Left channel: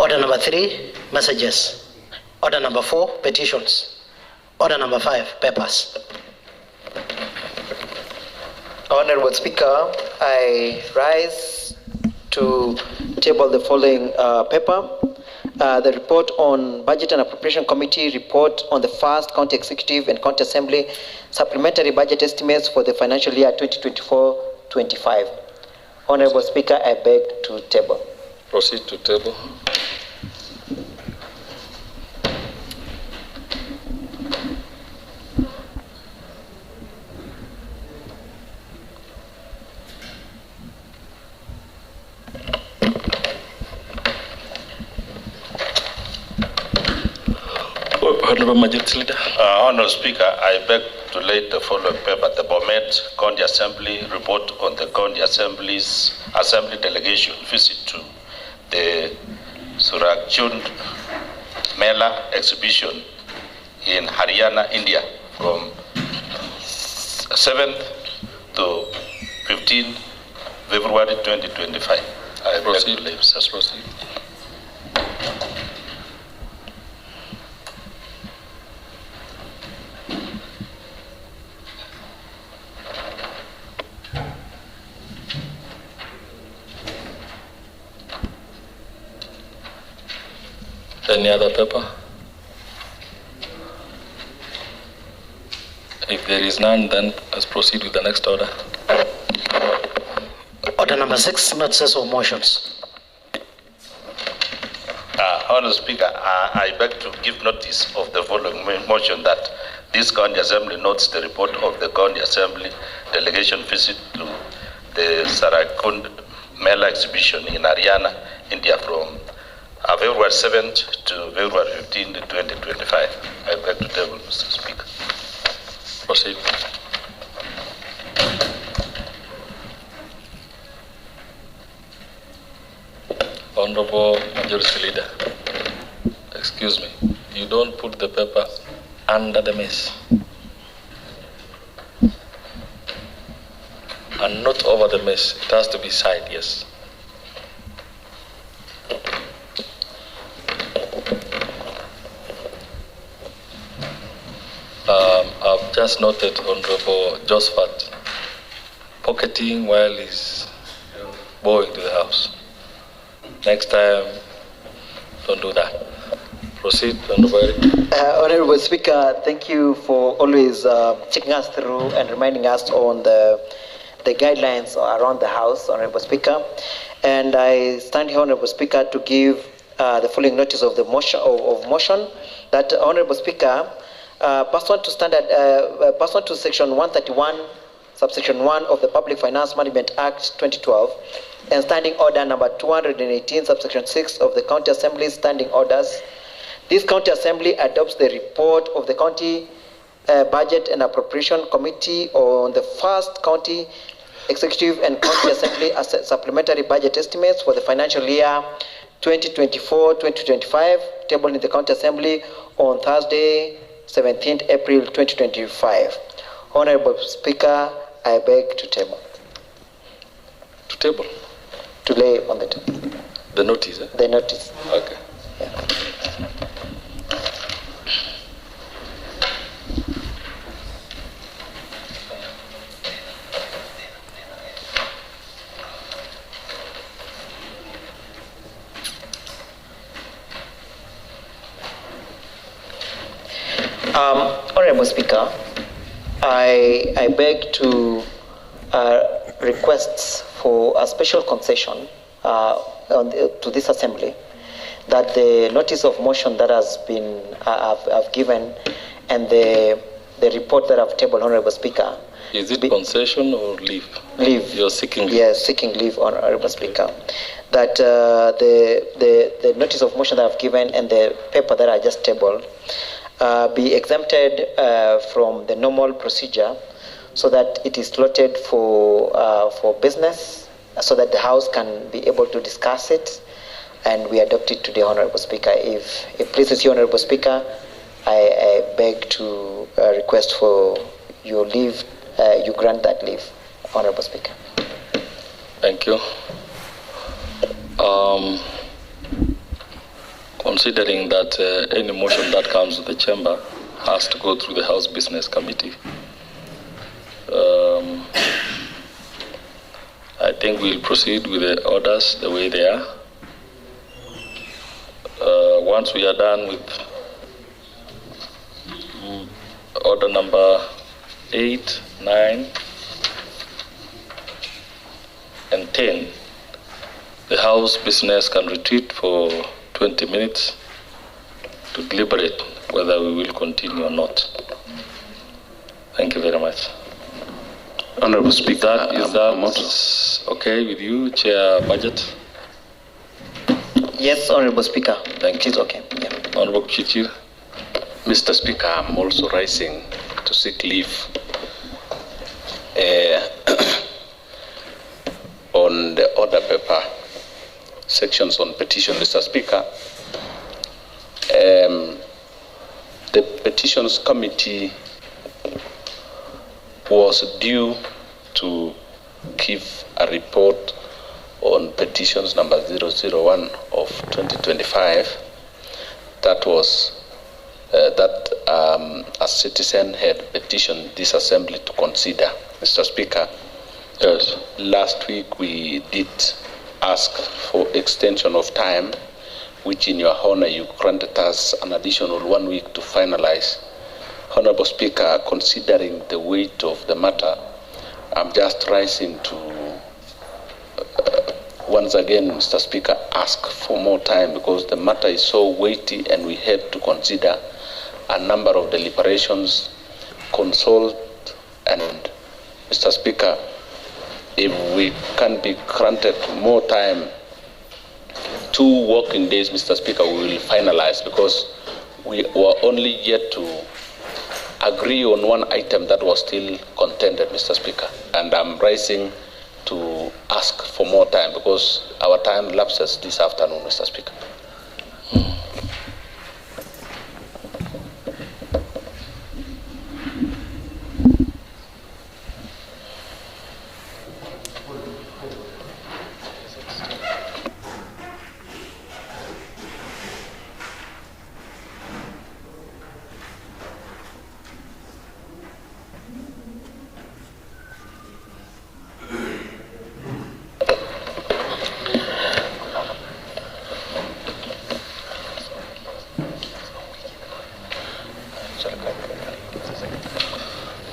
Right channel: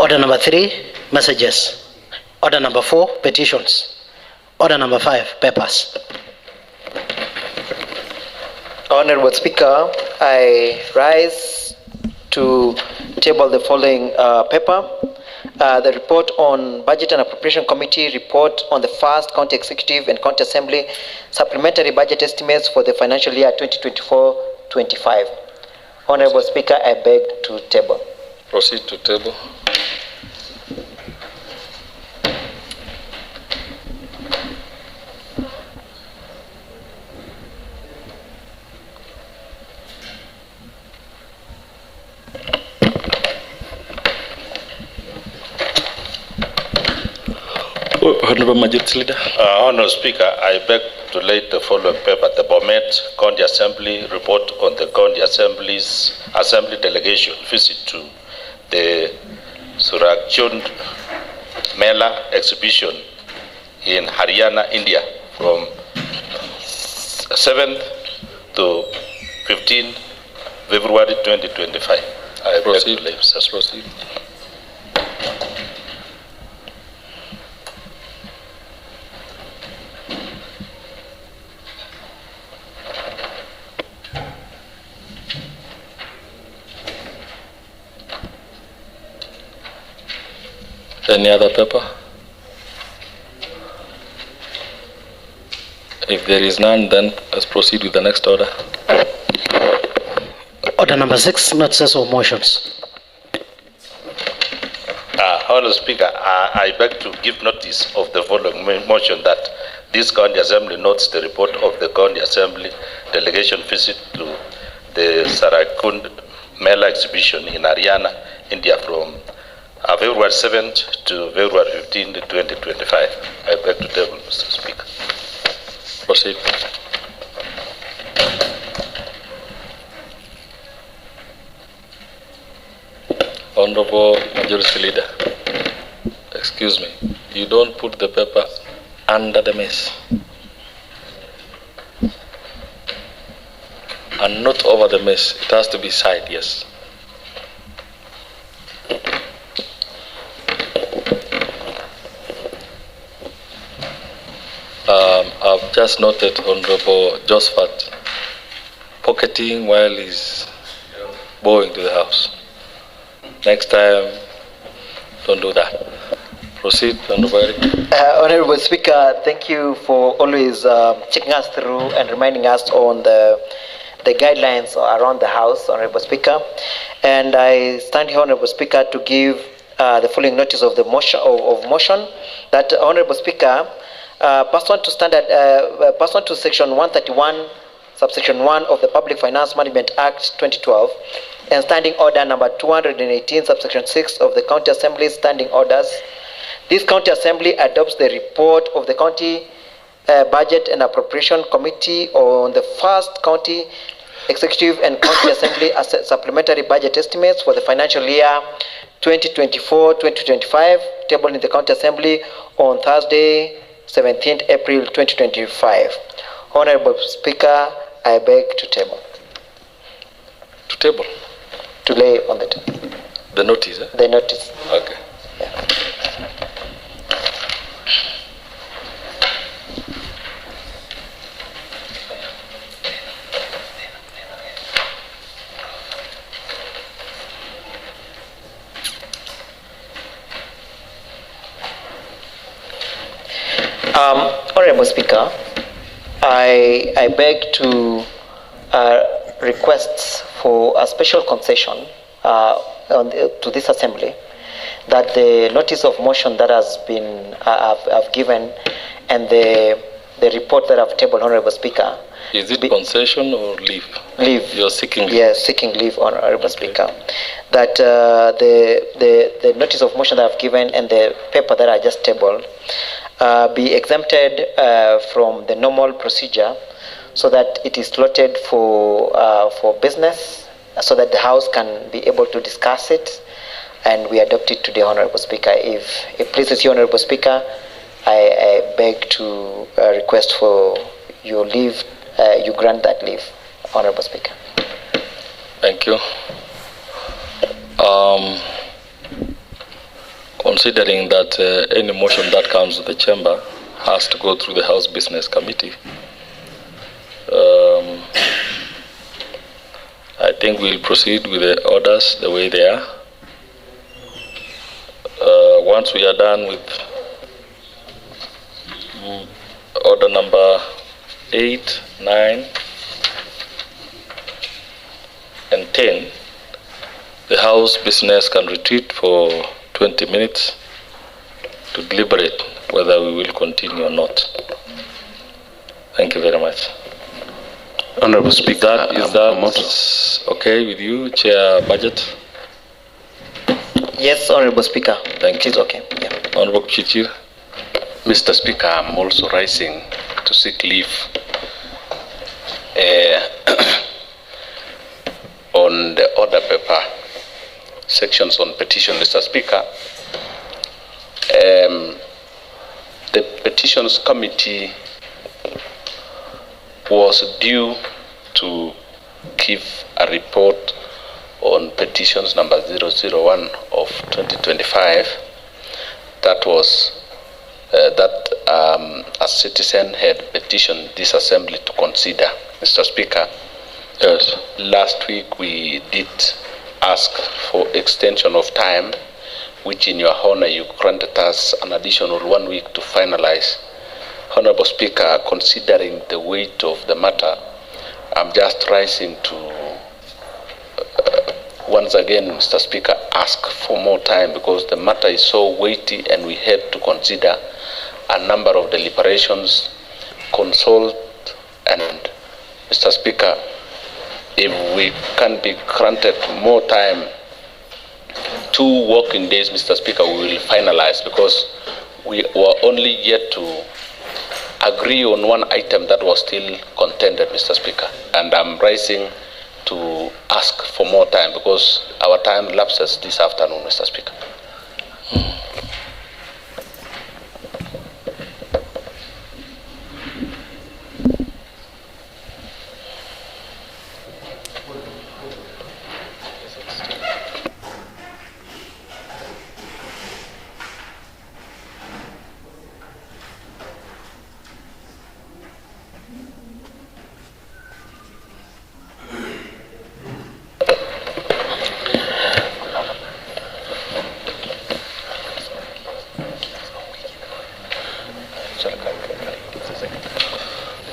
Order number 3, messages. Order number 4, petitions. Order number 5, papers. Honorable Speaker, I rise to table the following paper. The report on Budget and Appropriation Committee report on the first County Executive and County Assembly supplementary budget estimates for the financial year 2024-25. Honorable Speaker, I beg to table. Proceed to table. Honorable Majority Leader. Honorable Speaker, I beg to lay the following paper: the Bomet County Assembly report on the County Assembly delegation visit to the Surakchund Mela exhibition in Haryana, India, from 7th to 15th February 2025. I Proceed. beg to lay, Mr. Proceed. Any other paper? If there is none, then let's proceed with the next order. Order number 6, notices of motions. Honorable Speaker, I beg to give notice of the following motion: that this County Assembly notes the report of the County Assembly delegation visit to the Sarakund Mela exhibition in Haryana, India, from February 7th to February 15th, 2025. I beg to table, Mr. Speaker. Proceed. Honorable Majority Leader, excuse me, you don't put the paper under the mess and not over the mess. It has to be side, yes. I've just noted Honorable Josephat pocketing while he's going to the house. Next time, don't do that. Proceed, Honorable. Honorable Speaker, thank you for always checking us through and reminding us on the guidelines around the House, Honorable Speaker. And I stand here, Honorable Speaker, to give the following notice of the motion that, Honorable Speaker, pursuant to Section 131, Subsection 1 of the Public Finance Management Act 2012, and Standing Order number 218, Subsection 6 of the County Assembly's Standing Orders, this County Assembly adopts the report of the County Budget and Appropriation Committee on the first County Executive and County Assembly supplementary budget estimates for the financial year 2024-2025, tabled in the County Assembly on Thursday, 17th April 2025. Honorable Speaker, I beg to table. To table? To lay on the table. The notice, eh? The notice. Okay. Yeah. Honorable Speaker, I beg to request for a special concession to this Assembly, that the notice of motion that has been I've given and the report that I've tabled, Honorable Speaker. Is it concession or leave? Leave. You're seeking leave? Yes, seeking leave, Honorable Speaker. That the notice of motion that I've given and the paper that I just tabled be exempted from the normal procedure, so that it is slotted for business, so that the House can be able to discuss it and we adopt it today, Honorable Speaker. If it pleases you, Honorable Speaker, I beg to request for your leave, you grant that leave, Honorable Speaker. Thank you. considering that any motion that comes to the chamber has to go through the House Business Committee, I think we'll proceed with the orders the way they are. Once we are done with order number 8, 9, and 10, the House business can retreat for 20 minutes to deliberate whether we will continue or not. Thank you very much. Honorable Speaker, Is that okay with you, Chair Budget? Yes, Honorable Speaker. Thank you. It's okay. Yeah. Honorable Chichir. Mr. Speaker, I'm also rising to seek leave on the order paper sections on petition, Mr. Speaker. The petitions committee was due to give a report on petitions number 001 of 2025. That was a citizen had petitioned this assembly to consider. Mr. Speaker, Yes. last week we did ask for extension of time, which in your honor you granted us an additional 1 week to finalize. Honorable Speaker, considering the weight of the matter, I'm just rising to once again, Mr. Speaker, ask for more time because the matter is so weighty and we had to consider a number of deliberations, consult, and Mr. Speaker, if we can be granted more time, 2 working days, Mr. Speaker, we will finalize because we were only yet to agree on one item that was still contended, Mr. Speaker, and I'm rising to ask for more time because our time lapses this afternoon, Mr. Speaker.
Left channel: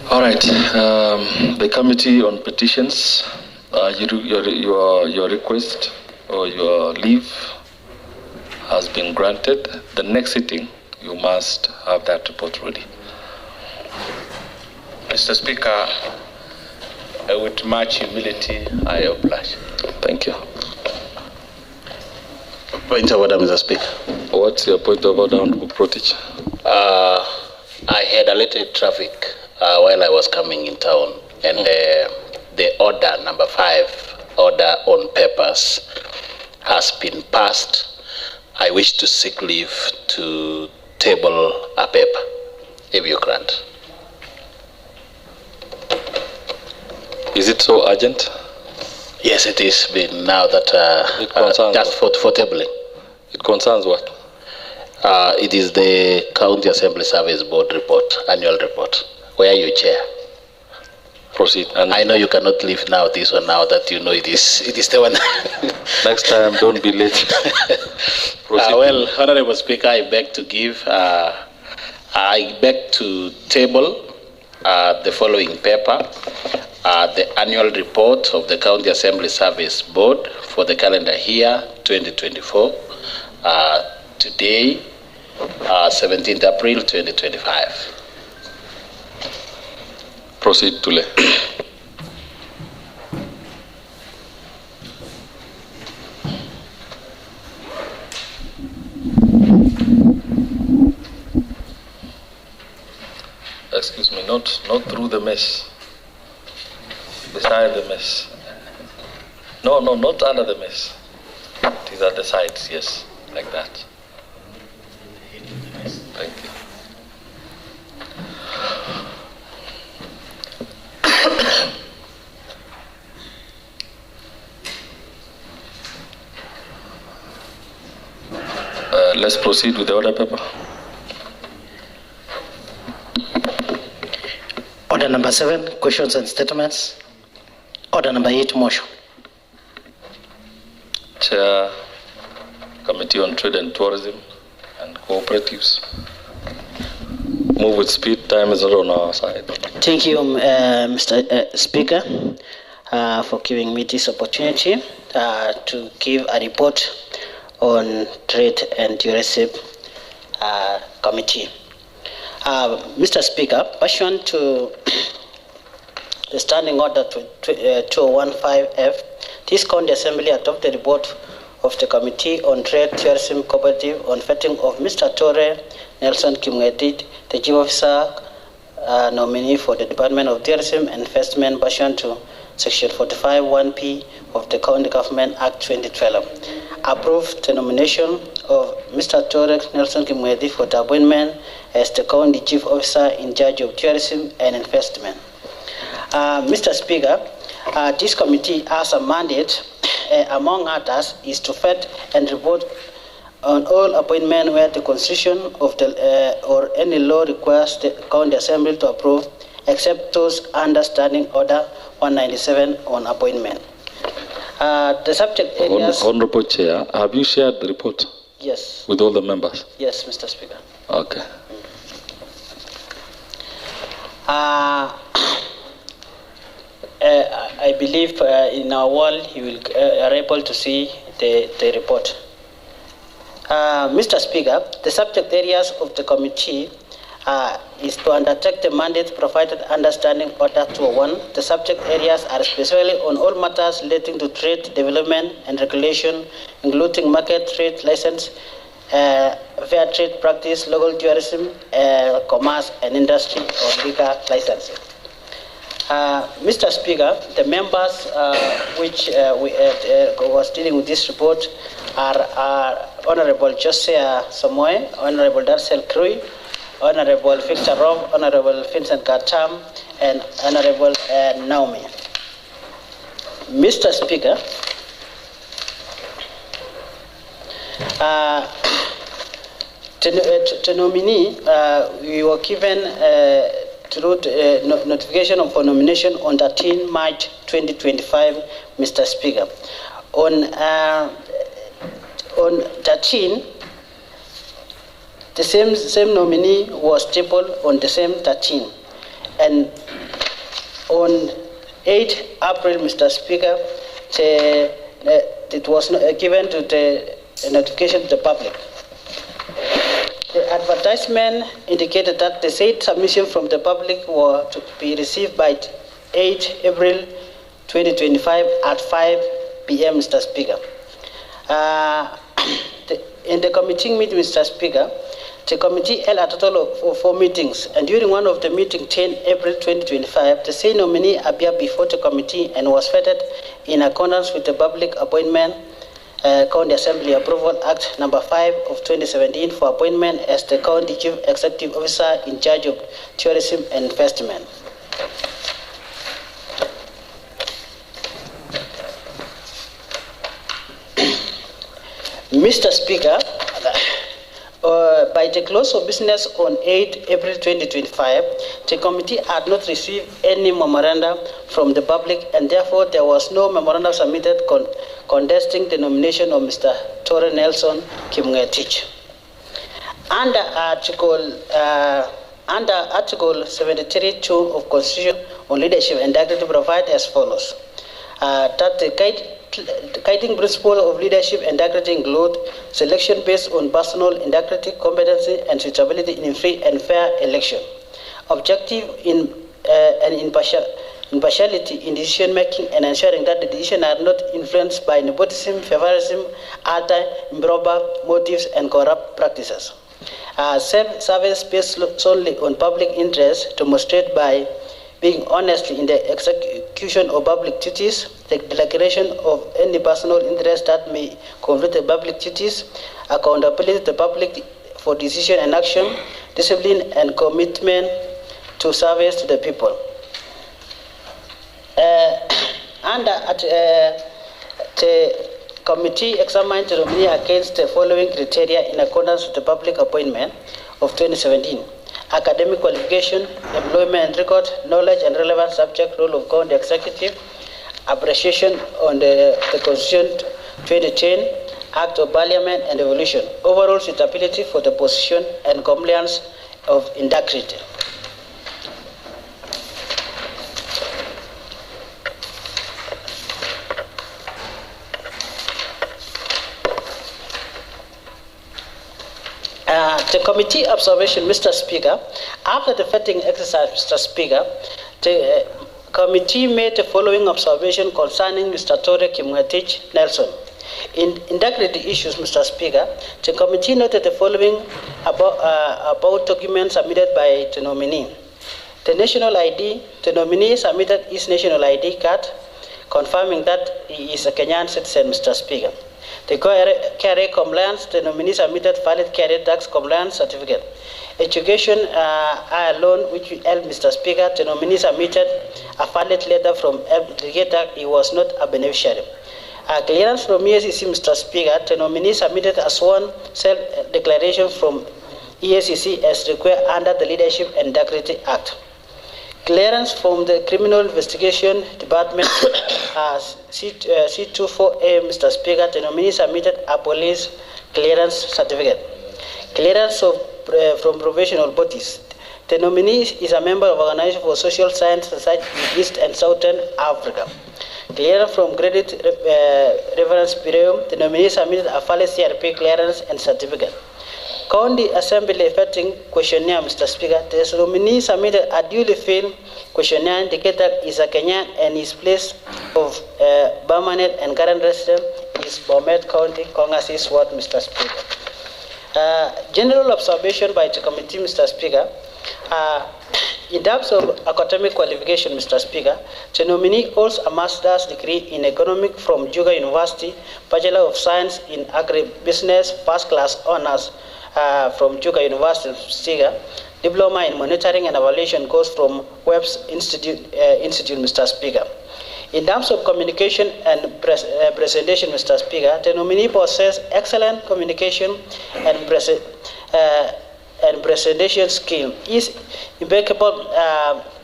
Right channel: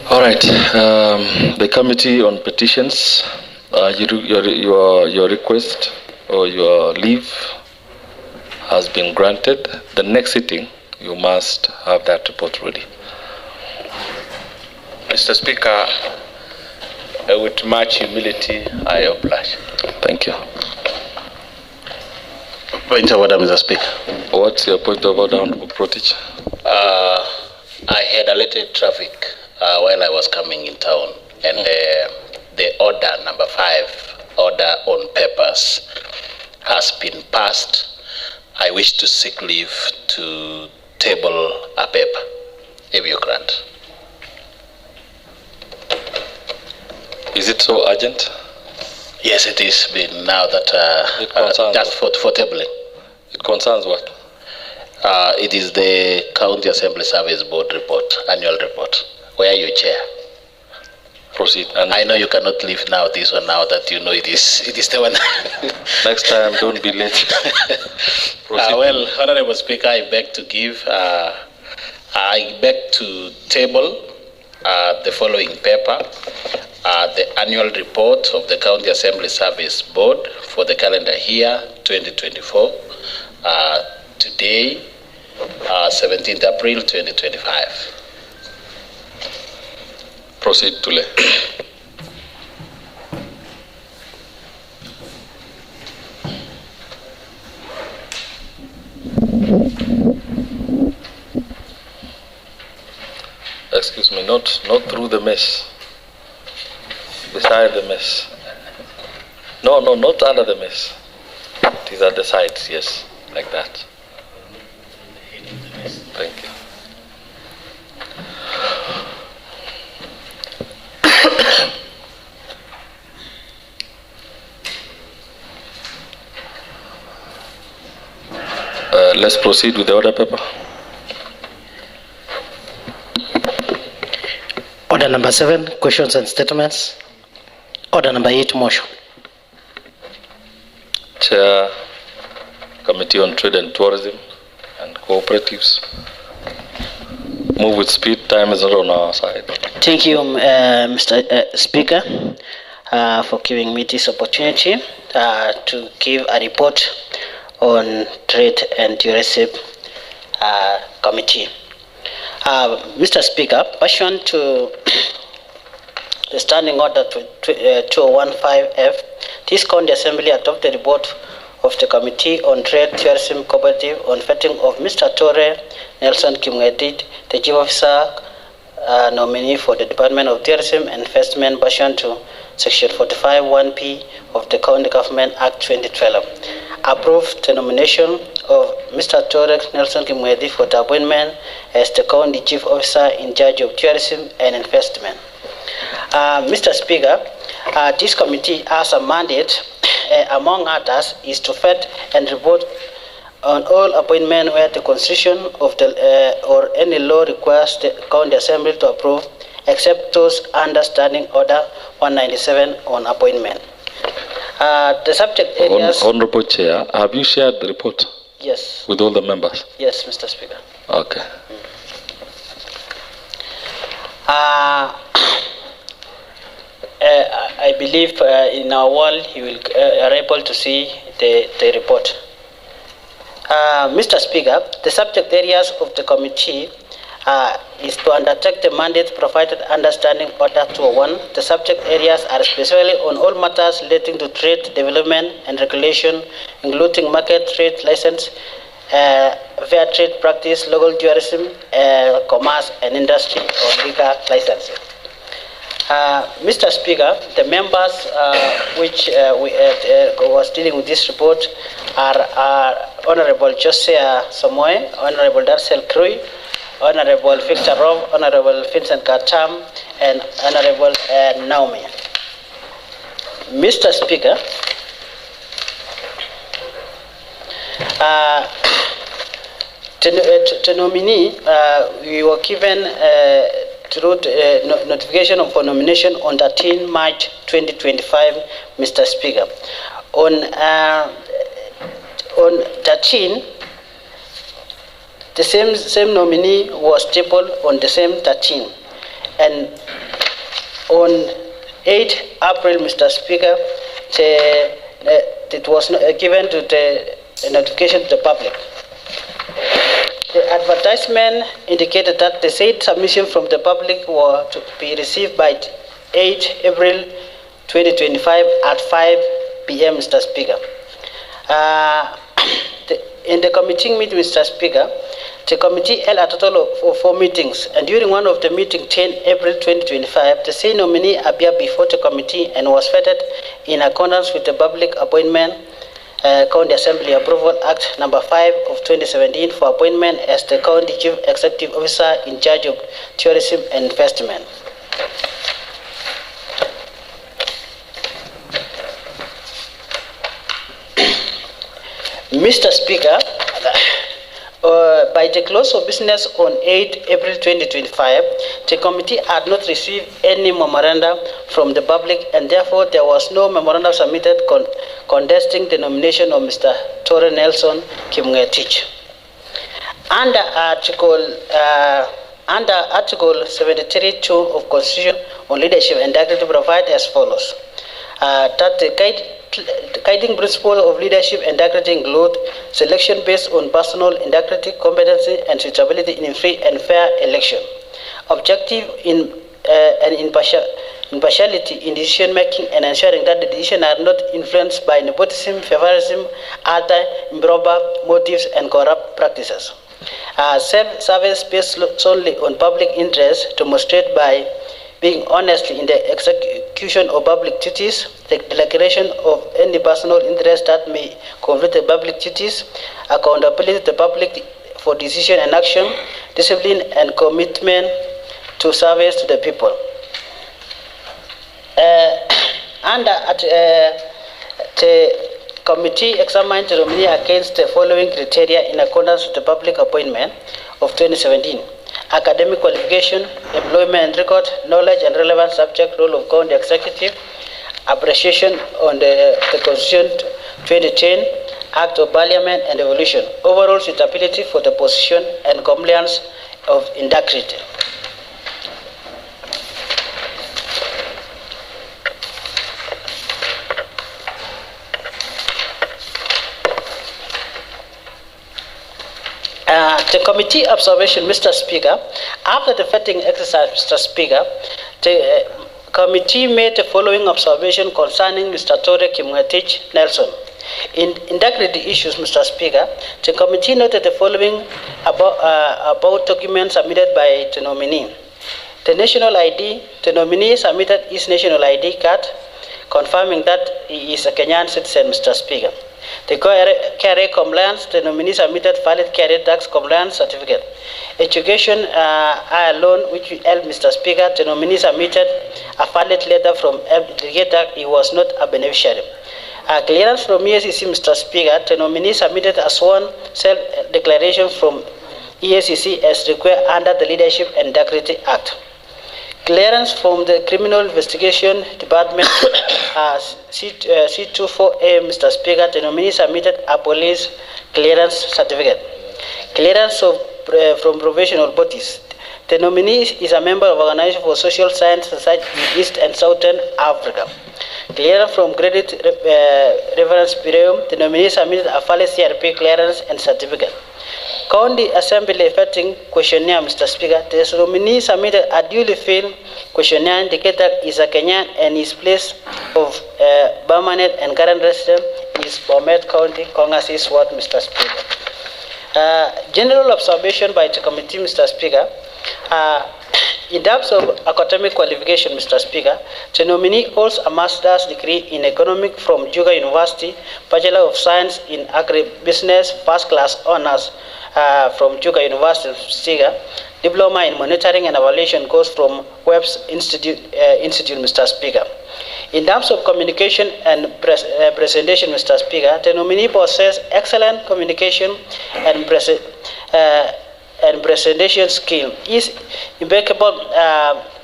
All right. The Committee on Petitions, your request or your leave has been granted. The next sitting, you must have that report ready. Mr. Speaker, with much humility, I oblige. Thank you. Point of order, Mr. Speaker. What's your point of order, Honorable Protich? I had alerted traffic while I was coming in town, and the order number 5, order on papers, has been passed. I wish to seek leave to table a paper, if you grant. Is it so urgent? Yes, it is been now that It concerns just for tabling. It concerns what? It is the County Assembly Service Board report, annual report, where you chair. Proceed. And I know you cannot leave now this one now that you know it is the one. next time, don't be late. Proceed. Well, Honorable Speaker, I beg to table the following paper, the annual report of the County Assembly Service Board for the calendar year 2024, today, 17th April 2025. Proceed to lay. Excuse me, not through the mess. Beside the mess. No, not under the mess. It is at the sides, yes, like that. Thank you. Let's proceed with the order paper. Order number 7, questions and statements. Order number 8, motion. Chair, Committee on Trade and Tourism and Cooperatives. Move with speed. Time is not on our side. Thank you, Mr. Speaker, for giving me this opportunity to give a report on Trade and Tourism Committee. Mr. Speaker, pursuant to the Standing Order 2015F, this County Assembly adopted the report of the Committee on Trade, Tourism, Cooperative on vetting of Mr. Torre Nelson Kimwedit, the Chief Officer nominee for the Department of Tourism and Investment pursuant to Section 45(1)(p) of the County Government Act 2012. Approved the nomination of Mr. Torre Nelson Kimwedit for the appointment as the County Chief Officer in charge of Tourism and Investment. Mr. Speaker, this committee has a mandate, among others, is to vet and report on all appointments where the Constitution of the or any law requires the County Assembly to approve, except those under Standing Order 197 on appointment. The subject areas. Honorable Chair, have you shared the report? Yes. With all the members? Yes, Mr. Speaker. Okay. I believe in our world you are able to see the report. Mr. Speaker, the subject areas of the committee is to undertake the mandate provided under Standing Order 201. The subject areas are specifically on all matters relating to trade, development, and regulation, including market trade license, fair trade practice, local tourism, commerce and industry, or liquor licensing. Mr. Speaker, the members which was dealing with this report are Honorable Josiah Samoe, Honorable Darcel Krui, Honorable Victor Rob, Honorable Vincent Katam, and Honorable Naomi. Mr. Speaker, to nominee, we were given through notification for nomination on 13 March 2025, Mr. Speaker. On 13, the same nominee was tabled on the same 13. And on 8 April, Mr. Speaker, it was given to the notification to the public. The advertisement indicated that the said submission from the public were to be received by 8 April 2025 at 5 p.m., Mr. Speaker. In the committee meeting, Mr. Speaker, the committee held a total of 4 meetings, and during one of the meetings, 10 April 2025, the same nominee appeared before the committee and was vetted in accordance with the Public Appointment County Assembly Approval Act number 5 of 2017 for appointment as the County Chief Executive Officer in charge of tourism and investment. Mr. Speaker, by the close of business on 8 April 2025, the committee had not received any memoranda from the public, and therefore there was no memoranda submitted contesting the nomination of Mr. Torre Nelson Kimwedit. Under Article 73(2) of Constitution on Leadership and Integrity provide as follows: that the guiding principle of leadership and integrity include selection based on personal integrity, competency, and suitability in free and fair election, objective and impartiality in decision making, and ensuring that the decisions are not influenced by nepotism, favoritism, other improper motives, and corrupt practices. Service based solely on public interest, demonstrated by being honestly in the execution of public duties, the declaration of any personal interest that may conflict with public duties, accountability to the public for decision and action, discipline and commitment to service to the people. Committee examined the nominee against the following criteria in accordance with the public appointment of 2017. Academic qualification, employment record, knowledge and relevant subject role of county executive, appreciation on the Constitution 2010, Act of Parliament and Evolution, overall suitability for the position and compliance of integrity. The committee observation, Mr. Speaker, after the vetting exercise, Mr. Speaker, the committee made the following observation concerning Mr. Tore Kimwetich Nelson. In integrity issues, Mr. Speaker, the committee noted the following about documents submitted by the nominee. The national ID, the nominee submitted his national ID card, confirming that he is a Kenyan citizen, Mr. Speaker. The KRA compliance, the nominee submitted valid KRA tax compliance certificate. Education loan, which held, Mr. Speaker, the nominee submitted a valid letter from educator, he was not a beneficiary. Clearance from EACC, Mr. Speaker, the nominee submitted a sworn self-declaration from EACC as required under the Leadership and Integrity Act. Clearance from the Criminal Investigation Department C24A, Mr. Speaker, the nominee submitted a police clearance certificate. Clearance from professional bodies. The nominee is a member of Organization for Social Science Society in East and Southern Africa. Clearance from Credit Reference Bureau. The nominee submitted a valid CRP clearance and certificate. County Assembly vetting questionnaire, Mr. Speaker. The nominee submitted a duly filled questionnaire indicating is a Kenyan and his place of permanent and current residence is Bomet County, Kongas East Ward, Mr. Speaker. General observation by the committee, Mr. Speaker. In terms of academic qualification, Mr. Speaker, the nominee holds a master's degree in economics from Juga University, Bachelor of Science in Agribusiness, first class honors from Juga University, Stiga, Diploma in Monitoring and Evaluation course from Webb's Institute, Mr. Speaker. In terms of communication and presentation, Mr. Speaker, the nominee possesses excellent communication and presentation skill. His impeccable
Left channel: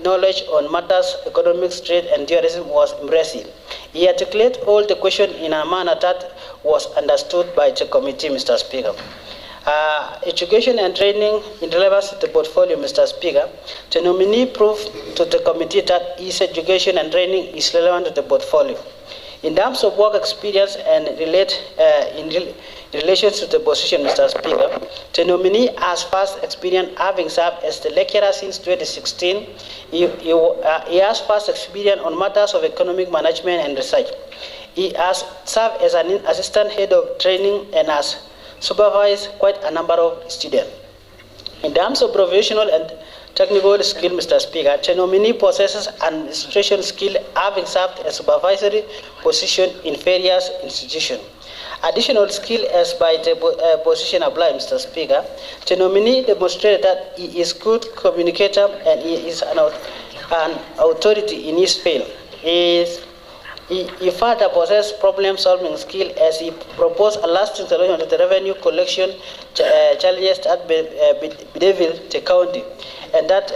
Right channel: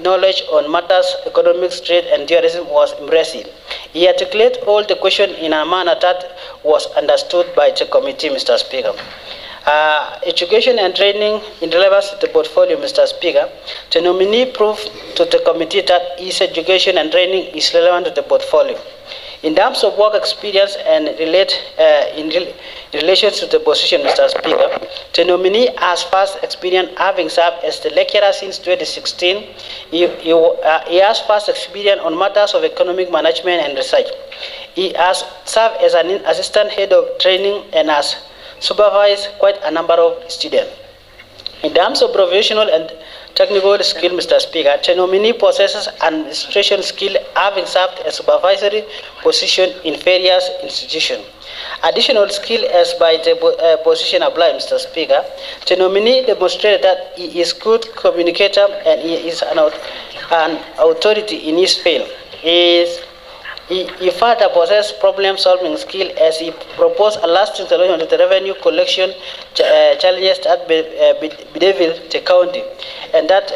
knowledge on matters economics, trade, and tourism was impressive. He articulated all the questions in a manner that was understood by the committee, Mr. Speaker. Education and training in relevance to the portfolio, Mr. Speaker. The nominee proved to the committee that his education and training is relevant to the portfolio. In terms of work experience and in relation to the position, Mr. Speaker, the nominee has vast experience having served as the lecturer since 2016. He has vast experience on matters of economic management and research. He has served as an assistant head of training and has supervised quite a number of students. In terms of professional and technical skill, Mr. Speaker, the nominee possesses administration skill, having served a supervisory position in various institutions. Additional skill as by the position applied, Mr. Speaker, the nominee demonstrated that he is good communicator and he is an authority in his field. He further possesses problem-solving skill as he proposed a lasting solution to the revenue collection challenges that bedevil the county. And that,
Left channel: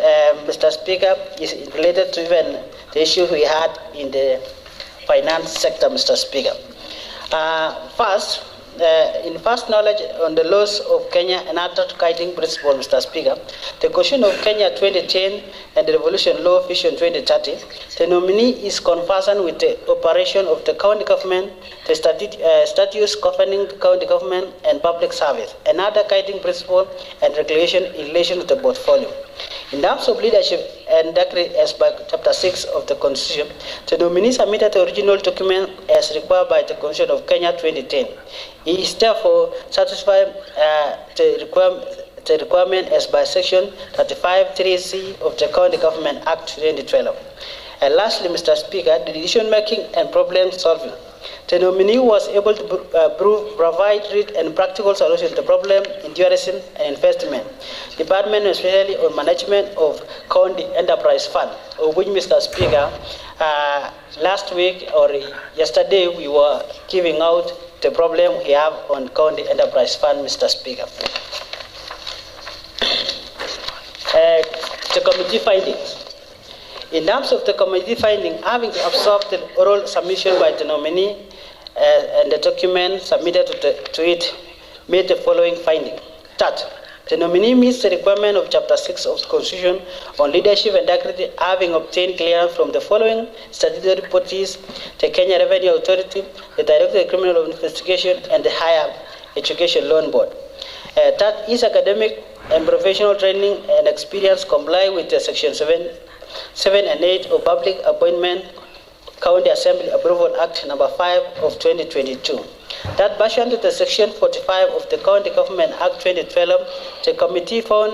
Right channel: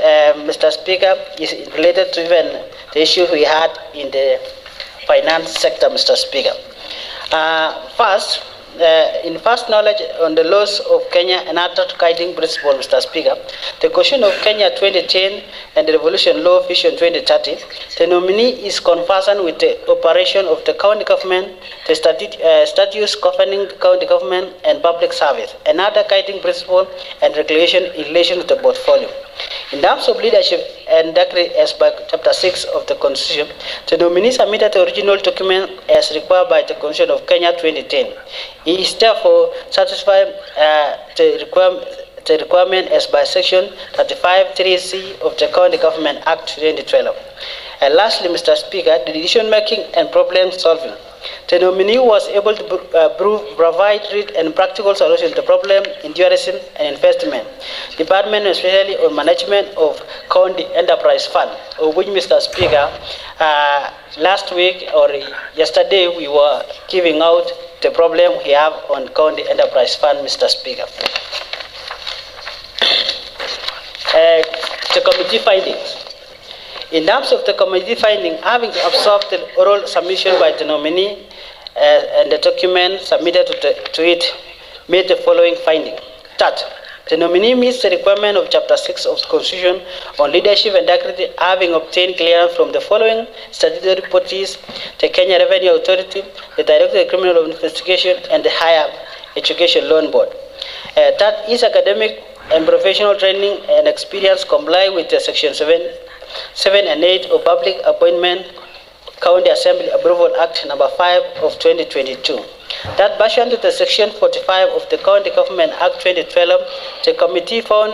Mr. Speaker, is related to even the issue we had in the finance sector, Mr. Speaker. In first knowledge on the laws of Kenya and other guiding principles, Mr. Speaker, the Constitution of Kenya 2010 and the Revolution Law Vision 2030, the nominee is conversant with the operation of the county government, the statutes governing the county government and public service, and other guiding principles and regulation in relation to the portfolio. In terms of leadership and decree as by Chapter 6 of the Constitution, the nominee submitted the original document as required by the Constitution of Kenya 2010. He is therefore satisfied the requirement as by Section 35(3)(c) of the County Government Act 2012. And lastly, Mr. Speaker, the decision-making and problem-solving. The nominee was able to provide real and practical solutions to the problem in tourism and investment department, especially on management of county enterprise fund, of which, Mr. Speaker, last week or yesterday we were giving out the problem we have on County Enterprise Fund, Mr. Speaker. The committee findings. In terms of the committee finding, having observed the oral submission by the nominee and the document submitted to it, made the following finding. That the nominee meets the requirement of Chapter 6 of the Constitution on leadership and integrity, having obtained clearance from the following statutory bodies: the Kenya Revenue Authority, the Director of Criminal Investigation, and the Higher Education Loan Board. That his academic and professional training and experience comply with the Section 7 and 8 of Public Appointment County Assembly Approval Act number 5 of 2022. That pursuant to the Section 45 of the County Government Act 2012, the committee found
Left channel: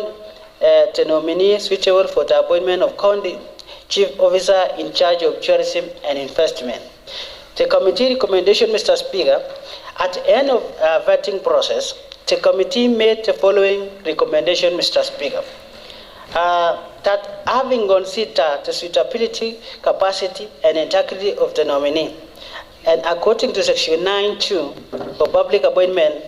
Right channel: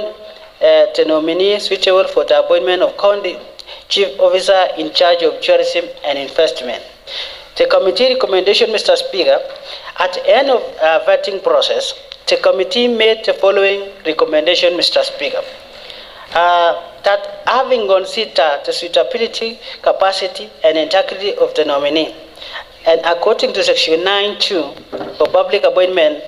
the nominee suitable for the appointment of County Chief Officer in charge of tourism and investment. The committee recommendation, Mr. Speaker, at the end of vetting process, the committee made the following recommendation, Mr. Speaker. That having considered the suitability, capacity, and integrity of the nominee, and according to Section 9(2) of Public Appointment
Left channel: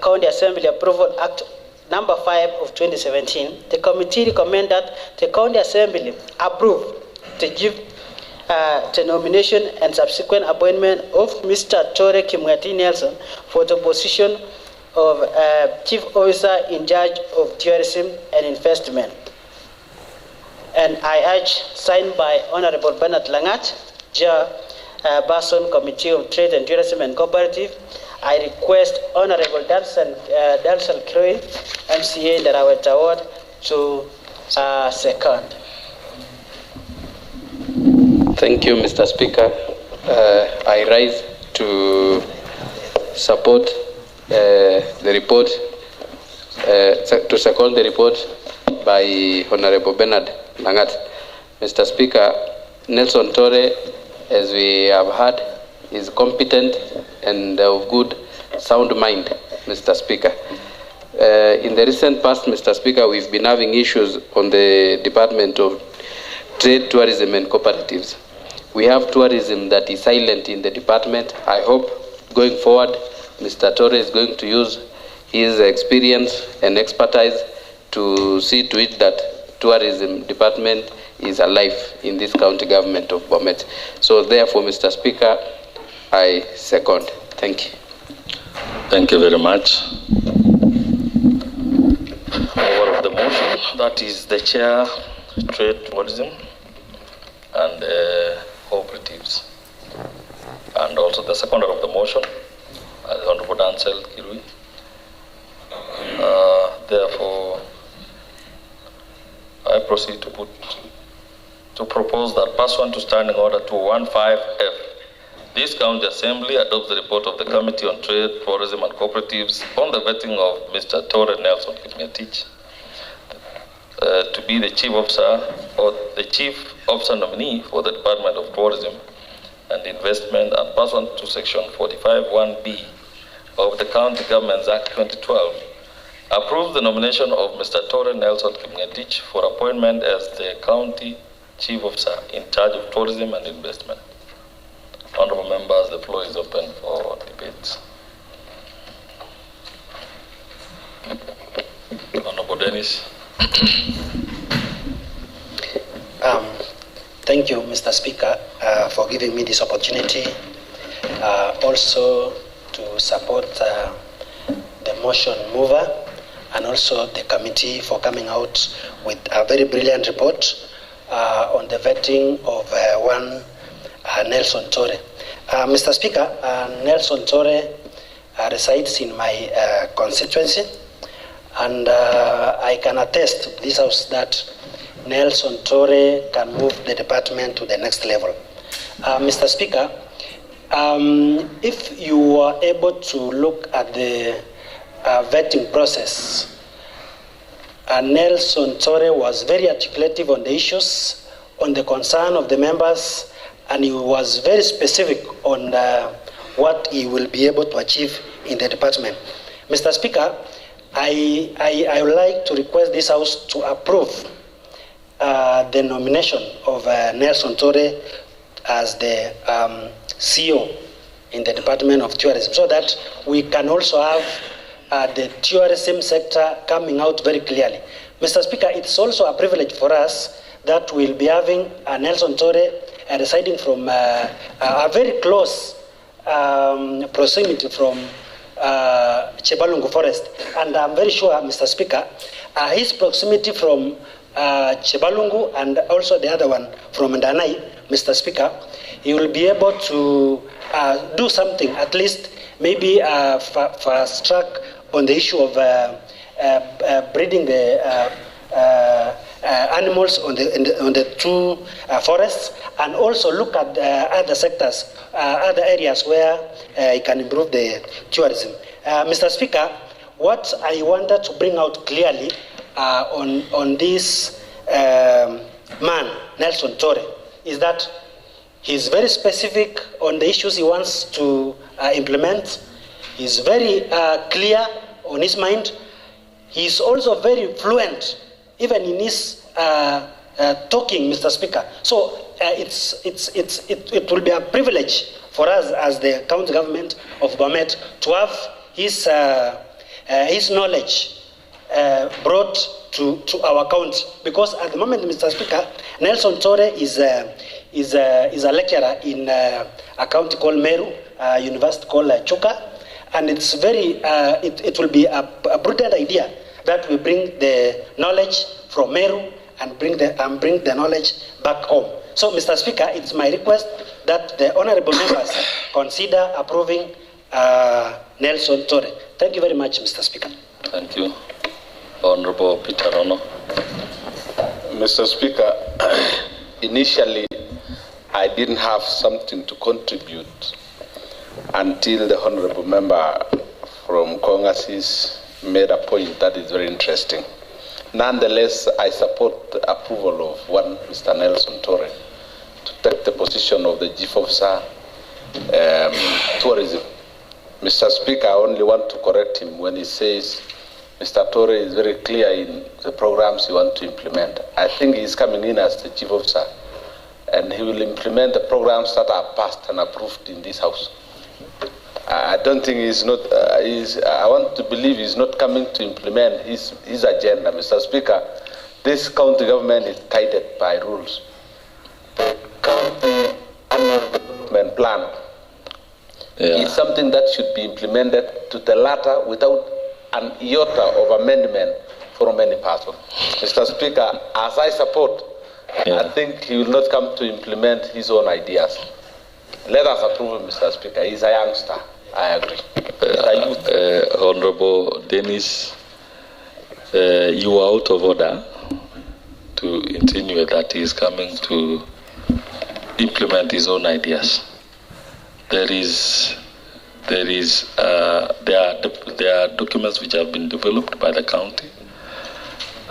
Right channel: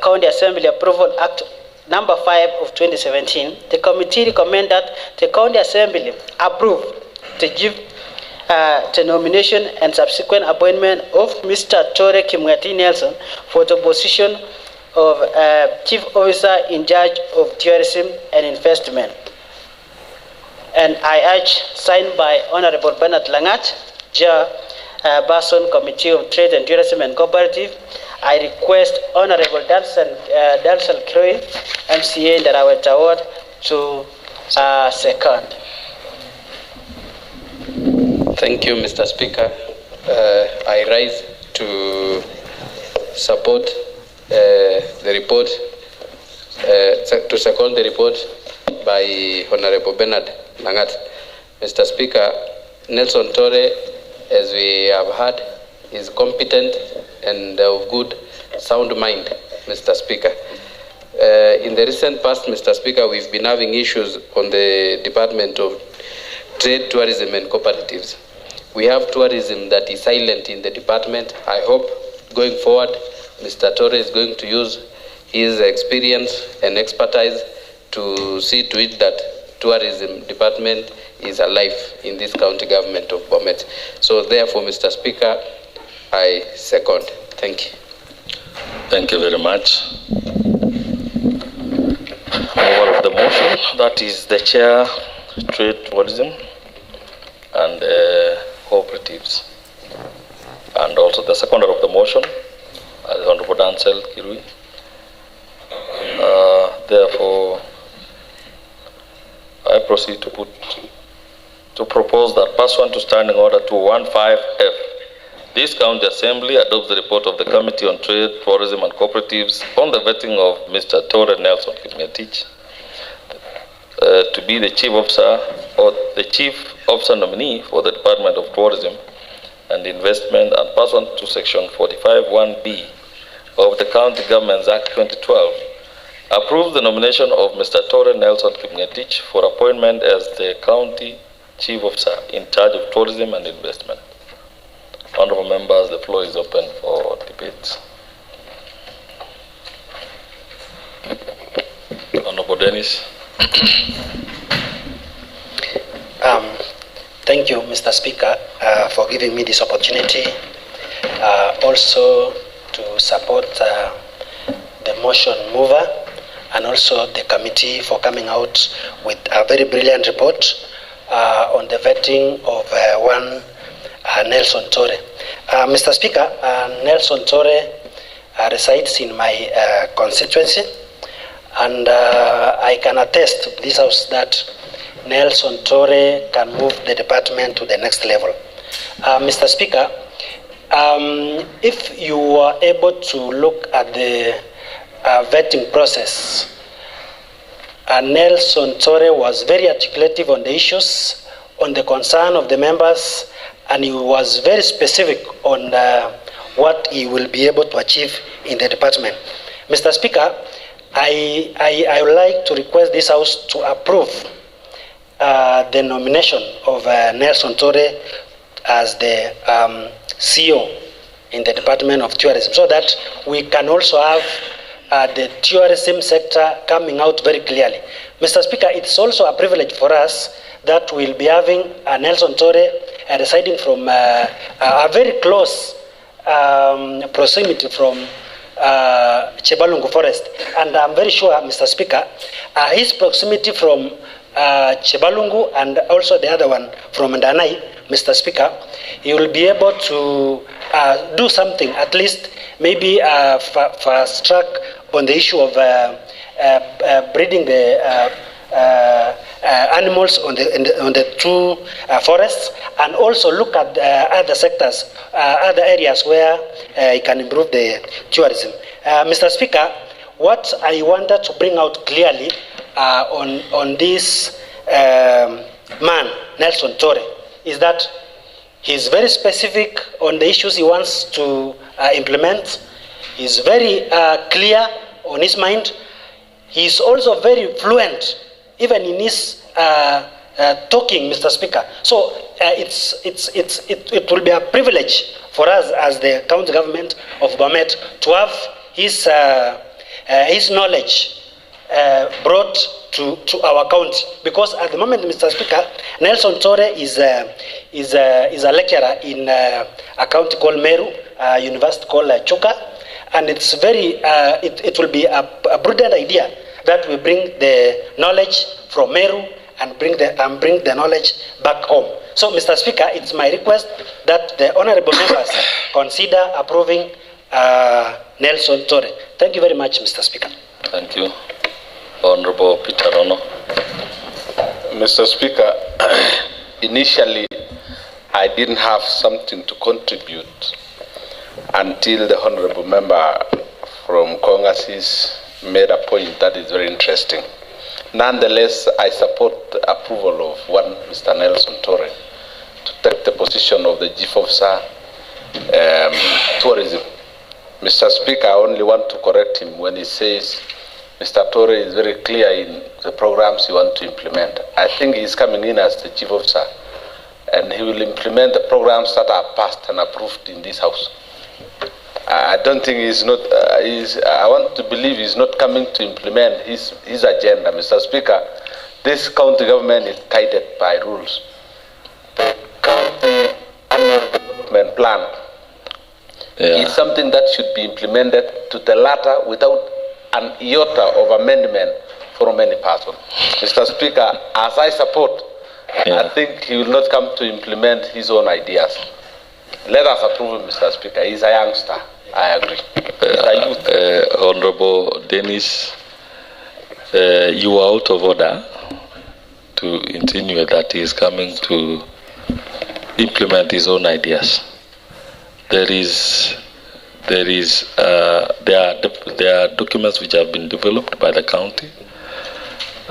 County Assembly Approval Act number 5 of 2017, the committee recommended that the County Assembly approve the nomination and subsequent appointment of Mr. Tore Kimwati Nelson for the position of Chief Officer in charge of tourism and investment. And I urge, signed by Honorable Bernard Langat, Chairperson, Committee of Trade and Tourism and Cooperative. I request Honorable Darsal Kroy, MCA Ndaraweta Ward, to second. Thank you, Mr. Speaker. I rise to support the report, to second the report by Honorable Bernard Langat. Mr. Speaker, Nelson Tore, as we have heard, is competent and of good sound mind, Mr. Speaker. In the recent past, Mr. Speaker, we've been having issues on the Department of Trade, Tourism and Cooperatives. We have tourism that is silent in the department. I hope going forward, Mr. Tore is going to use his experience and expertise to see to it that tourism department is alive in this county government of Bomet. So therefore, Mr. Speaker, I second. Thank you. Thank you very much. Over of the motion, that is the chair, trade, tourism, and cooperatives. And also the seconder of the motion, the Honorable Dansel Kirui. Therefore, I proceed to propose that pursuant to Standing Order 215F, this County Assembly adopts the report of the Committee on Trade, Tourism and Cooperatives on the vetting of Mr. Tore Nelson Kimwati to be the Chief Officer or the Chief Officer nominee for the Department of Tourism and Investment, and pursuant to Section 45(1)(b) of the County Governments Act 2012, approve the nomination of Mr. Tore Nelson Kimwati for appointment as the County Chief Officer in charge of tourism and investment. Honorable members, the floor is open for debate. Honorable Dennis. Thank you, Mr. Speaker, for giving me this opportunity. Also to support the motion mover and also the committee for coming out with a very brilliant report on the vetting of one Nelson Tore. Mr. Speaker, Nelson Tore resides in my constituency, and I can attest to this house that Nelson Tore can move the department to the next level. Mr. Speaker, if you are able to look at the vetting process, Nelson Tore was very articulative on the issues, on the concern of the members, and he was very specific on what he will be able to achieve in the department. Mr. Speaker, I would like to request this House to approve the nomination of Nelson Tore as the CEO in the Department of Tourism, so that we can also have the tourism sector coming out very clearly. Mr. Speaker, it's also a privilege for us that we'll be having Nelson Torre residing from a very close proximity from Chebalungu Forest. And I'm very sure, Mr. Speaker, his proximity from Chebalungu and also the other one from Ndanai, Mr. Speaker, he will be able to do something, at least maybe fast track on the issue of breeding the animals on the two forests, and also look at other sectors, other areas where it can improve the tourism. Mr. Speaker, what I wanted to bring out clearly on this man, Nelson Torre, is that he's very specific on the issues he wants to implement. He's very clear on his mind. He's also very fluent, even in his talking, Mr. Speaker. So it will be a privilege for us as the county government of Bomet to have his knowledge brought to our county, because at the moment, Mr. Speaker, Nelson Torre is a lecturer in a county called Meru, a university called Chuka, and it's very it will be a prudent idea that we bring the knowledge from Meru and bring the knowledge back home. So, Mr. Speaker, it's my request that the honourable members consider approving Nelson Torre. Thank you very much, Mr. Speaker. Thank you. Honorable Peter Ono. Mr. Speaker, initially I didn't have something to contribute until the honorable member from Kongasis made a point that is very interesting. Nonetheless, I support the approval of one Mr. Nelson Torre to take the position of the Chief Officer Tourism. Mr. Speaker, I only want to correct him when he says Mr. Torre is very clear in the programs he wants to implement. I think he is coming in as the Chief Officer, and he will implement the programs that are passed and approved in this House. I don't think he's not, I want to believe he's not coming to implement his agenda. Mr. Speaker, this county government is guided by rules. The county annual development plan is something that should be implemented to the latter without an iota of amendment from any person. Mr. Speaker, as I support, I think he will not come to implement his own ideas. Let us approve him, Mr. Speaker. He's a youngster. I agree. Honorable Dennis, you are out of order to insinuate that he is coming to implement his own ideas. There are documents which have been developed by the county,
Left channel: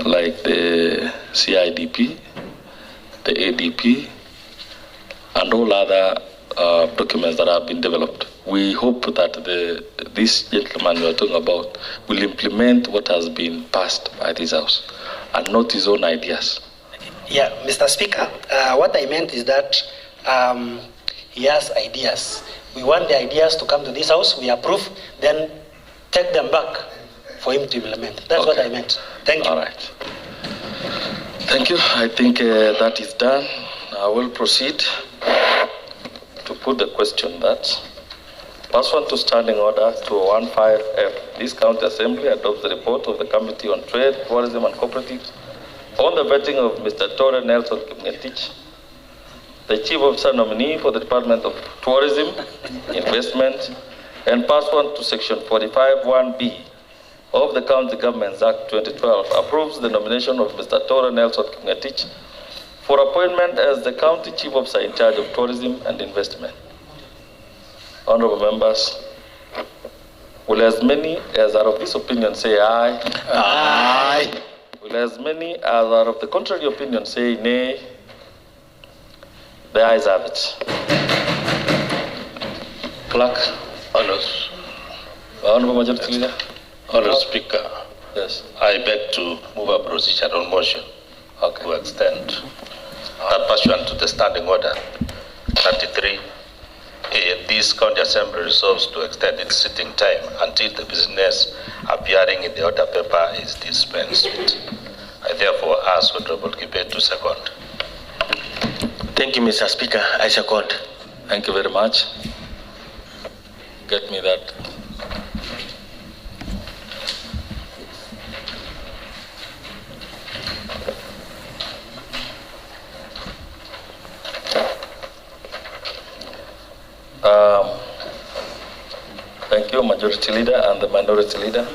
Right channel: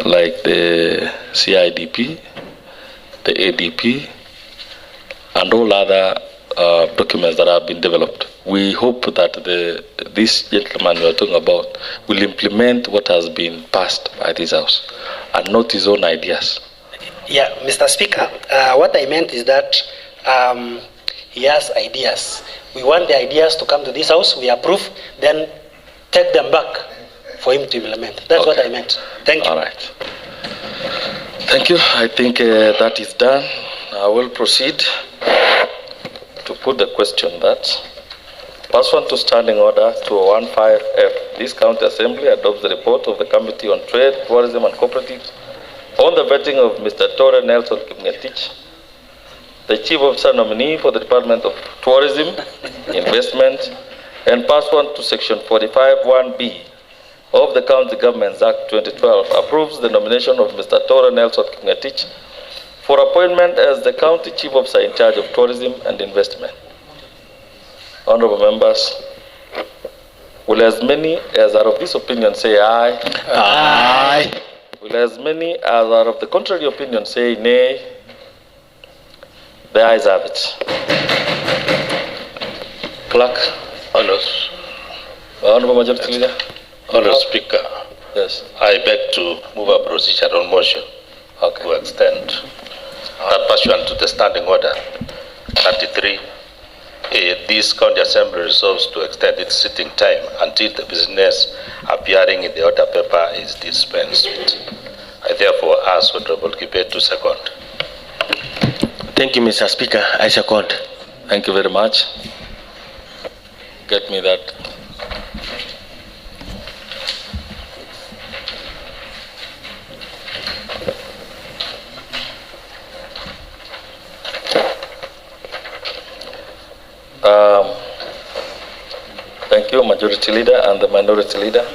like the CIDP, the ADP, and all other documents that have been developed. We hope that this gentleman you are talking about will implement what has been passed by this House and not his own ideas. Yeah, Mr. Speaker, what I meant is that he has ideas. We want the ideas to come to this House, we approve, then take them back for him to implement. That's what I meant. Thank you. All right. Thank you. I think that is done. I will proceed to put the question that, pursuant to Standing Order 215F, this County Assembly adopts the report of the Committee on Trade, Tourism and Cooperatives on the vetting of Mr. Torre Nelson Kipngetich, the Chief Officer nominee for the Department of Tourism, Investment, and pursuant to Section 45(1)(b) of the County Governments Act 2012, approves the nomination of Mr. Torre Nelson Kipngetich for appointment as the County Chief Officer in charge of Tourism and Investment. Honorable members, will as many as are of this opinion say aye? Aye. Will as many as are of the contrary opinion say nay? The ayes have it. Clerk. Honorable Majority Leader. Honorable Speaker, Yes. I beg to move a procedural motion to extend that pursuant to the Standing Order 33A this county assembly resolves to extend its sitting time until the business appearing in the order paper is dispensed with. I therefore ask Honorable Kibet to second. Thank you, Mr. Speaker. I second. Thank you very much. Get me that. Thank you, Majority Leader and the Minority Leader.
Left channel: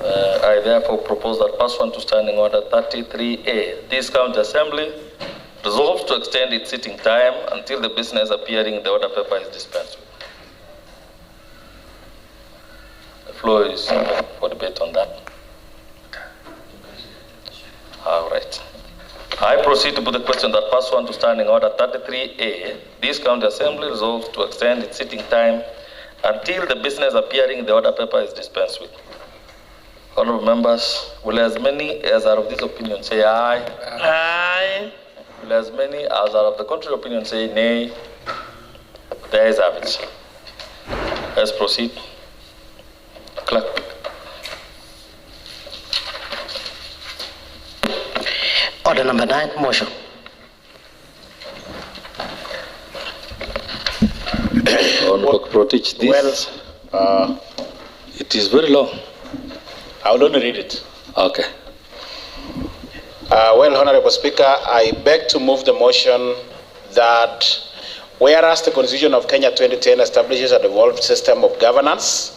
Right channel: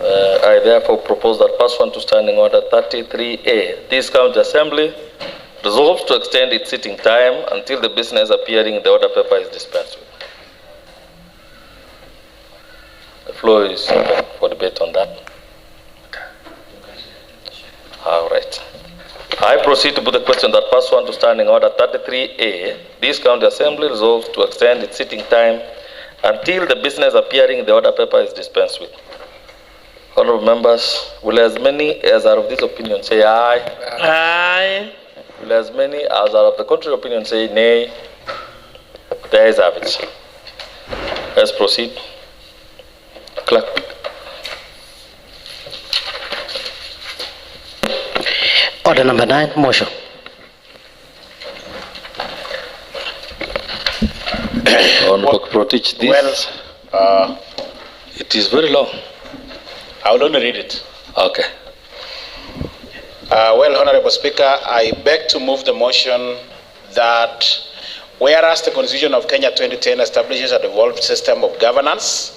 I therefore propose that pursuant to Standing Order 33A, this County Assembly resolves to extend its sitting time until the business appearing in the order paper is dispensed with. The floor is open for debate on that. All right. I proceed to put the question that pursuant to Standing Order 33A, this County Assembly resolves to extend its sitting time until the business appearing in the order paper is dispensed with. Honorable members, will as many as are of this opinion say aye? Aye. Will as many as are of the contrary opinion say nay? The ayes have it. Let's proceed. Clerk. Order number 9, motion. Honorable Protich, this. Well, It is very long. I will only read it. Okay. Well, Honorable Speaker, I beg to move the motion that whereas the Constitution of Kenya 2010 establishes a devolved system of governance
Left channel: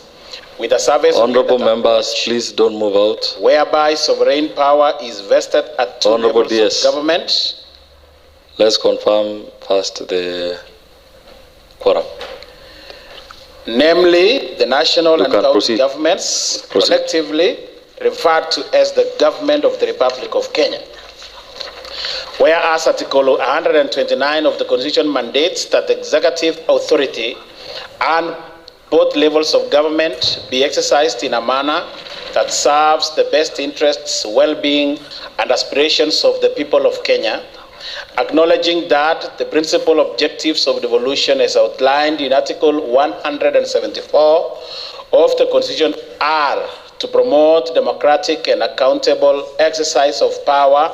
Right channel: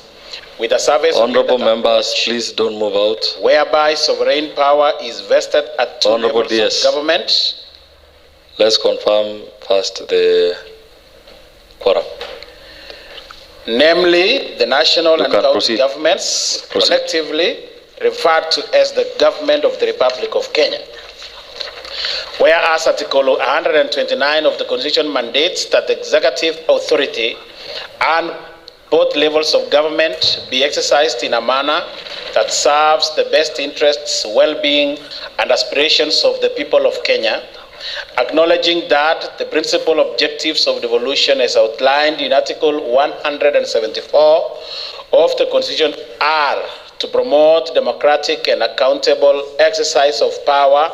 with a service Honorable members, please don't move out. whereby sovereign power is vested at two Honorable levels DS. of government, Let's confirm first the quorum. namely the national You and can county proceed. governments, Proceed. collectively referred to as the government of the Republic of Kenya. Whereas Article 129 of the Constitution mandates that the executive authority and both levels of government be exercised in a manner that serves the best interests, well-being, and aspirations of the people of Kenya, acknowledging that the principal objectives of devolution as outlined in Article 174 of the Constitution are to promote democratic and accountable exercise of power,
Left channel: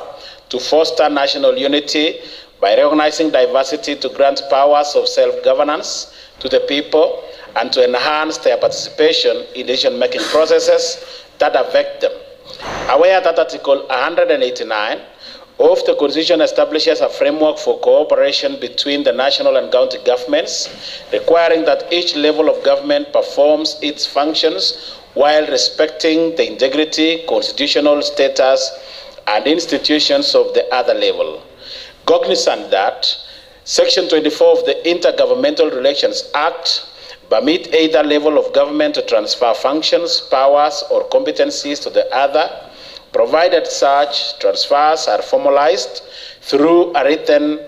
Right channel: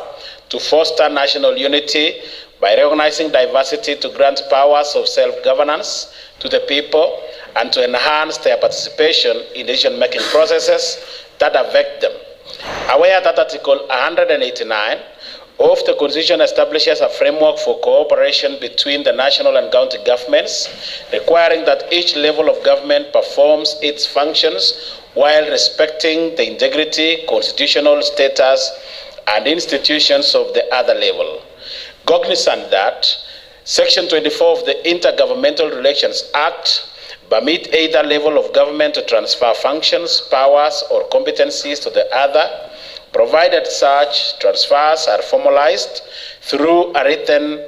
to foster national unity by recognizing diversity, to grant powers of self-governance to the people, and to enhance their participation in decision-making processes that affect them. Aware that Article 189 of the Constitution establishes a framework for cooperation between the national and county governments, requiring that each level of government performs its functions while respecting the integrity, constitutional status, and institutions of the other level. Cognizant that Section 24 of the Intergovernmental Relations Act permit either level of government to transfer functions, powers, or competencies to the other, provided such transfers are formalized through a written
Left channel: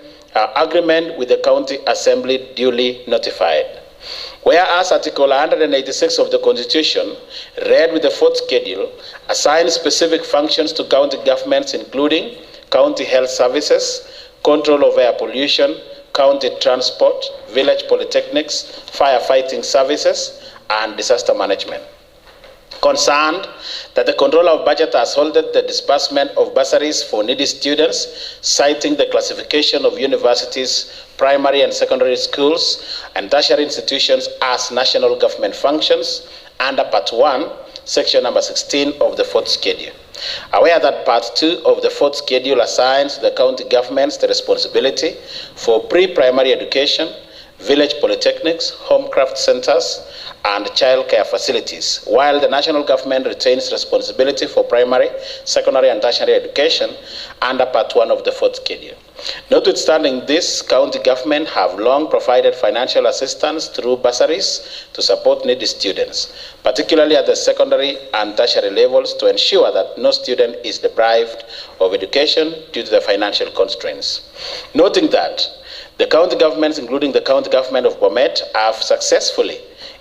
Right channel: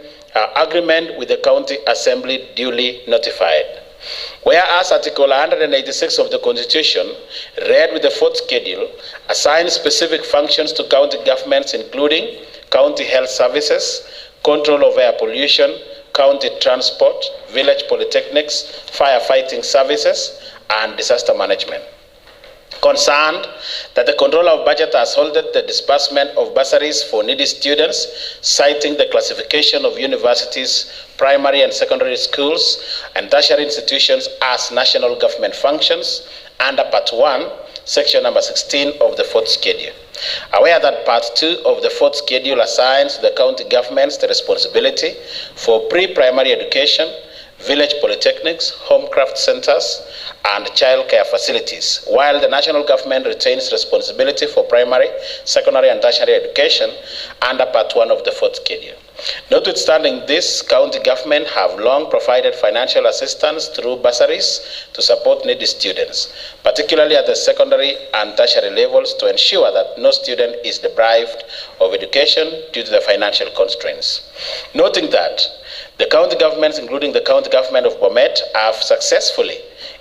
agreement with the county assembly duly notified. Whereas Article 186 of the Constitution, read with the fourth schedule, assigns specific functions to county governments, including county health services, control of air pollution, county transport, village polytechnics, firefighting services, and disaster management. Concerned that the controller of budget has halted the disbursement of bursaries for needy students, citing the classification of universities, primary and secondary schools, and tertiary institutions as national government functions under Part 1, Section number 16 of the fourth schedule. Aware that Part 2 of the fourth schedule assigns the county governments the responsibility for pre-primary education, village polytechnics, homecraft centers, and child care facilities, while the national government retains responsibility for primary, secondary, and tertiary education under Part 1 of the fourth schedule. Notwithstanding this, county government have long provided financial assistance through bursaries to support needy students, particularly at the secondary and tertiary levels, to ensure that no student is deprived of education due to the financial constraints. Noting that the county governments, including the county government of Bomet, have successfully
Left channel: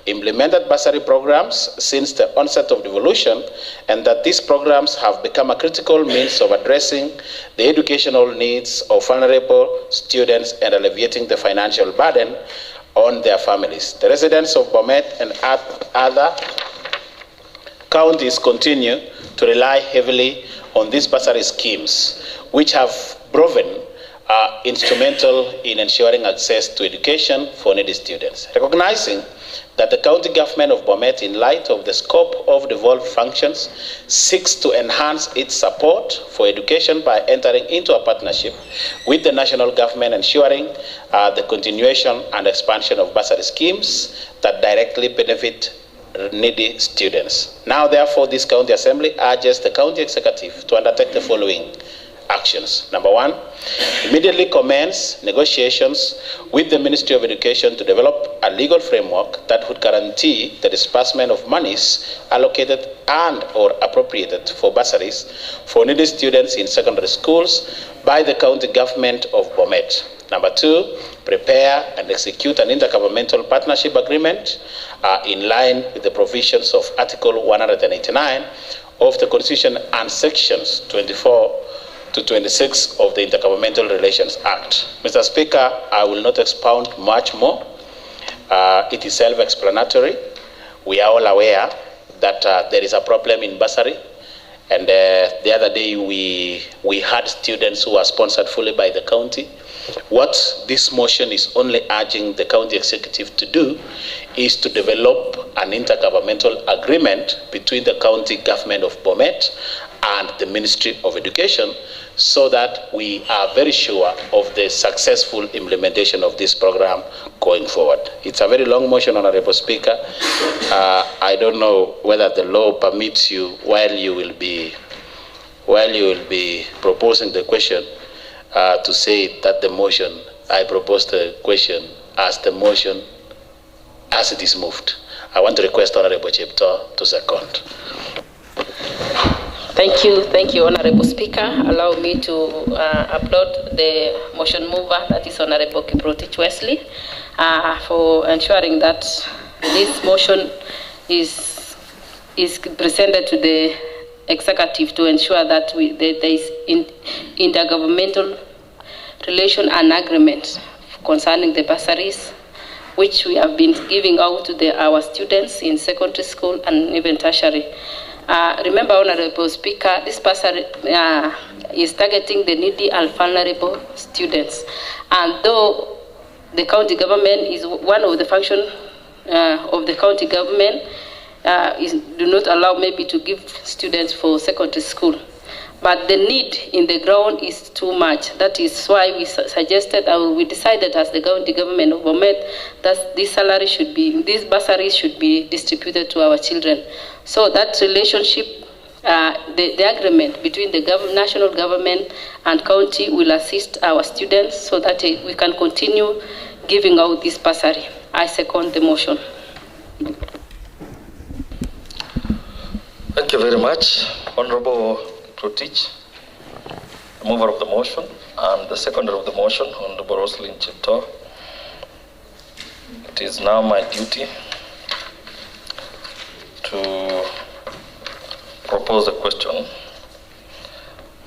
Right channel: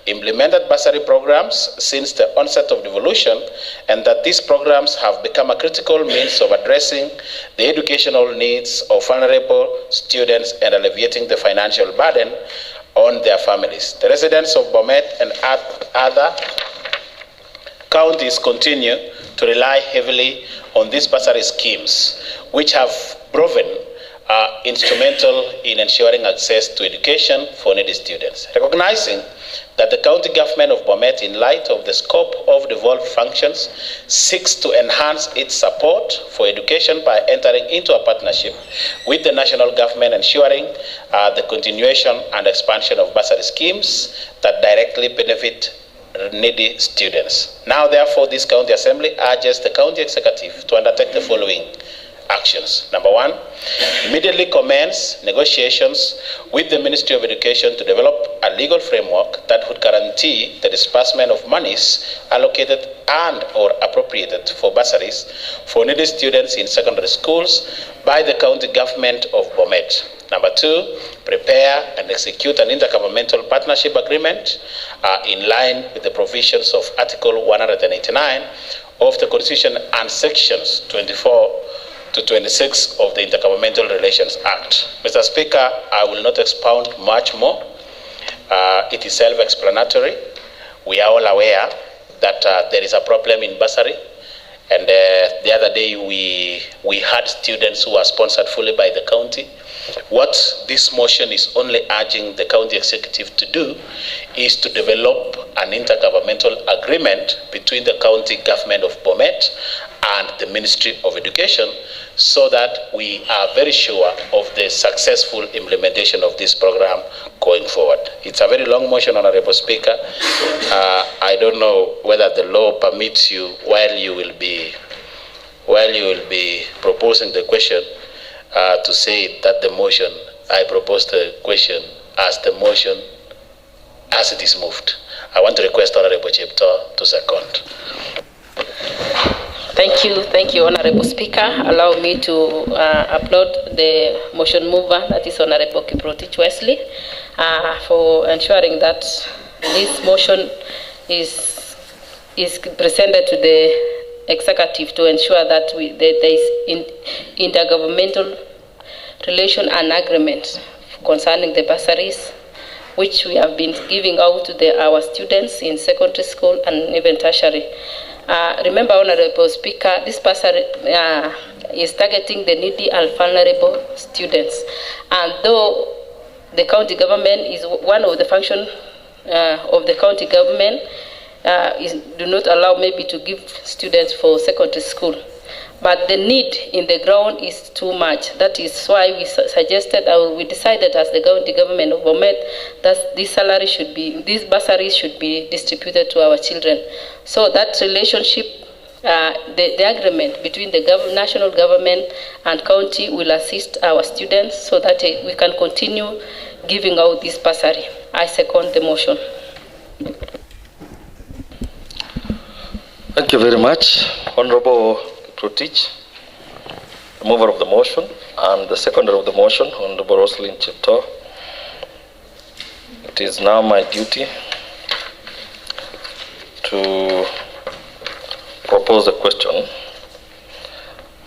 implemented bursary programs since the onset of devolution, and that these programs have become a critical means of addressing the educational needs of vulnerable students and alleviating the financial burden on their families. The residents of Bomet and other counties continue to rely heavily on these bursary schemes, which have proven instrumental in ensuring access to education for needy students. Recognizing that the county government of Bomet, in light of the scope of devolved functions, seeks to enhance its support for education by entering into a partnership with the national government, ensuring the continuation and expansion of bursary schemes that directly benefit needy students. Now, therefore, this county assembly urges the county executive to undertake the following actions. Number one, immediately commence negotiations with the Ministry of Education to develop a legal framework that would guarantee the disbursement of monies allocated and or appropriated for bursaries for needy students in secondary schools by the county government of Bomet. Number two, prepare and execute an intergovernmental partnership agreement in line with the provisions of Article 189 of the Constitution and Sections 24 to 26 of the Intergovernmental Relations Act. Mr. Speaker, I will not expound much more. It is self-explanatory. We are all aware that there is a problem in bursary. And the other day we had students who are sponsored fully by the county. What this motion is only urging the county executive to do is to develop an intergovernmental agreement between the county government of Bomet and the Ministry of Education, so that we are very sure of the successful implementation of this program going forward. It's a very long motion, Honorable Speaker. I don't know whether the law permits you, while you will be proposing the question, to say that the motion, I propose the question as the motion as it is moved. I want to request Honorable Chepto to second. Thank you, Honorable Speaker. Allow me to applaud the motion mover, that is Honorable Kiprotich Wesley, for ensuring that this motion is presented to the executive to ensure that there is intergovernmental relation and agreement concerning the bursaries, which we have been giving out to our students in secondary school and even tertiary. Remember, Honorable Speaker, this bursary is targeting the needy and vulnerable students. And though the county government is one of the functions of the county government, do not allow maybe to give students for secondary school. But the need in the ground is too much. That is why we suggested, we decided as the county government of Bomet that these bursaries should be distributed to our children. So that relationship, the agreement between the national government and county will assist our students so that we can continue giving out this bursary. I second the motion. Thank you very much, Honorable Protich, the mover of the motion, and the seconder of the motion, Honorable Roslyn Chepto. It is now my duty to propose a question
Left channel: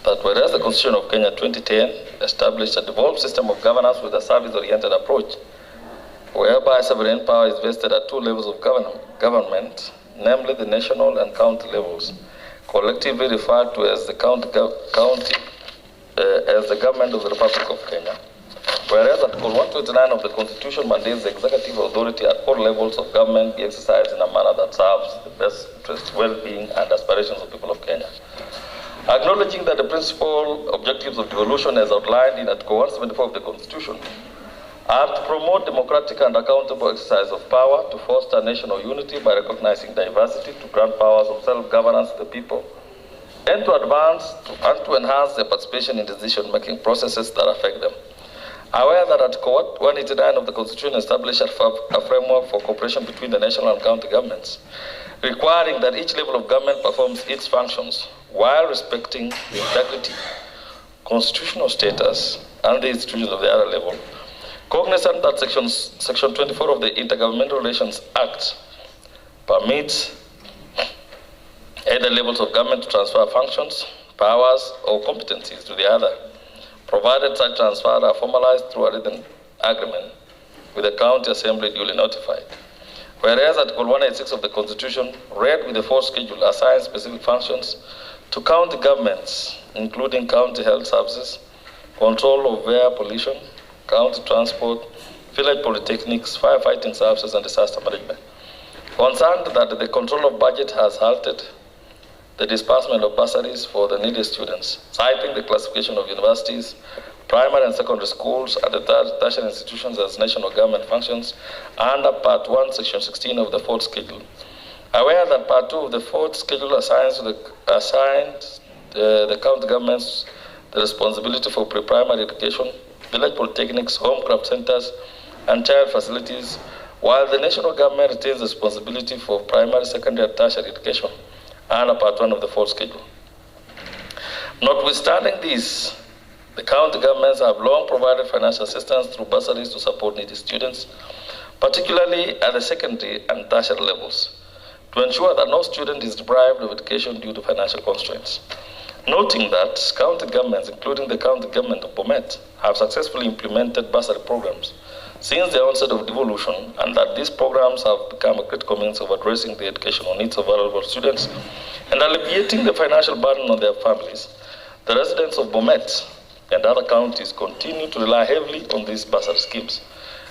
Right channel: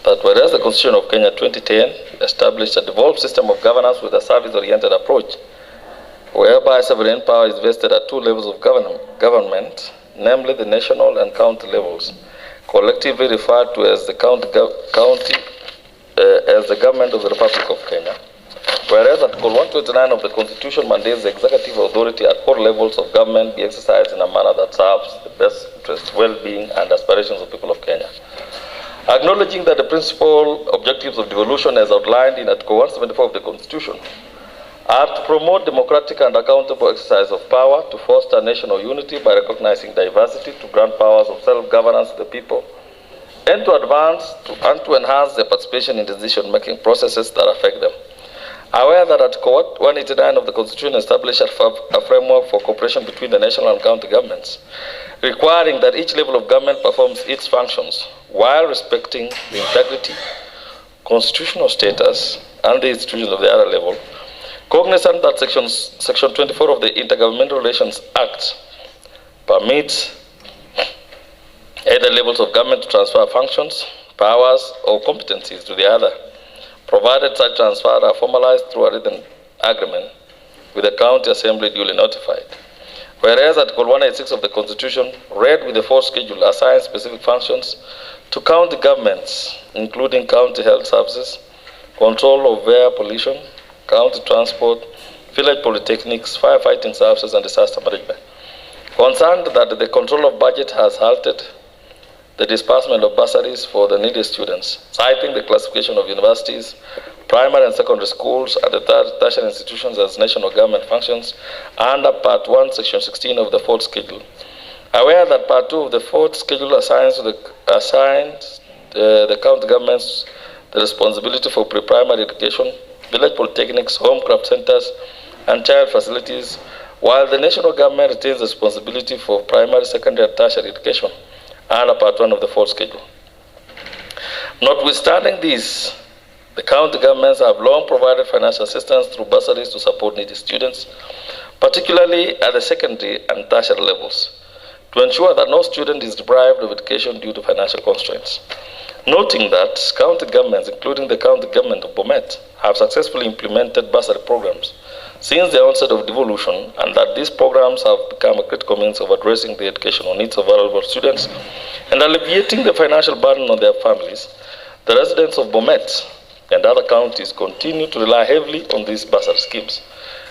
that whereas the Constitution of Kenya 2010 established a devolved system of governance with a service-oriented approach, whereby sovereign power is vested at two levels of government, namely the national and county levels, collectively referred to as the as the government of the Republic of Kenya. Whereas Article 129 of the Constitution mandates the executive authority at all levels of government be exercised in a manner that serves the best interest, well-being, and aspirations of the people of Kenya. Acknowledging that the principal objectives of devolution as outlined in Article 174 of the Constitution are to promote democratic and accountable exercise of power, to foster national unity by recognizing diversity, to grant powers of self-governance to the people, and to advance and to enhance their participation in decision-making processes that affect them. Aware that Article 189 of the Constitution established a framework for cooperation between the national and county governments, requiring that each level of government performs its functions while respecting the integrity, constitutional status, and the institutions of the other level. Cognizant that Section 24 of the Intergovernmental Relations Act permits either levels of government to transfer functions, powers, or competencies to the other, provided such transfers are formalized through a written agreement with the county assembly duly notified. Whereas Article 186 of the Constitution, read with the fourth schedule, assigns specific functions to county governments, including county health services, control of air pollution, county transport, village polytechnics, firefighting services, and disaster management. Concerned that the control of budget has halted the disbursement of bursaries for the needy students, citing the classification of universities, primary and secondary schools, and the tertiary institutions as national government functions under Part 1, Section 16 of the fourth schedule. Aware that Part 2 of the fourth schedule assigns the county governments the responsibility for pre-primary education, village polytechnics, home craft centers, and child facilities, while the national government retains the responsibility for primary, secondary, and tertiary education under Part 1 of the fourth schedule. Notwithstanding this, the county governments have long provided financial assistance through bursaries to support needy students, particularly at the secondary and tertiary levels, to ensure that no student is deprived of education due to financial constraints. Noting that county governments, including the county government of Bomet, have successfully implemented bursary programs since the onset of devolution, and that these programs have become a critical means of addressing the educational needs of vulnerable students and alleviating the financial burden on their families, the residents of Bomet and other counties continue to rely heavily on these bursary schemes,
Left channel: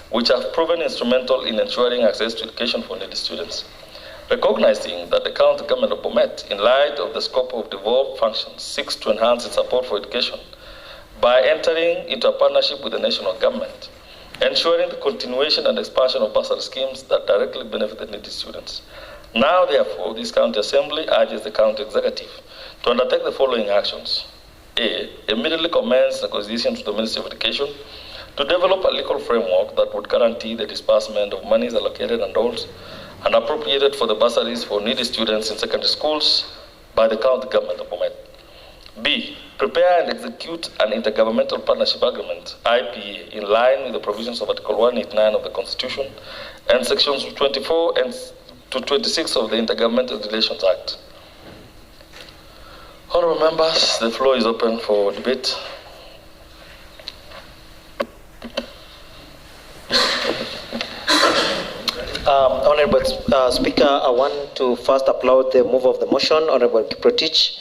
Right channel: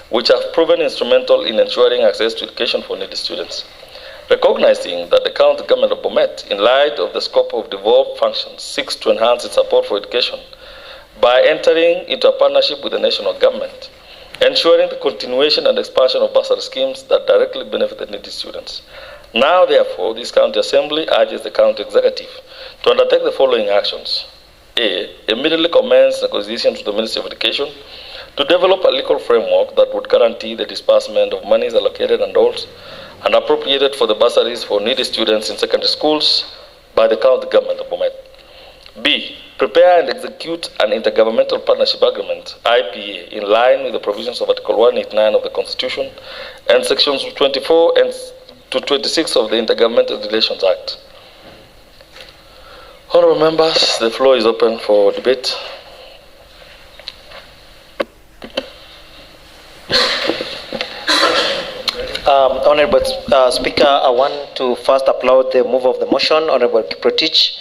which have proven instrumental in ensuring access to education for needy students. Recognizing that the county government of Bomet, in light of the scope of devolved functions, seeks to enhance its support for education by entering into a partnership with the national government, ensuring the continuation and expansion of bursary schemes that directly benefit the needy students. Now, therefore, this county assembly urges the county executive to undertake the following actions. A, immediately commence negotiations with the Ministry of Education to develop a legal framework that would guarantee the disbursement of monies allocated and appropriated for the bursaries for needy students in secondary schools by the county government of Bomet. B, prepare and execute an intergovernmental partnership agreement, IPA, in line with the provisions of Article 189 of the Constitution and Sections 24 and to 26 of the Intergovernmental Relations Act. Honorable members, the floor is open for debate. Honorable Speaker, I want to first applaud the move of the motion, Honorable Kiprotich,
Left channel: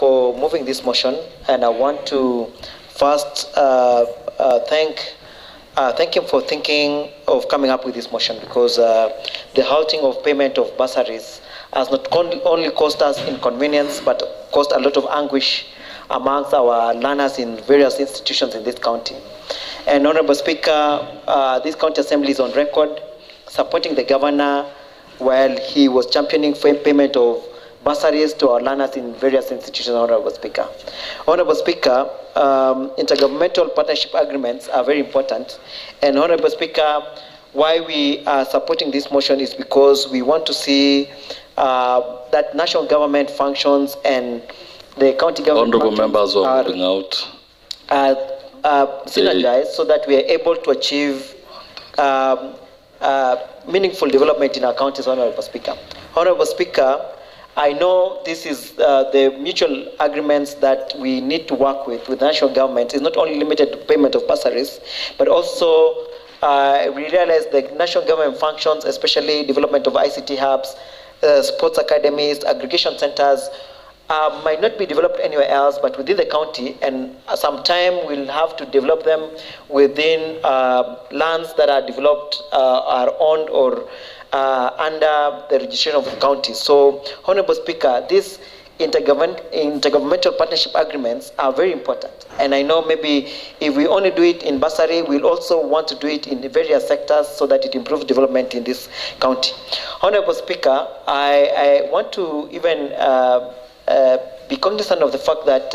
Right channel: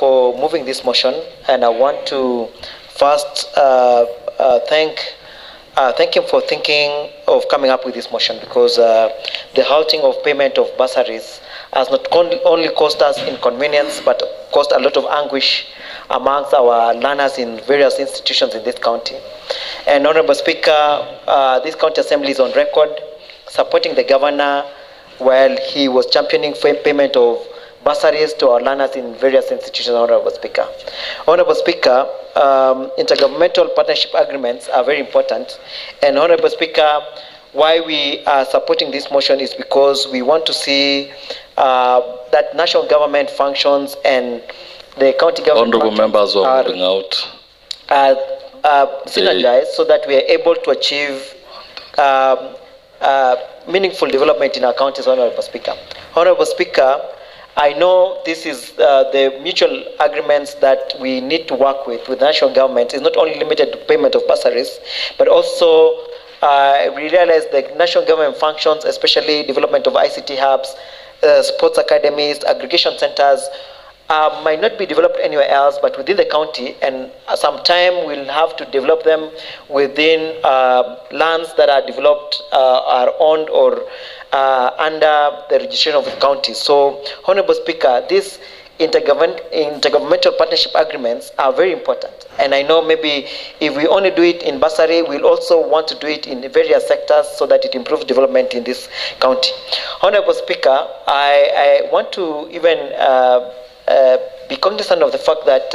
for moving this motion, and I want to first thank him for thinking of coming up with this motion, because the halting of payment of bursaries has not only caused us inconvenience, but caused a lot of anguish amongst our learners in various institutions in this county. And Honorable Speaker, this county assembly is on record supporting the governor while he was championing payment of bursaries to our learners in various institutions, Honorable Speaker. Honorable Speaker, intergovernmental partnership agreements are very important. And Honorable Speaker, why we are supporting this motion is because we want to see that national government functions and the county government Honorable members are moving out. Synergize so that we are able to achieve meaningful development in our counties, Honorable Speaker. Honorable Speaker, I know this is the mutual agreements that we need to work with national government is not only limited to payment of bursaries, but also we realize the national government functions, especially development of ICT hubs, sports academies, aggregation centers, might not be developed anywhere else but within the county, and sometime we'll have to develop them within lands that are developed, are owned or under the registration of the county. So, Honorable Speaker, these intergovernmental partnership agreements are very important. And I know maybe if we only do it in bursary, we'll also want to do it in various sectors so that it improves development in this county. Honorable Speaker, I want to even be cognizant of the fact that,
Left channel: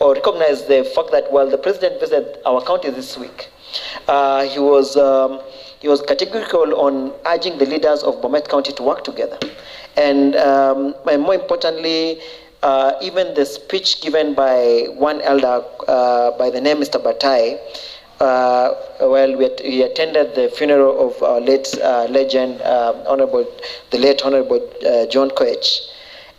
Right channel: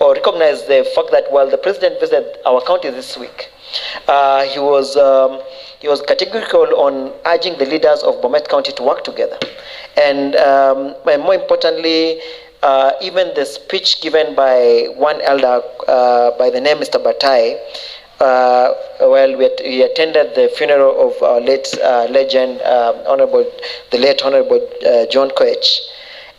or recognize the fact that while the President visited our county this week, he was categorical on urging the leaders of Bomet County to work together. And more importantly, even the speech given by one elder by the name Mr. Batai while we attended the funeral of our late legend, the late Honorable John Koech.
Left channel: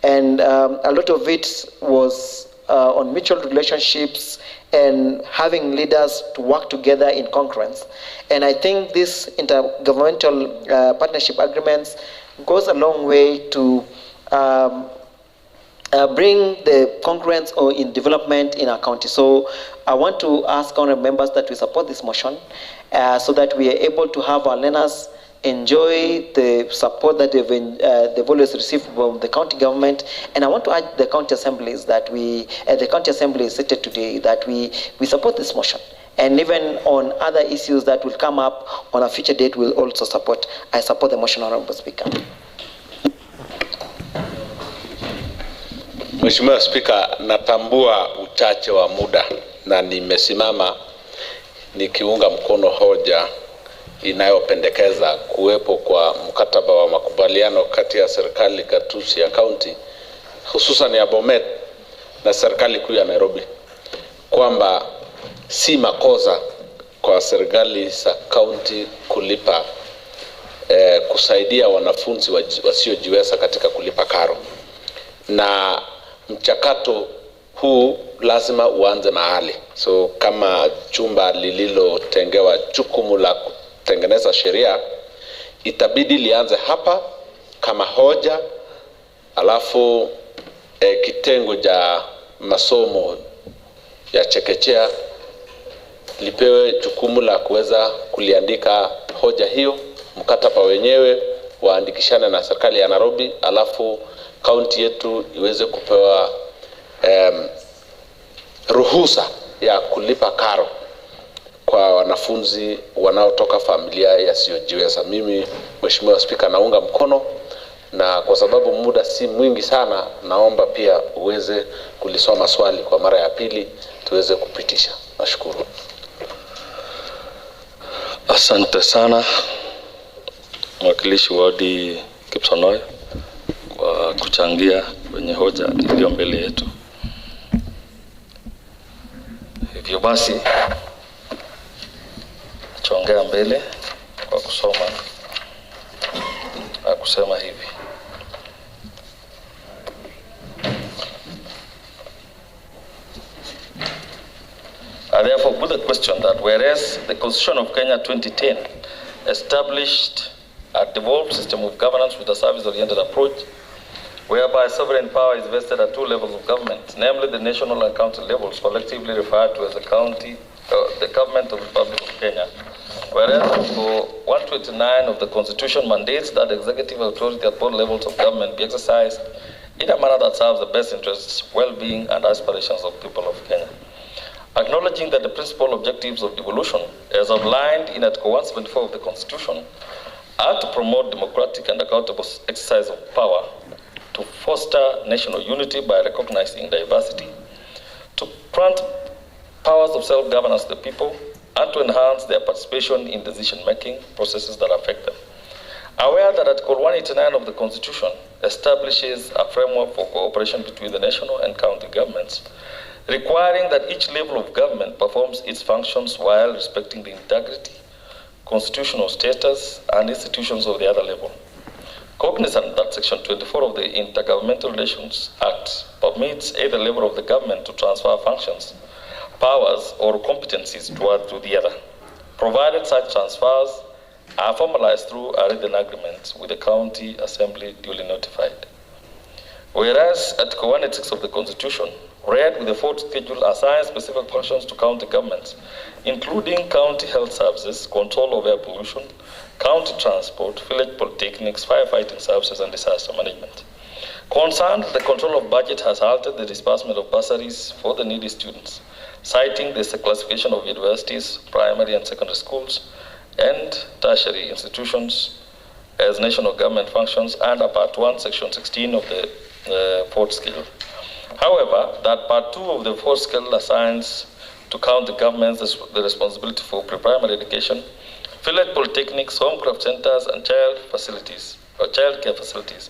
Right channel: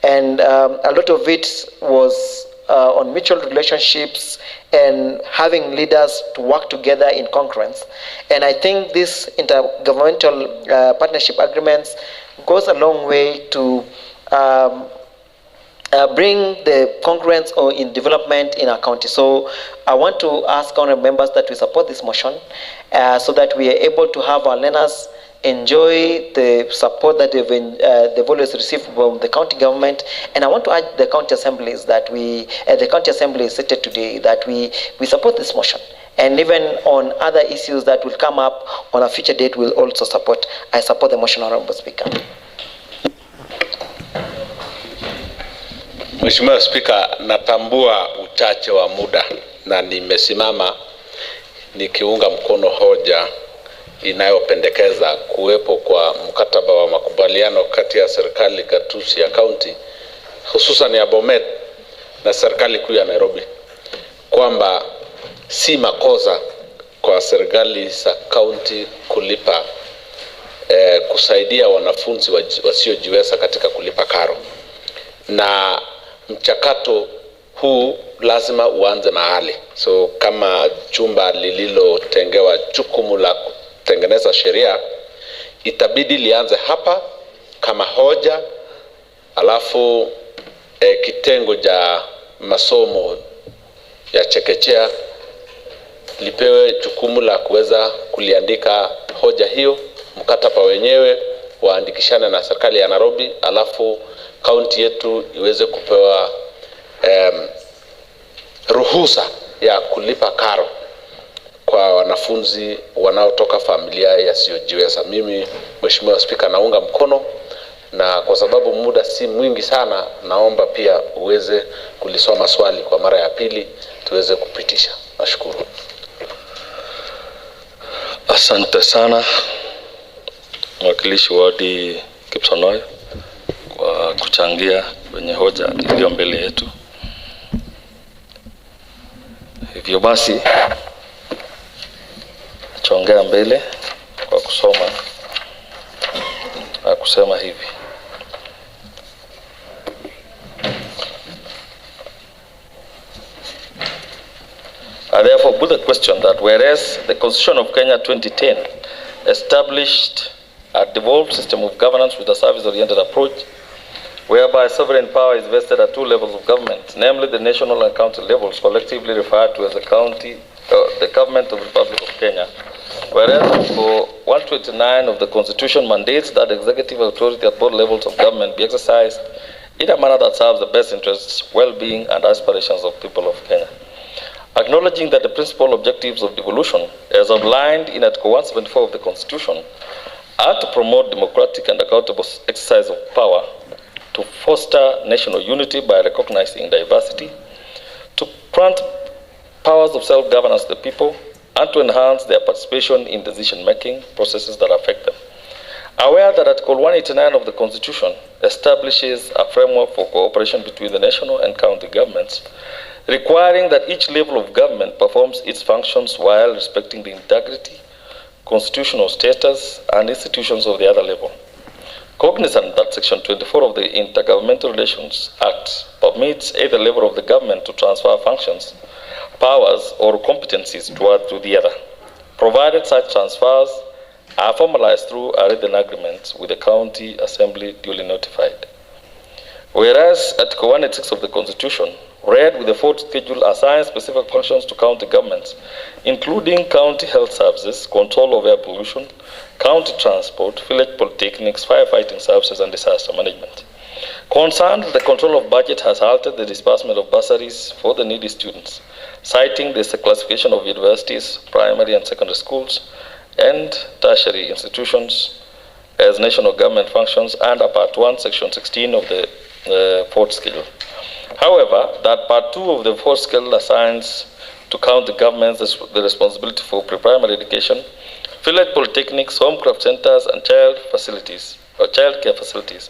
And a lot of it was on mutual relationships and having leaders to work together in concurrence. And I think this intergovernmental partnership agreements goes a long way to bring the concurrence or in development in our county. So I want to ask honorable members that we support this motion so that we are able to have our learners enjoy the support that they've always received from the county government. And I want to urge the county assemblies that the county assembly is seated today, that we support this motion. And even on other issues that will come up on a future date, we'll also support. I support the motion, Honorable Speaker. Mheshimiwa Spika, natambua uchache wa muda na nimesimama nikiunga mkono hoja inayopendekeza kuwepo kwa mkataba wa makubaliano kati ya serikali gatuzi ya kaunti hususan ya Bomet na serikali kuu ya Nairobi, kwamba si makosa kwa serikali za kaunti kulipa kusaidia wanafunzi wasiojiweza katika kulipa karo, na mchakato huu lazima uanze mahali. So kama chumba lililotengewa jukumu la kutengeneza sheria, itabidi lianze hapa kama hoja, alafu kitengo cha masomo ya chekechea lipewe jukumu la kuweza kuliandika hoja hiyo, mkataba wenyewe waandikishane na serikali ya Nairobi, alafu kaunti yetu iweze kupewa ruhusa ya kulipa karo kwa wanafunzi wanaotoka familia yasiyojiweza. Mimi Mheshimiwa Spika naunga mkono, na kwa sababu muda si mwingi sana, naomba pia uweze kulisoma swali kwa mara ya pili tuweze kupitisha. Nashukuru. Asante sana mwakilishi wadi Kipsonoy kwa kuchangia kwenye hoja iliyo mbele yetu. Hivyo basi chongea mbele kwa kusoma na kusema hivi: I therefore put the question that whereas the Constitution of Kenya 2010 established a devolved system of governance with a service-oriented approach, whereby sovereign power is vested at two levels of government, namely the national and county levels, collectively referred to as the government of the Republic of Kenya. Whereas Article 129 of the Constitution mandates that executive authority at both levels of government be exercised in a manner that serves the best interests, well-being, and aspirations of the people of Kenya. Acknowledging that the principal objectives of devolution, as outlined in Article 174 of the Constitution, are to promote democratic and accountable exercise of power, to foster national unity by recognizing diversity, to grant powers of self-governance to the people, and to enhance their participation in decision-making processes that affect them. Aware that Article 189 of the Constitution establishes a framework for cooperation between the national and county governments, requiring that each level of government performs its functions while respecting the integrity, constitutional status, and institutions of the other level. Cognizant that Section 24 of the Intergovernmental Relations Act permits either level of the government to transfer functions, powers, or competencies to the other, provided such transfers are formalized through a written agreement with the county assembly duly notified. Whereas Article 186 of the Constitution, read with the fourth schedule, assigns specific functions to county governments, including county health services, control of air pollution, county transport, village polytechnics, firefighting services, and disaster management. Concerned that the control of budget has halted the disbursement of bursaries for the needy students, citing the classification of universities, primary and secondary schools, and tertiary institutions as national government functions under Part 1, Section 16 of the fourth schedule. However, that Part 2 of the fourth schedule assigns to county governments the responsibility for pre-primary education, village polytechnics, homecraft centers, and child care facilities,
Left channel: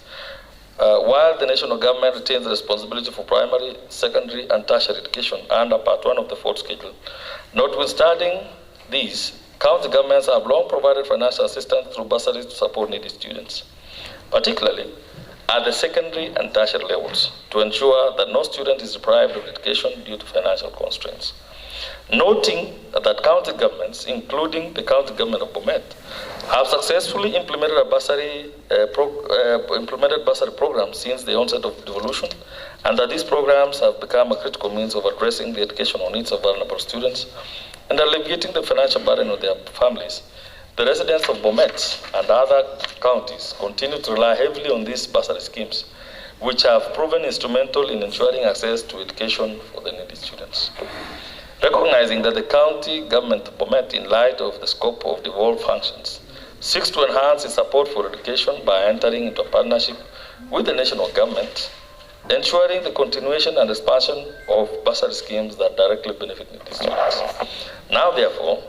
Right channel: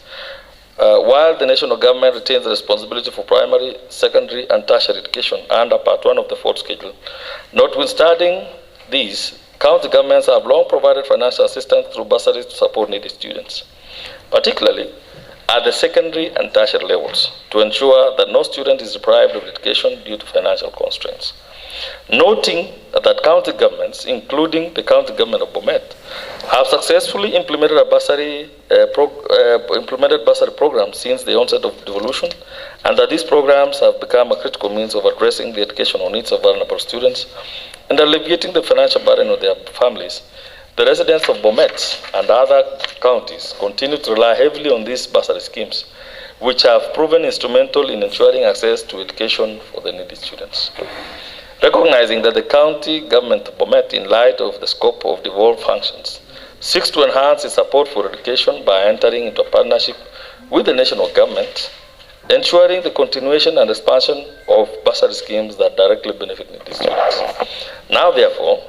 while the national government retains the responsibility for primary, secondary, and tertiary education under Part 1 of the fourth schedule. Notwithstanding these, county governments have long provided financial assistance through bursaries to support needy students, particularly at the secondary and tertiary levels, to ensure that no student is deprived of education due to financial constraints. Noting that county governments, including the county government of Bomet, have successfully implemented bursary programs since the onset of devolution, and that these programs have become a critical means of addressing the educational needs of vulnerable students and alleviating the financial burden on their families. The residents of Bomet and other counties continue to rely heavily on these bursary schemes, which have proven instrumental in ensuring access to education for the needy students. Recognizing that the county government of Bomet, in light of the scope of devolved functions, seeks to enhance its support for education by entering into a partnership with the national government, ensuring the continuation and expansion of bursary schemes that directly benefit needy students. Now, therefore,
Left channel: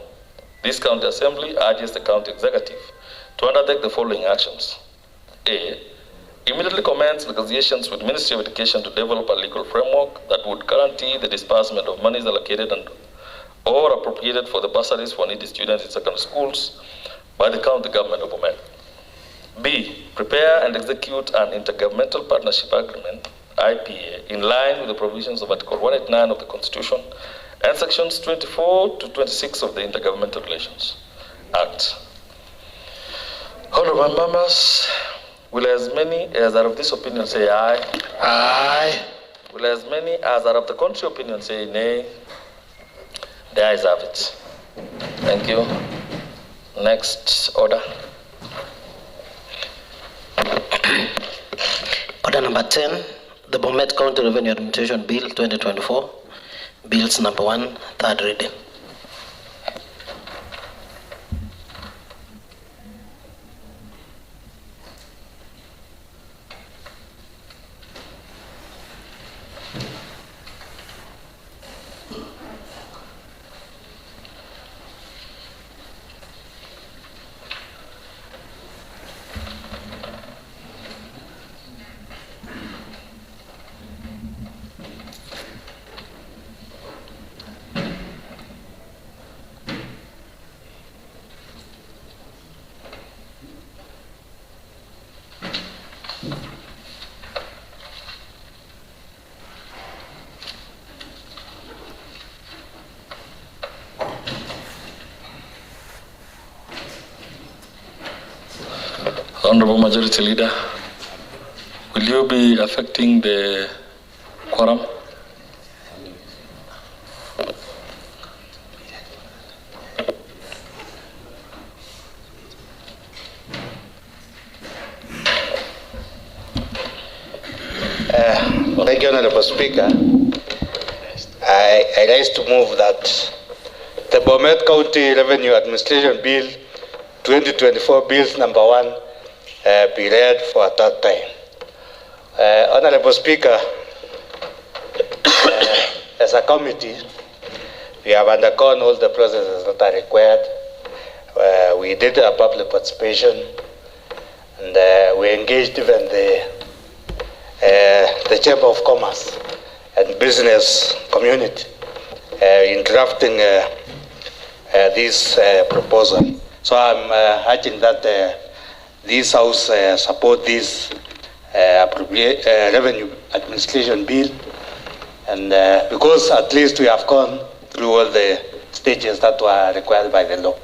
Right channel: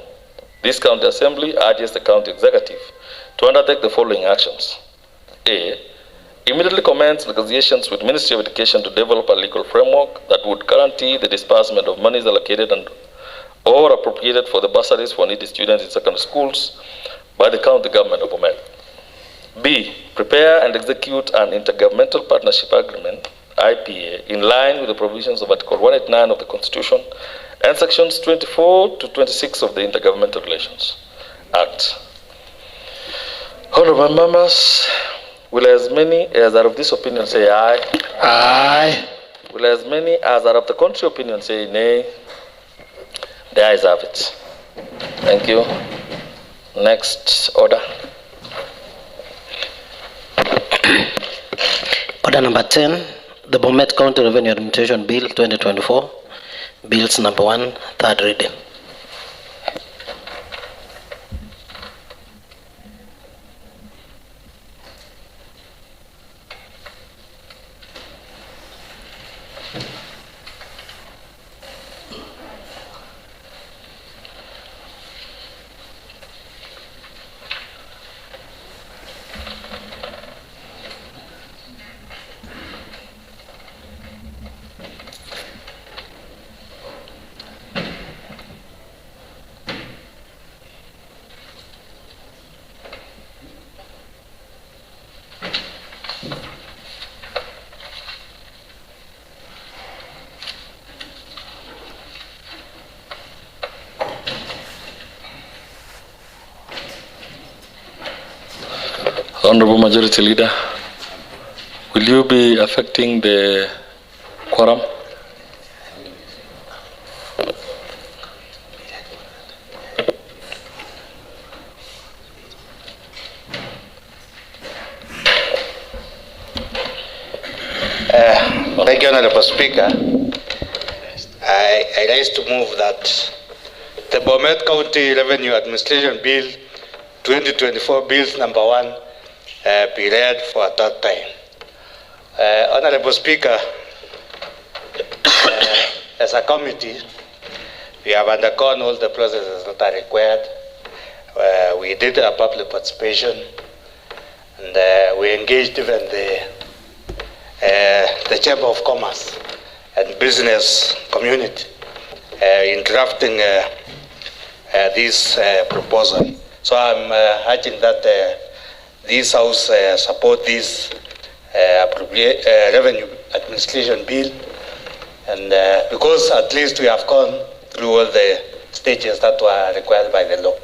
this county assembly urges the county executive to undertake the following actions. A, immediately commence negotiations with Ministry of Education to develop a legal framework that would guarantee the disbursement of monies allocated or appropriated for the bursaries for needy students in secondary schools by the county government of Bomet. B, prepare and execute an intergovernmental partnership agreement, IPA, in line with the provisions of Article 189 of the Constitution and Sections 24 to 26 of the Intergovernmental Relations Act. Honorable members, will as many as are of this opinion say aye? Aye. Will as many as are of the contrary opinion say nay? The ayes have it. Thank you. Next order. Order number 10, the Bomet County Revenue Administration Bill 2024, Bills number 1, third reading. Honorable Majority Leader, will you be affecting the quorum? Thank you, Honorable Speaker. I rise to move that the Bomet County Revenue Administration Bill 2024, Bills number 1, be read for a third time. Honorable Speaker, as a committee, we have undergone all the processes that are required. We did a public participation, and we engaged even the Chamber of Commerce and business community in drafting this proposal. So I'm urging that this House support this revenue administration bill, and because at least we have gone through all the stages that were required by the law.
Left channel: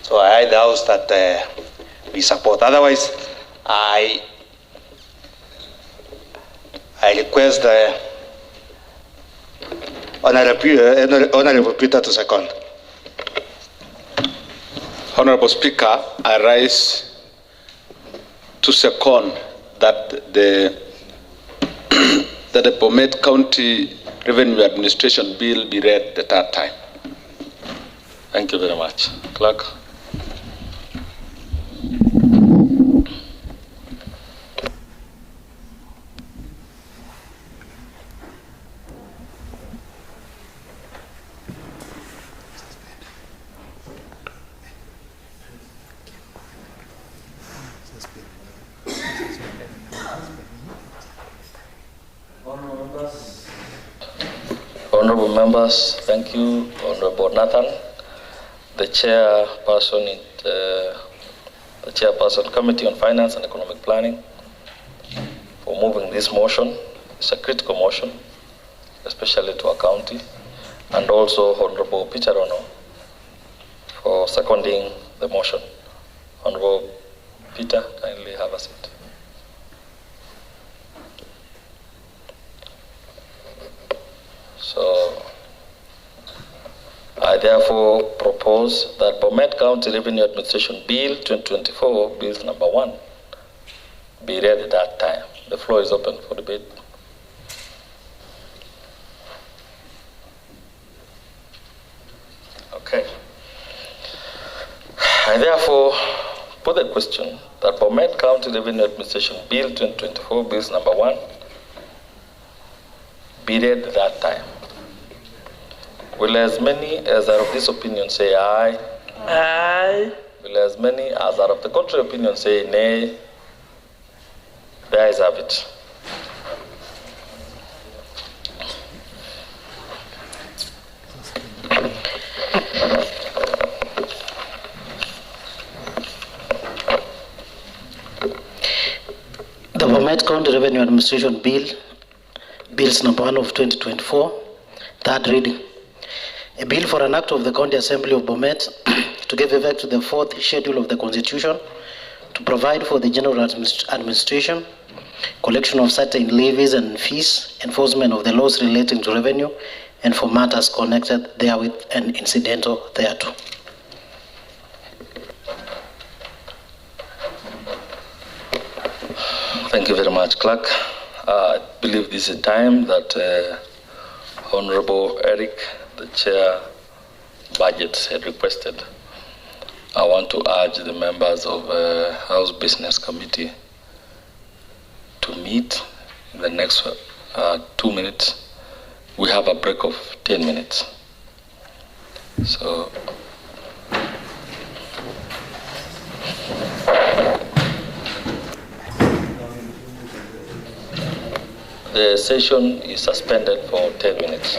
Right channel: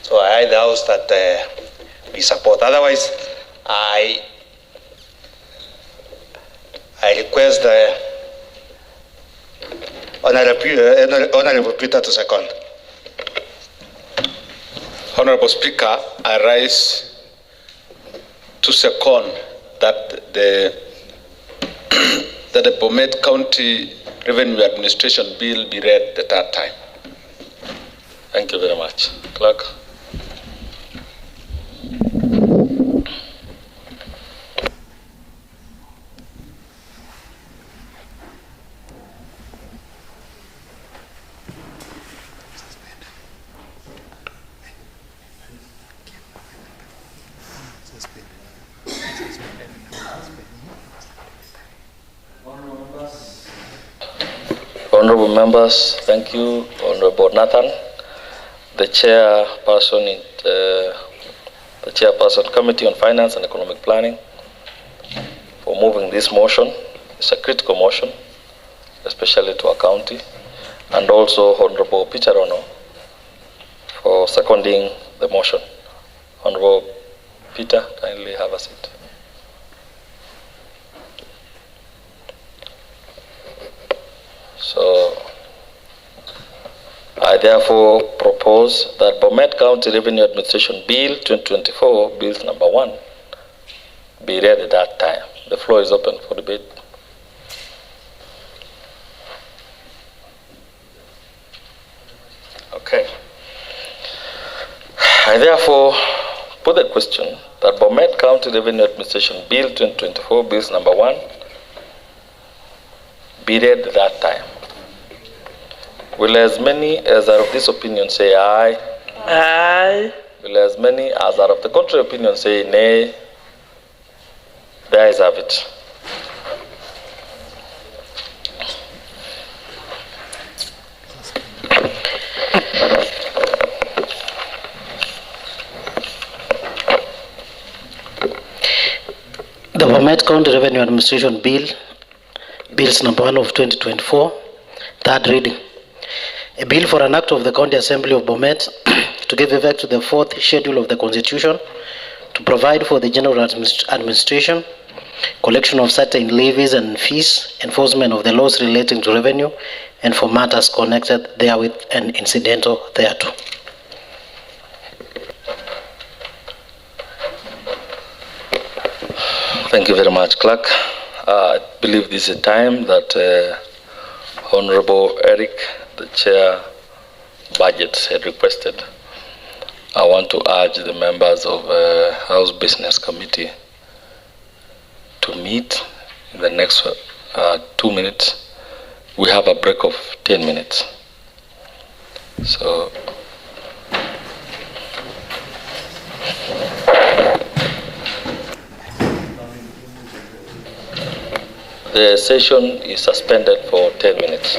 So I urge the House that we support. Otherwise, I request the Honorable Peter to second. Honorable Speaker, I rise to second that the Bomet County Revenue Administration Bill be read the third time. Thank you very much. Clerk. Honorable members, thank you, Honorable Nathan. the chairperson Committee on Finance and Economic Planning for moving this motion. It's a critical motion, especially to our county, and also Honorable Picharono for seconding the motion. Honorable Peter, kindly have a seat. So, I therefore propose that Bomet County Revenue Administration Bill 2024, Bill number 1, be read at that time. The floor is open for debate. Okay. I therefore put the question that Bomet County Revenue Administration Bill 2024, Bill number 1, be read at that time. Will as many as are of this opinion say aye? Aye. Will as many as are of the contrary opinion say nay? The ayes have it. The Bomet County Revenue Administration Bill, Bills number 1 of 2024, third reading. A bill for an act of the County Assembly of Bomet to give effect to the 4th schedule of the Constitution to provide for the general administration, collection of certain levies and fees, enforcement of the laws relating to revenue, and for matters connected therewith and incidental thereto. Thank you very much, Clerk. I believe this is a time that Honorable Eric, the Chair Budget, had requested. I want to urge the members of House Business Committee to meet in the next 2 minutes. We have a break of 10 minutes. So, the session is suspended for 10 minutes.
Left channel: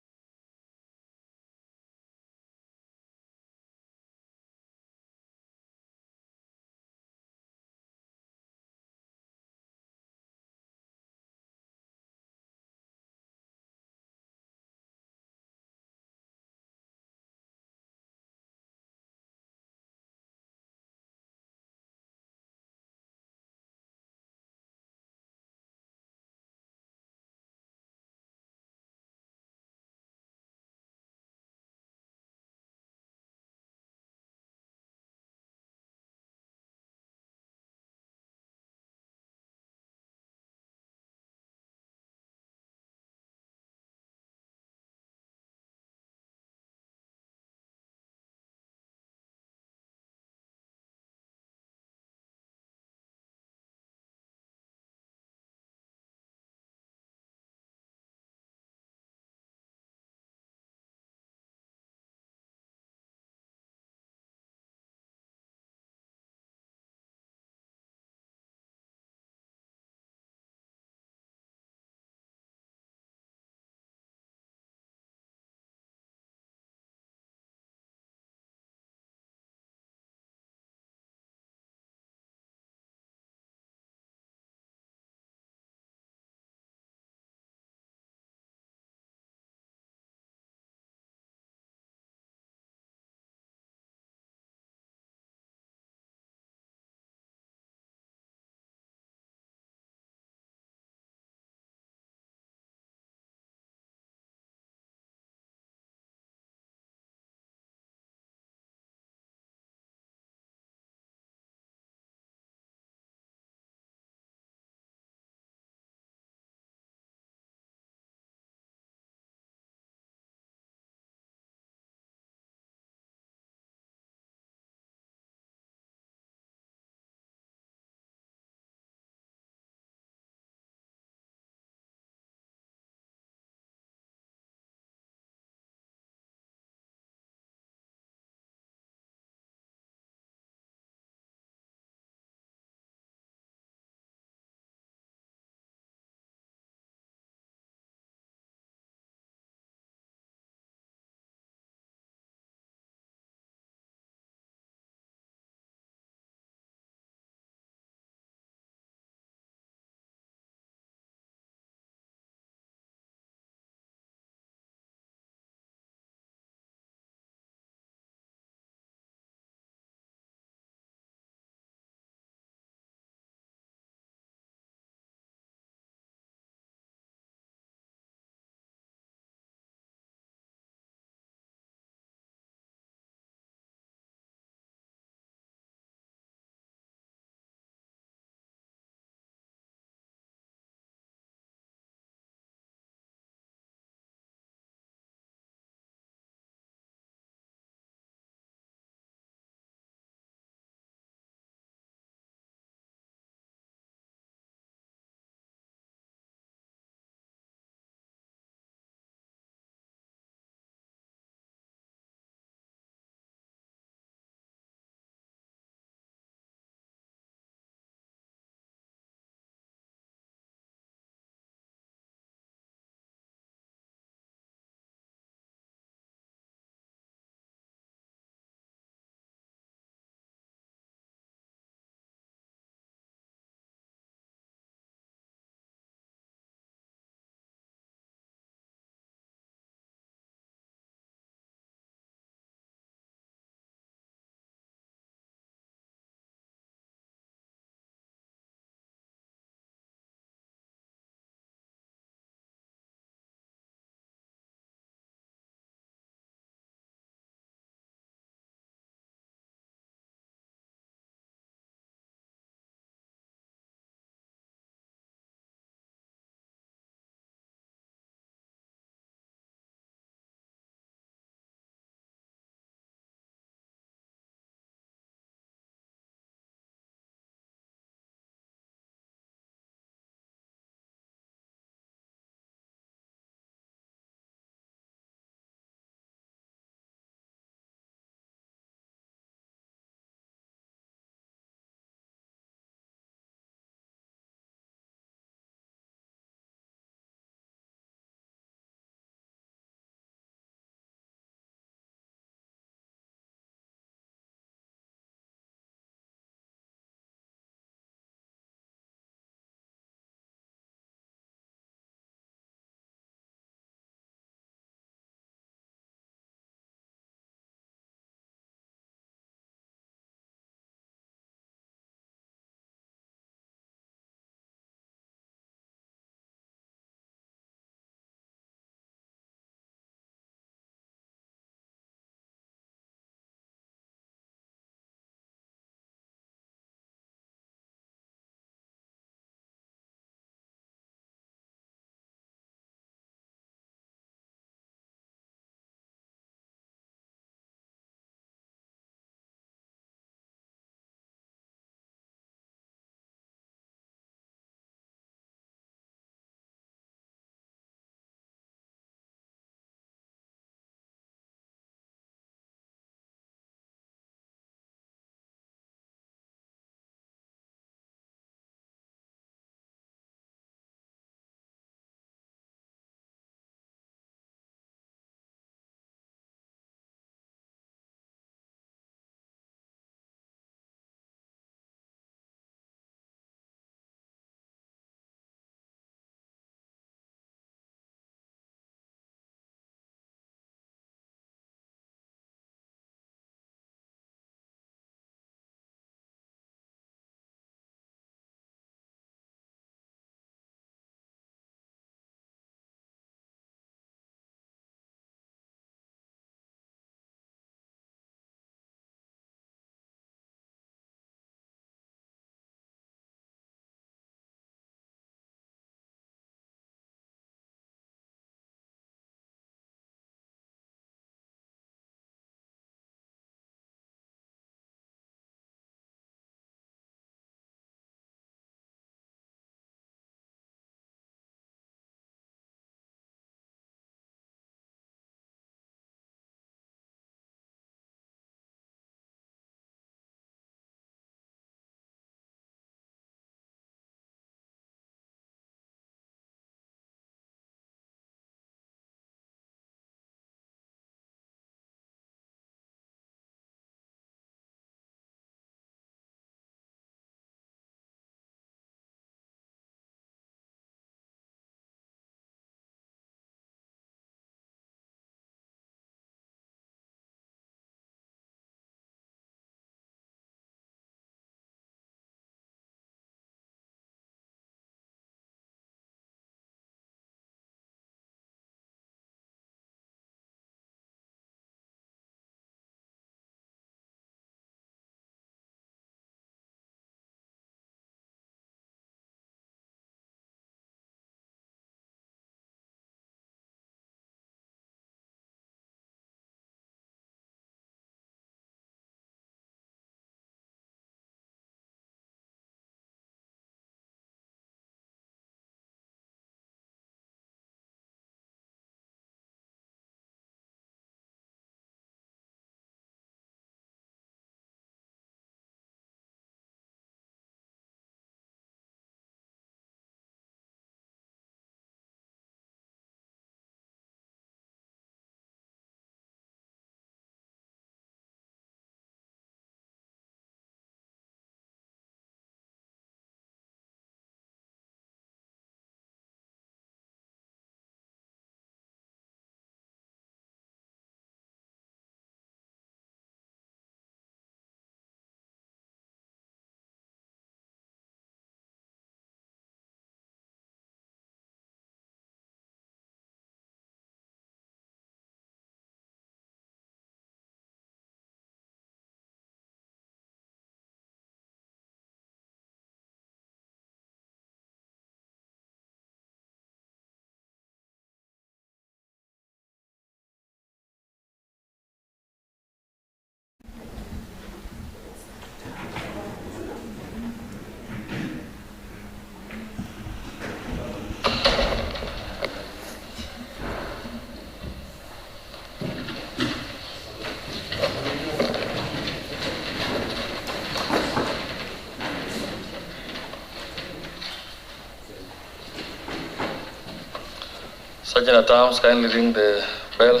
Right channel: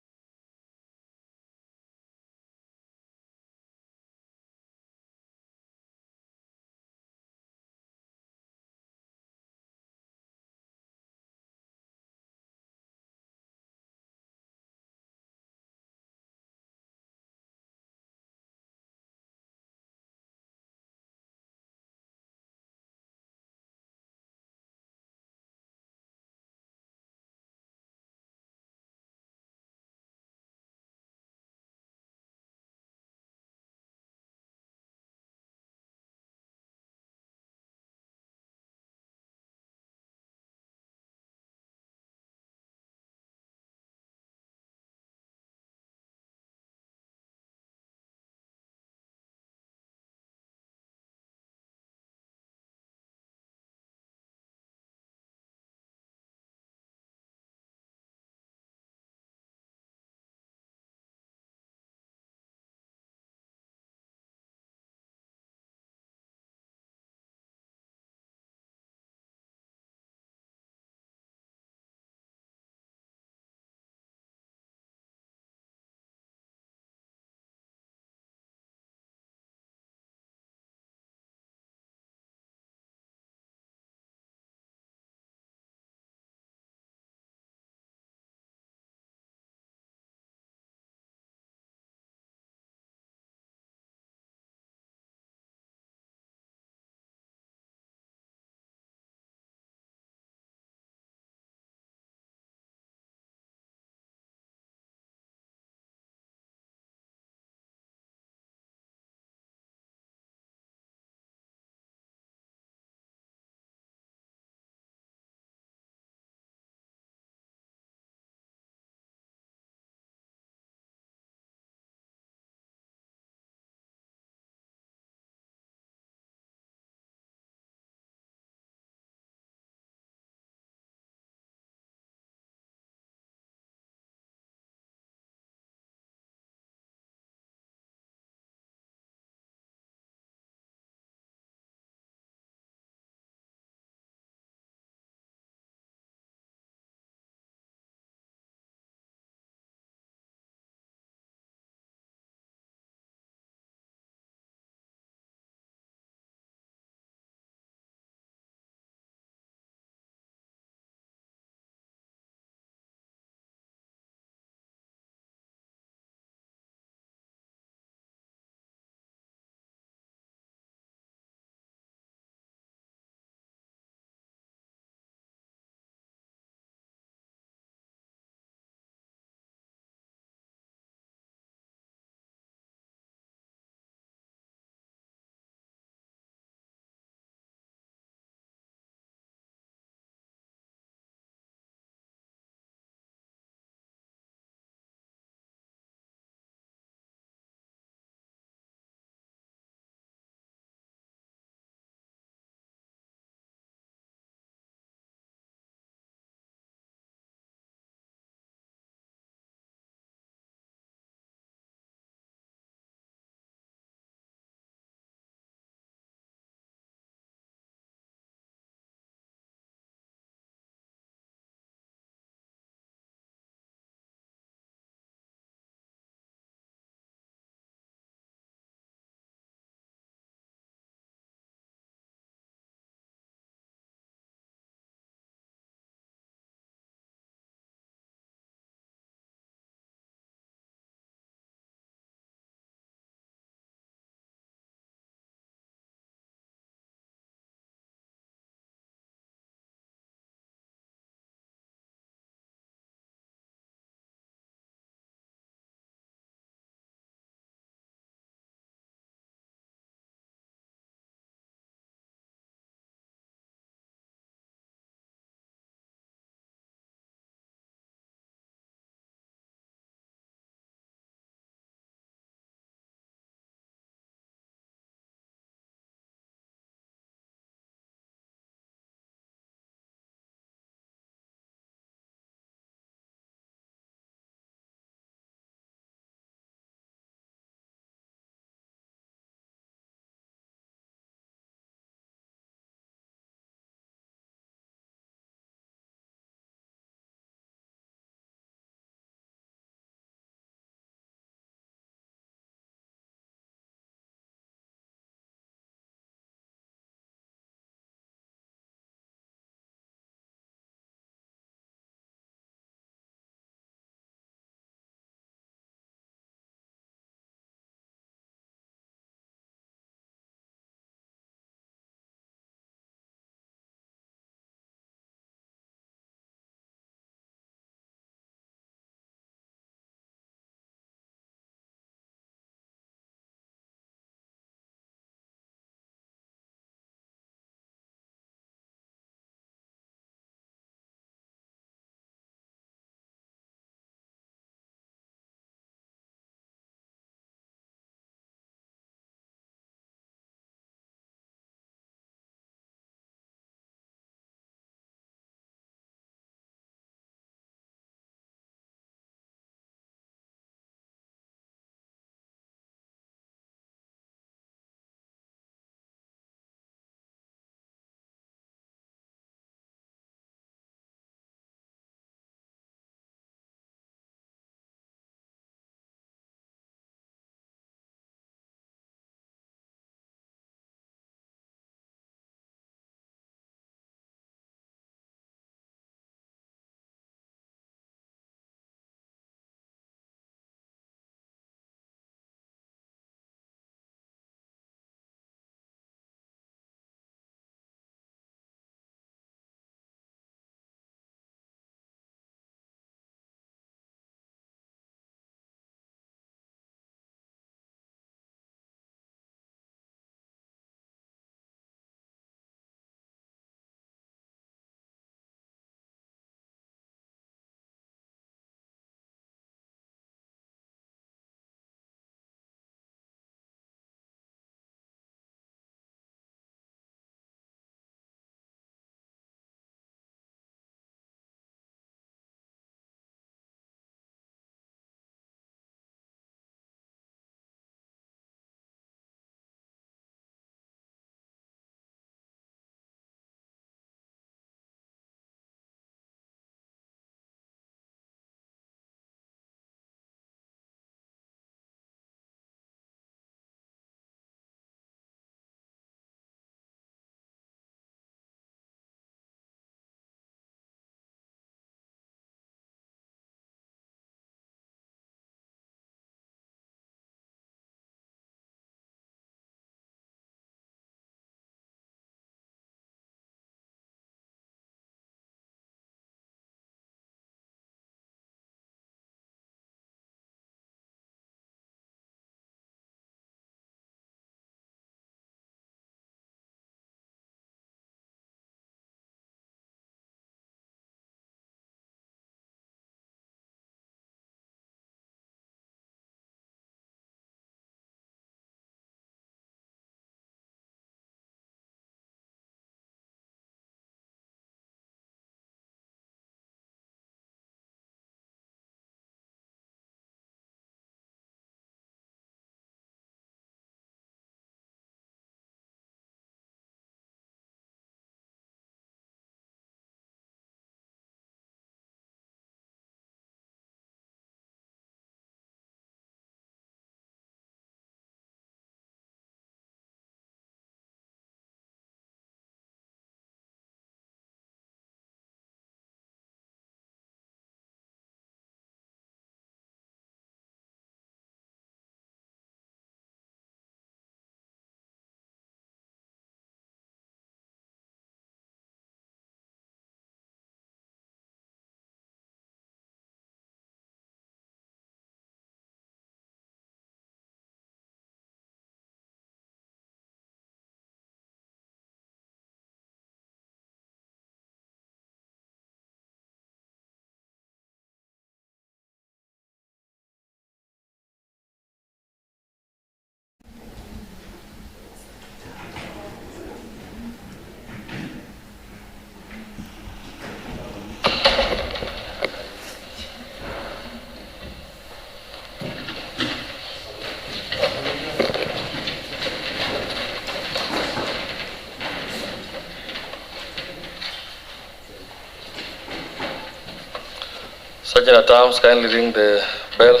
Sergeant at Arms, kindly ring the bell.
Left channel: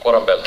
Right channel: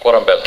Quorum bell.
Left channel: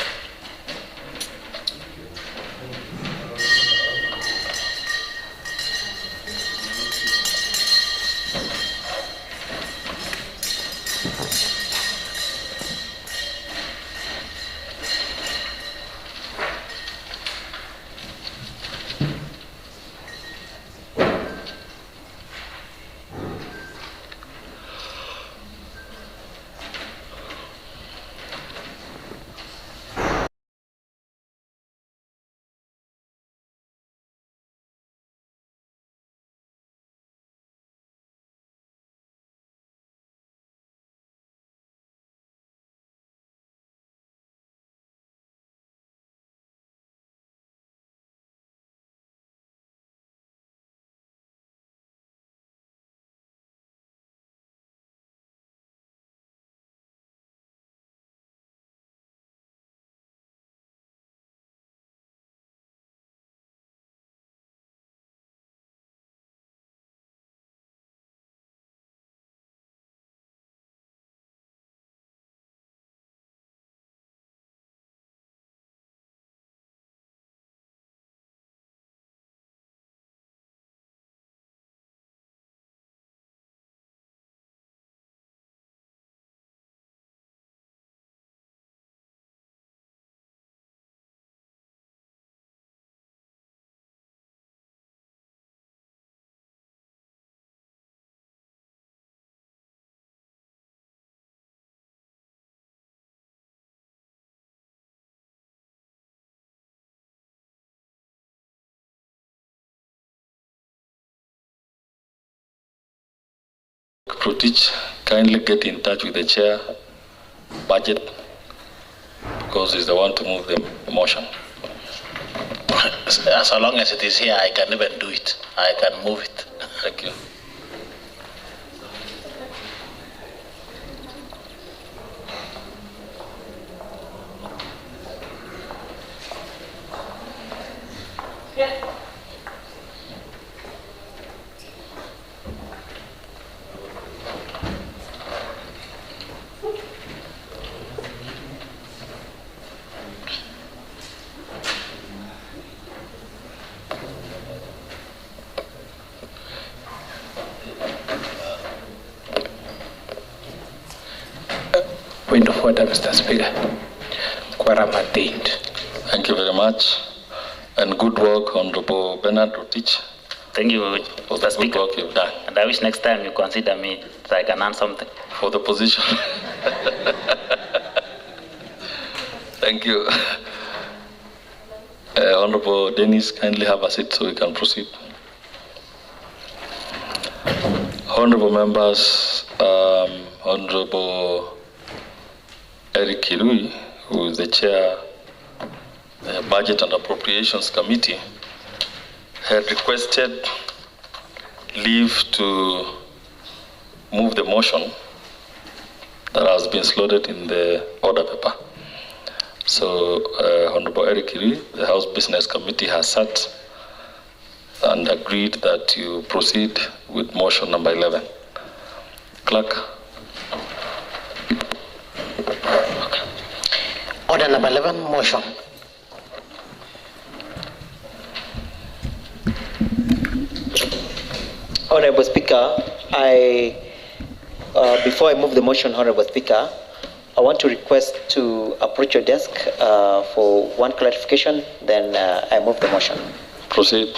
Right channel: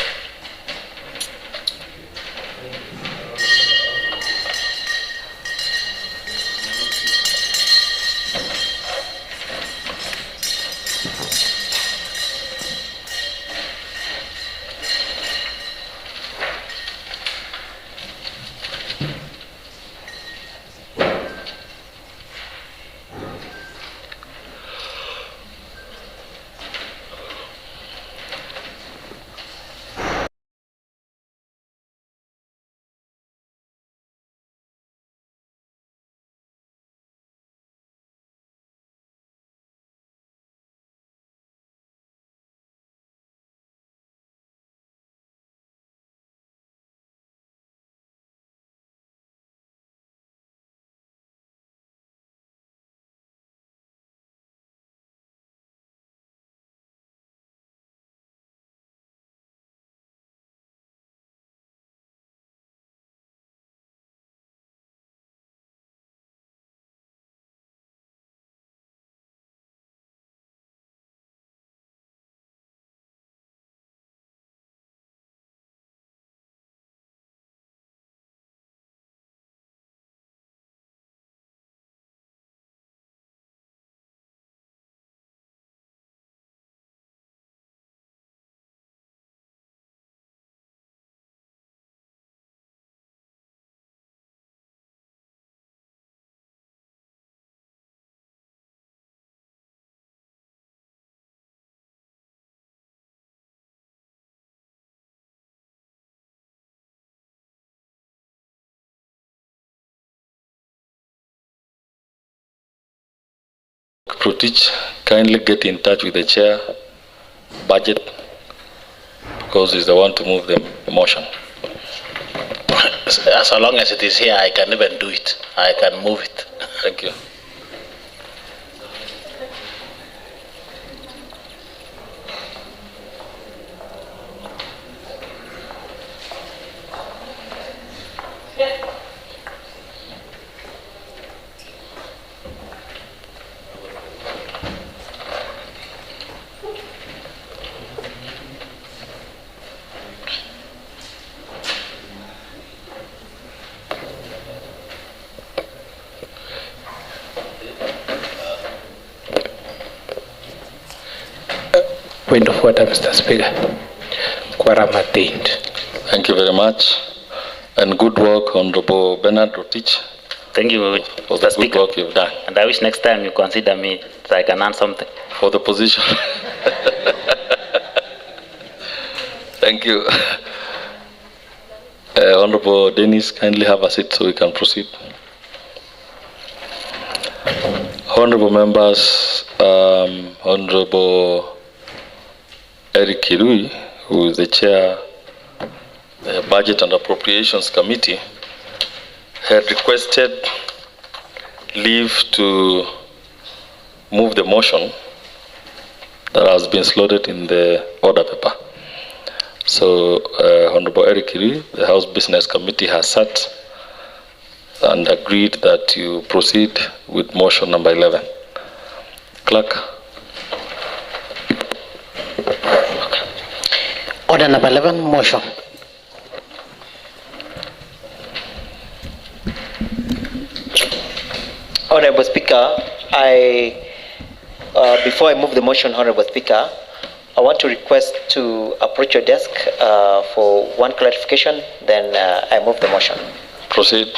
Protich, kindly get in touch with the chair, budget, because he's the one to move the motion. As long as it is here, I can even do it. I can move it. Thank you. Point of order, Mr. Speaker. Quorum attained. Thank you very much. And good work, Honorable Bernard Rotich. Thank you, for the Mr. good Speaker. work you've done. And I wish next time you consider me so I can earn something. For the position. Thank you. Honorable Dennis, kindly have a seat so we can proceed. Honorable members, Honorable Eric Kirui, who is the chair of the Budget and Appropriations Committee, had requested leave to move the motion that has been slotted in the order paper. So, Honorable Eric Kirui, the House Business Committee has sat and agreed that you proceed with motion number 11. Clerk. Order number 11, motion. Honorable Speaker, before I move the motion, Honorable Speaker, I want to request to approach your desk for one clarification, then I move the motion. Proceed.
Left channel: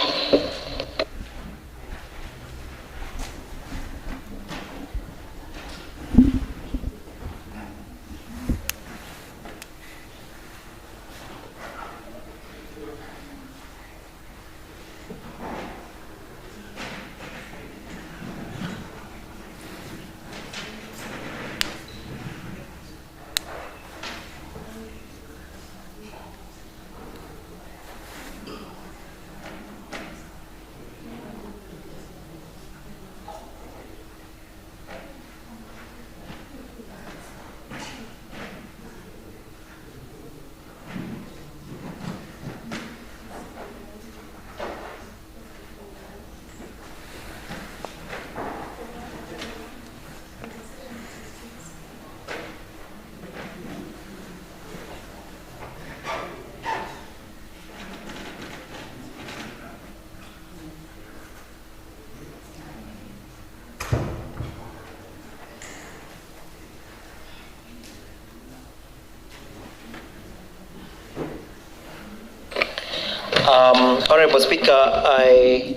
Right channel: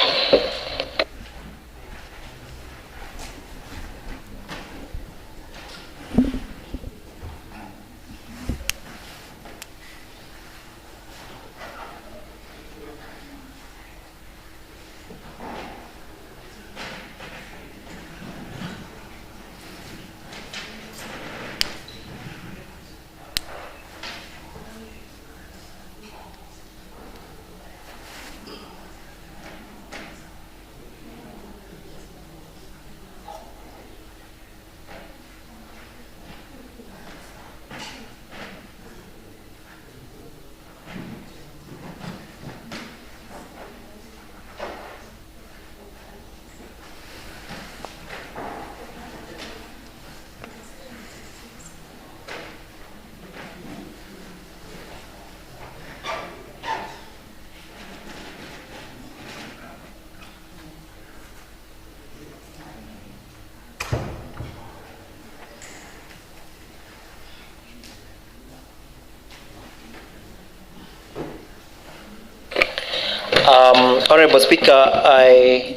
Honorable Speaker, I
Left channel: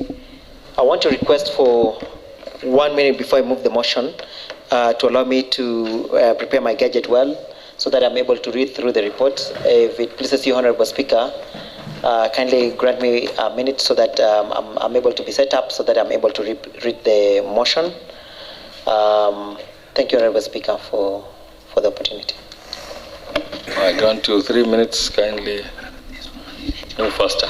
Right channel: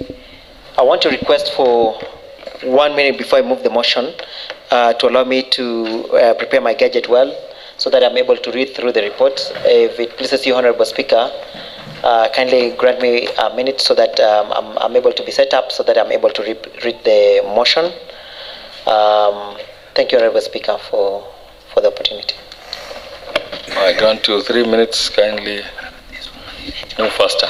want to request for 1 minute before I move the motion to allow me to prepare my gadget well so that I'm able to read through the report. If it pleases you, Honorable Speaker, kindly grant me a minute so that I'm able to be set up so that I'm able to read the motion. Thank you, Honorable Speaker, for the opportunity. I grant you 3 minutes, kindly move faster.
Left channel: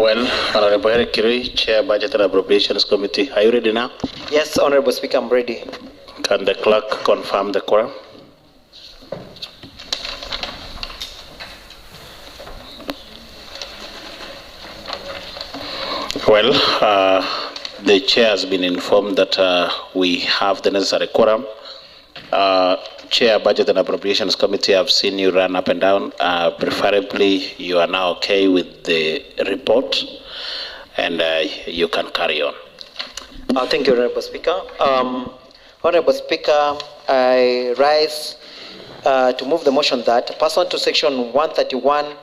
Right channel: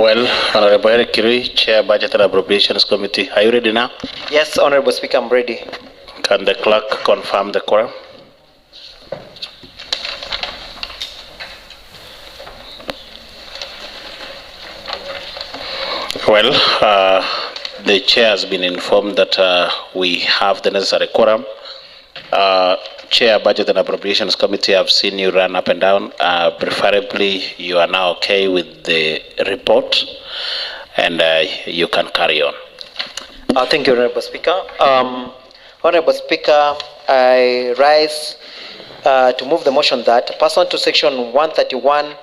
Well, Honorable Eric Kirui, Chair Budget and Appropriations Committee, are you ready now? Yes, Honorable Speaker, I'm ready. Can the clerk confirm the quorum? Well, the chair has been informed that we have the necessary quorum. Chair, Budget and Appropriations Committee, I've seen you run up and down. Preferably, you are now okay with the report, and you can carry on. Thank you, Honorable Speaker. Honorable Speaker, I rise to move the motion that, pursuant to Section 131,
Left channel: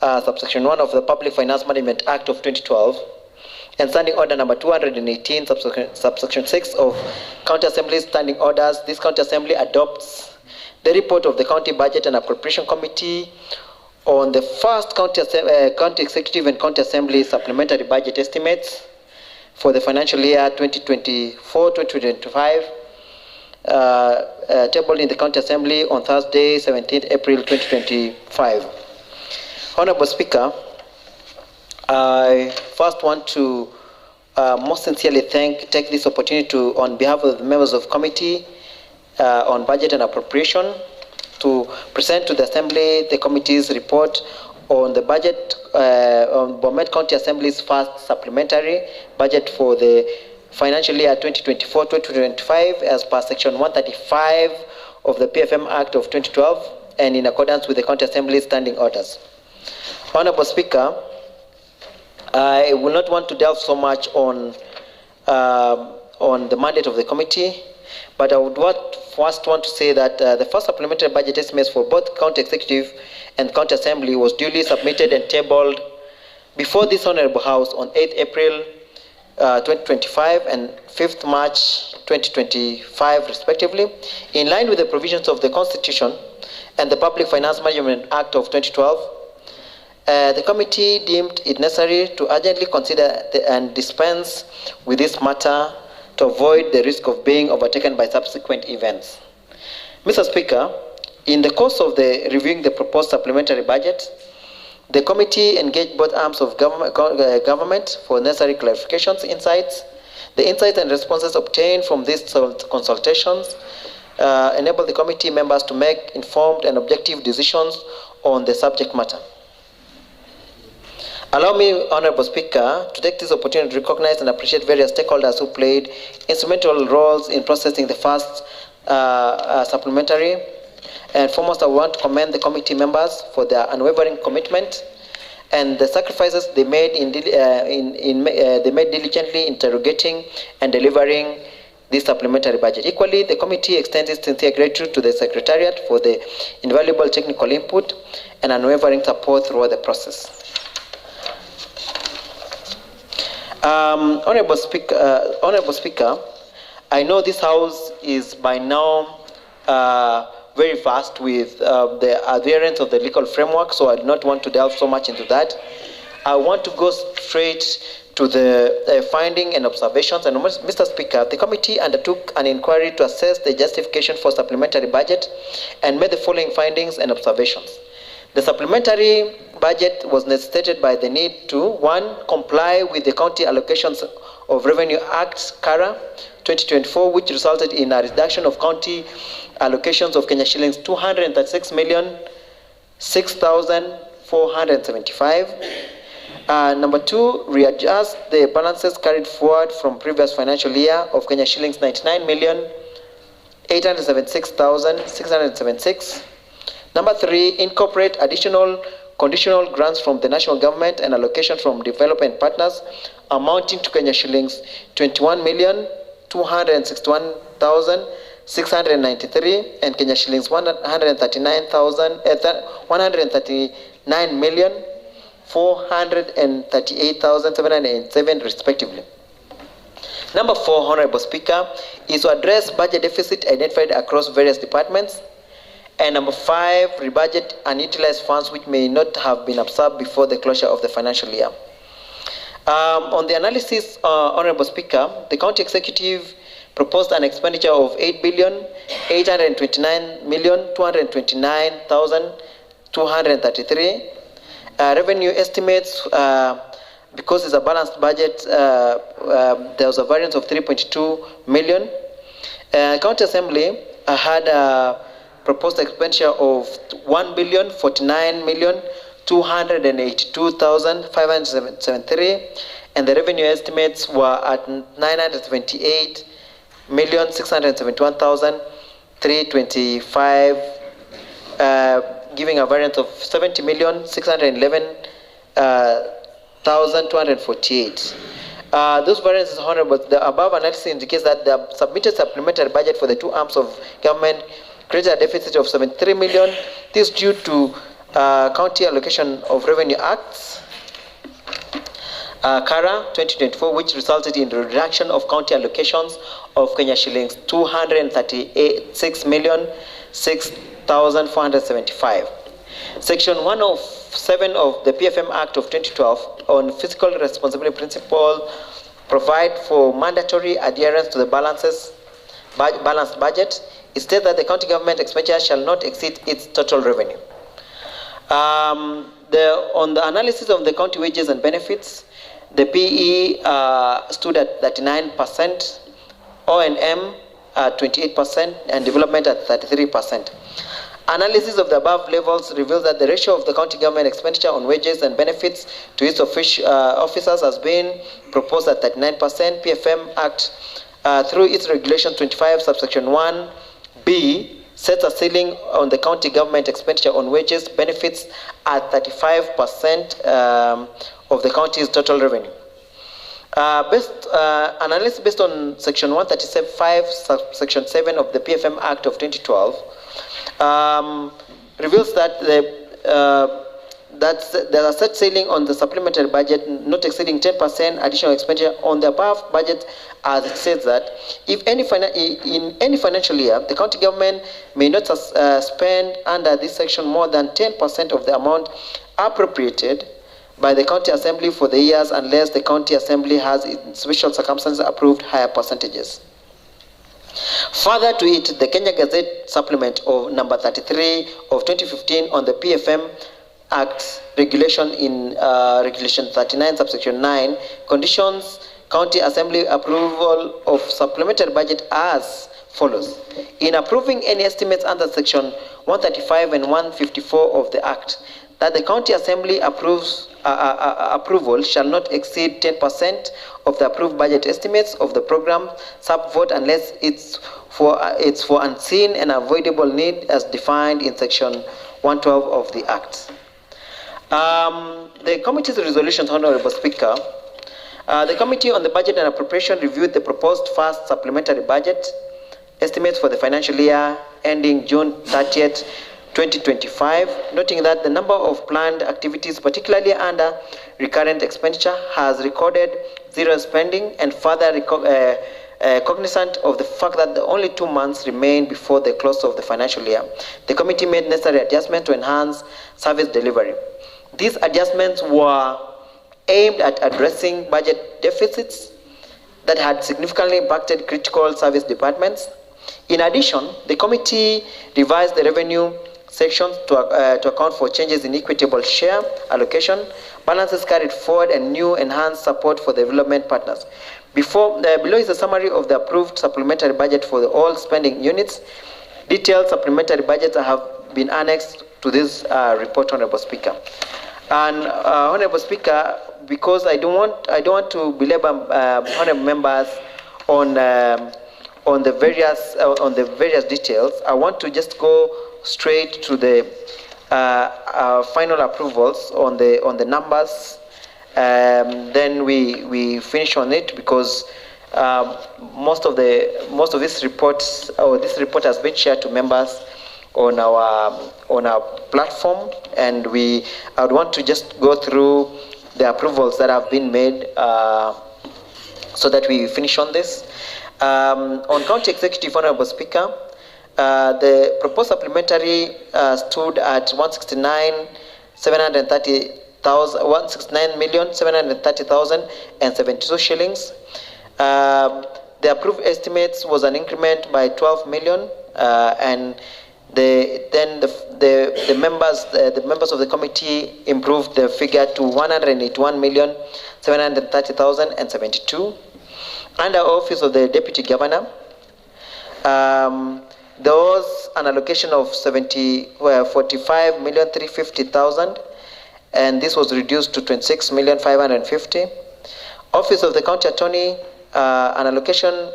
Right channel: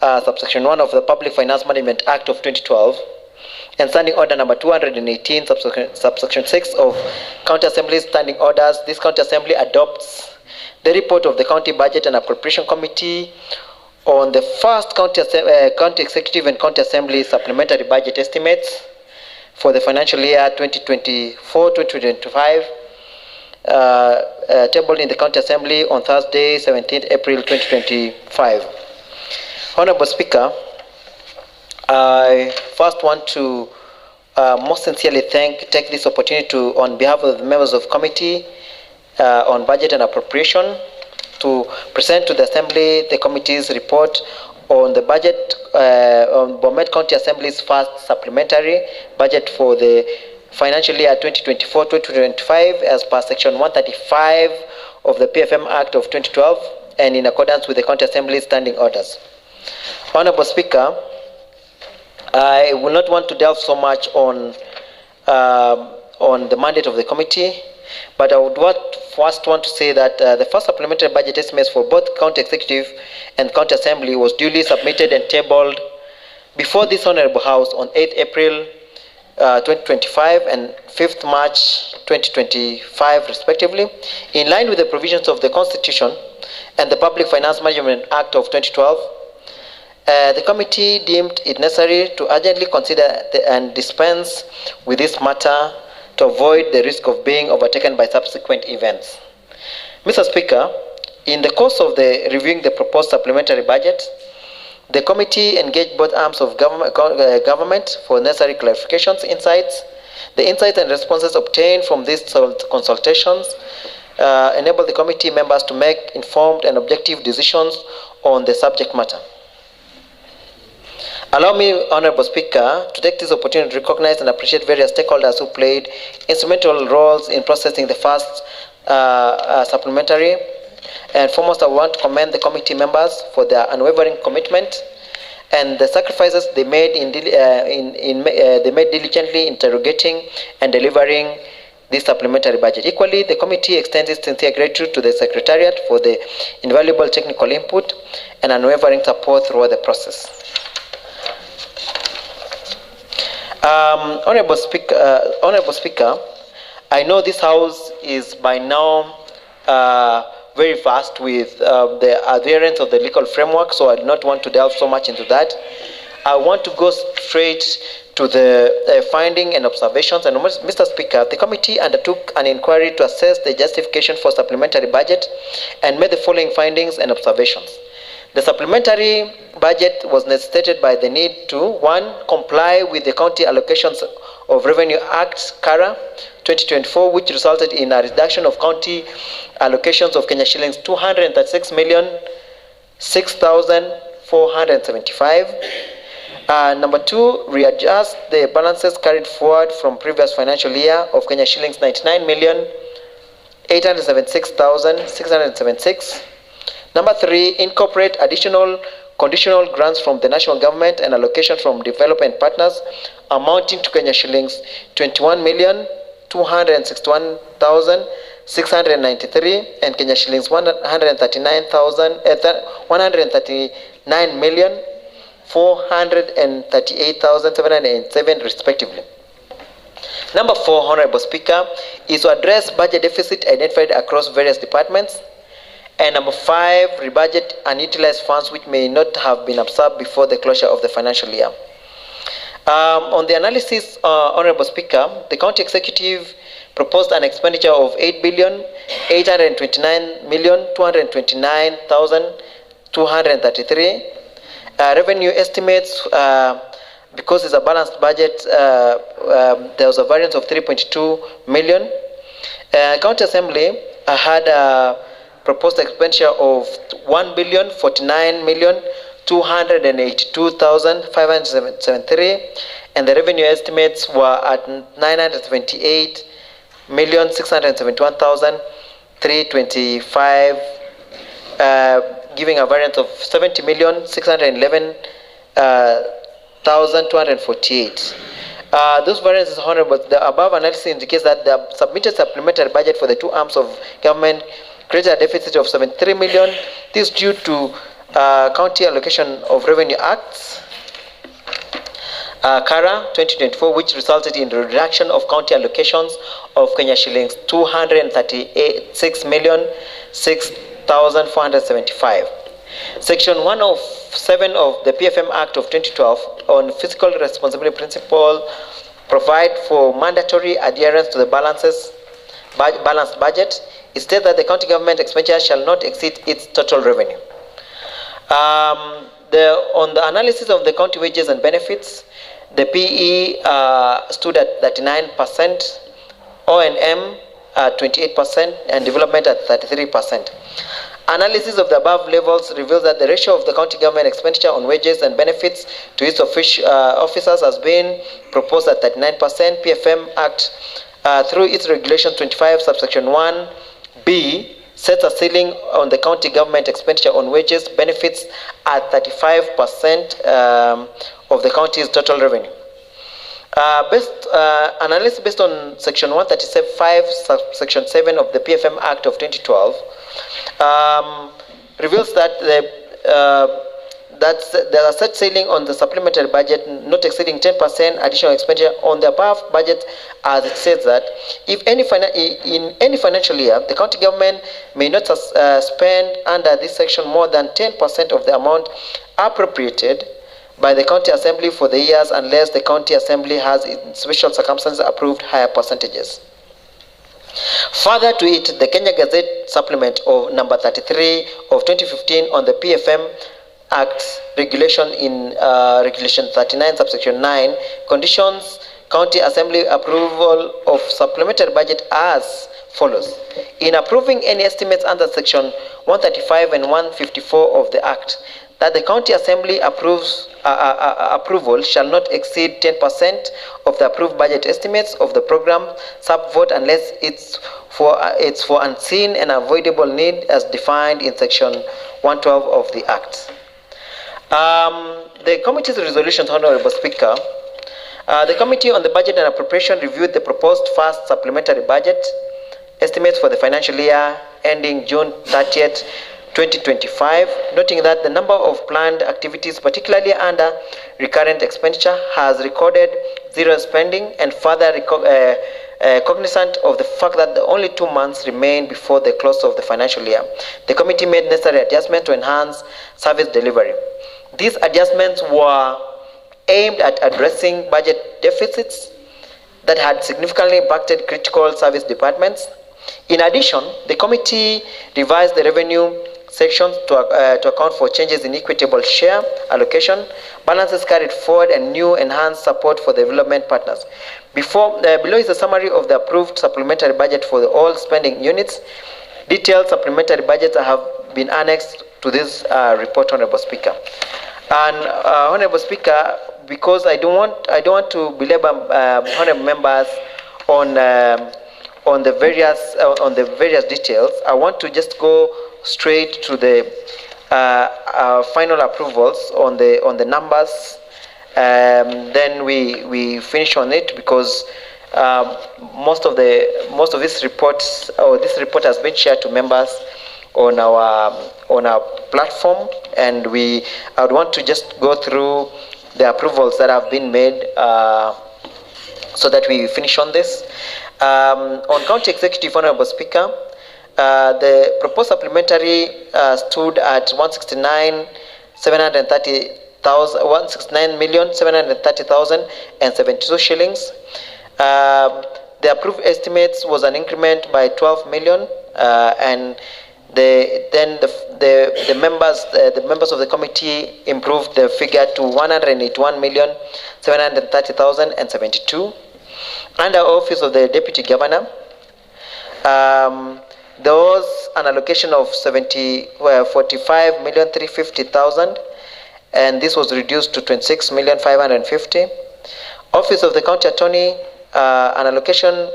subsection 1 of the Public Finance Management Act of 2012, and Standing Order number 218, subsection 6 of County Assembly's Standing Orders, this County Assembly adopts the report of the County Budget and Appropriation Committee on the first County Executive and County Assembly supplementary budget estimates for the financial year 2024-2025, tabled in the County Assembly on Thursday, 17th April 2025. Honorable Speaker, I first want to most sincerely take this opportunity to, on behalf of the members of committee on budget and appropriation, to present to the Assembly the committee's report on the budget on Bomet County Assembly's first supplementary budget for the financial year 2024-2025 as per Section 135 of the PFM Act of 2012 and in accordance with the County Assembly's standing orders. Honorable Speaker, I will not want to delve so much on the mandate of the committee, but I would first want to say that the first supplementary budget estimates for both County Executive and County Assembly was duly submitted and tabled before this Honorable House on 8th April 2025 and 5th March 2025 respectively, in line with the provisions of the Constitution and the Public Finance Management Act of 2012. The committee deemed it necessary to urgently consider and dispense with this matter to avoid the risk of being overtaken by subsequent events. Mr. Speaker, in the course of reviewing the proposed supplementary budget, the committee engaged both arms of government for necessary clarifications, insights. The insights and responses obtained from these consultations enable the committee members to make informed and objective decisions on the subject matter. Allow me, Honorable Speaker, to take this opportunity to recognize and appreciate various stakeholders who played instrumental roles in processing the first supplementary. And foremost, I want to commend the committee members for their unwavering commitment and the sacrifices they made diligently interrogating and delivering this supplementary budget. Equally, the committee extends its sincere gratitude to the Secretariat for the invaluable technical input and unwavering support throughout the process. Honorable Speaker, I know this House is by now very fast with the adherence of the legal framework, so I do not want to delve so much into that. I want to go straight to the finding and observations. And Mr. Speaker, the committee undertook an inquiry to assess the justification for supplementary budget and made the following findings and observations. The supplementary budget was necessitated by the need to, 1, comply with the County Allocations of Revenue Act, CARA 2024, which resulted in a reduction of county allocations of Kenya shillings 236,006,475. Number 2, readjust the balances carried forward from previous financial year of Kenya shillings 99,876,676. Number 3, incorporate additional conditional grants from the national government and allocation from development partners amounting to Kenya shillings 21,261,693 and Kenya shillings 139,438,707 respectively. Number 4, Honorable Speaker, is to address budget deficit identified across various departments. And number 5, rebudget unutilized funds which may not have been absorbed before the closure of the financial year. On the analysis, Honorable Speaker, the County Executive proposed an expenditure of 8,829,229,233. Revenue estimates because it's a balanced budget, there was a variance of 3.2 million. County Assembly had a proposed expenditure of 1,049,282,573, and the revenue estimates were at 928,671,325, giving a variance of 70,611,248. Those variances, Honorable, the above analysis indicates that the submitted supplementary budget for the two arms of government created a deficit of 73 million. This is due to County Allocation of Revenue Acts, CARA 2024, which resulted in the reduction of county allocations of Kenya shillings 236,606,475. Section 107 of the PFM Act of 2012 on Fiscal Responsibility Principle provide for mandatory adherence to the balanced budget. It states that the county government expenditure shall not exceed its total revenue. On the analysis of the county wages and benefits, the PE stood at 39%, O&M at 28%, and development at 33%. Analysis of the above levels reveals that the ratio of the county government expenditure on wages and benefits to its officers has been proposed at 39%. PFM Act, through its regulation 25 subsection 1B, sets a ceiling on the county government expenditure on wages, benefits at 35% of the county's total revenue. Analysis based on section 135, subsection 7 of the PFM Act of 2012 reveals that there are set ceiling on the supplementary budget not exceeding 10% additional expenditure on the above budget, as it says that if in any financial year the county government may not spend under this section more than 10% of the amount appropriated by the county assembly for the years, unless the county assembly has in special circumstances approved higher percentages. Further to it, the Kenya Gazette supplement of number 33 of 2015 on the PFM Act regulation in regulation 39 subsection 9 conditions county assembly approval of supplementary budget as follows. In approving any estimates under section 135 and 154 of the Act, that the county assembly approval shall not exceed 10% of the approved budget estimates of the program sub-vote unless it's for unseen and avoidable need as defined in section 112 of the Act. The committee's resolutions, Honorable Speaker. The Committee on the Budget and Appropriation reviewed the proposed first supplementary budget estimates for the financial year ending June 30th, 2025, noting that the number of planned activities, particularly under recurrent expenditure, has recorded zero spending, and further cognizant of the fact that the only 2 months remain before the close of the financial year. The committee made necessary adjustments to enhance service delivery. These adjustments were aimed at addressing budget deficits that had significantly impacted critical service departments. In addition, the committee revised the revenue sections to account for changes in equitable share allocation, balances carried forward, and new enhanced support for the development partners. Below is a summary of the approved supplementary budget for all spending units. Detailed supplementary budgets have been annexed to this report, Honorable Speaker. And Honorable Speaker, because I don't want to belabor honorable members on the various details, I want to just go straight to the final approvals on the numbers. Then we finish on it, because most of this report has been shared to members on our platform, and I would want to just go through the approvals that have been made so that we finish on this. On County Executive, Honorable Speaker, the proposed supplementary stood at 169,730,072 shillings. The approved estimates was an increment by 12 million, and The members of the committee improved the figure to 181,730,072. Under Office of the Deputy Governor, there was an allocation of 45,350,000, and this was reduced to 26,550,000. Office of the County Attorney, an allocation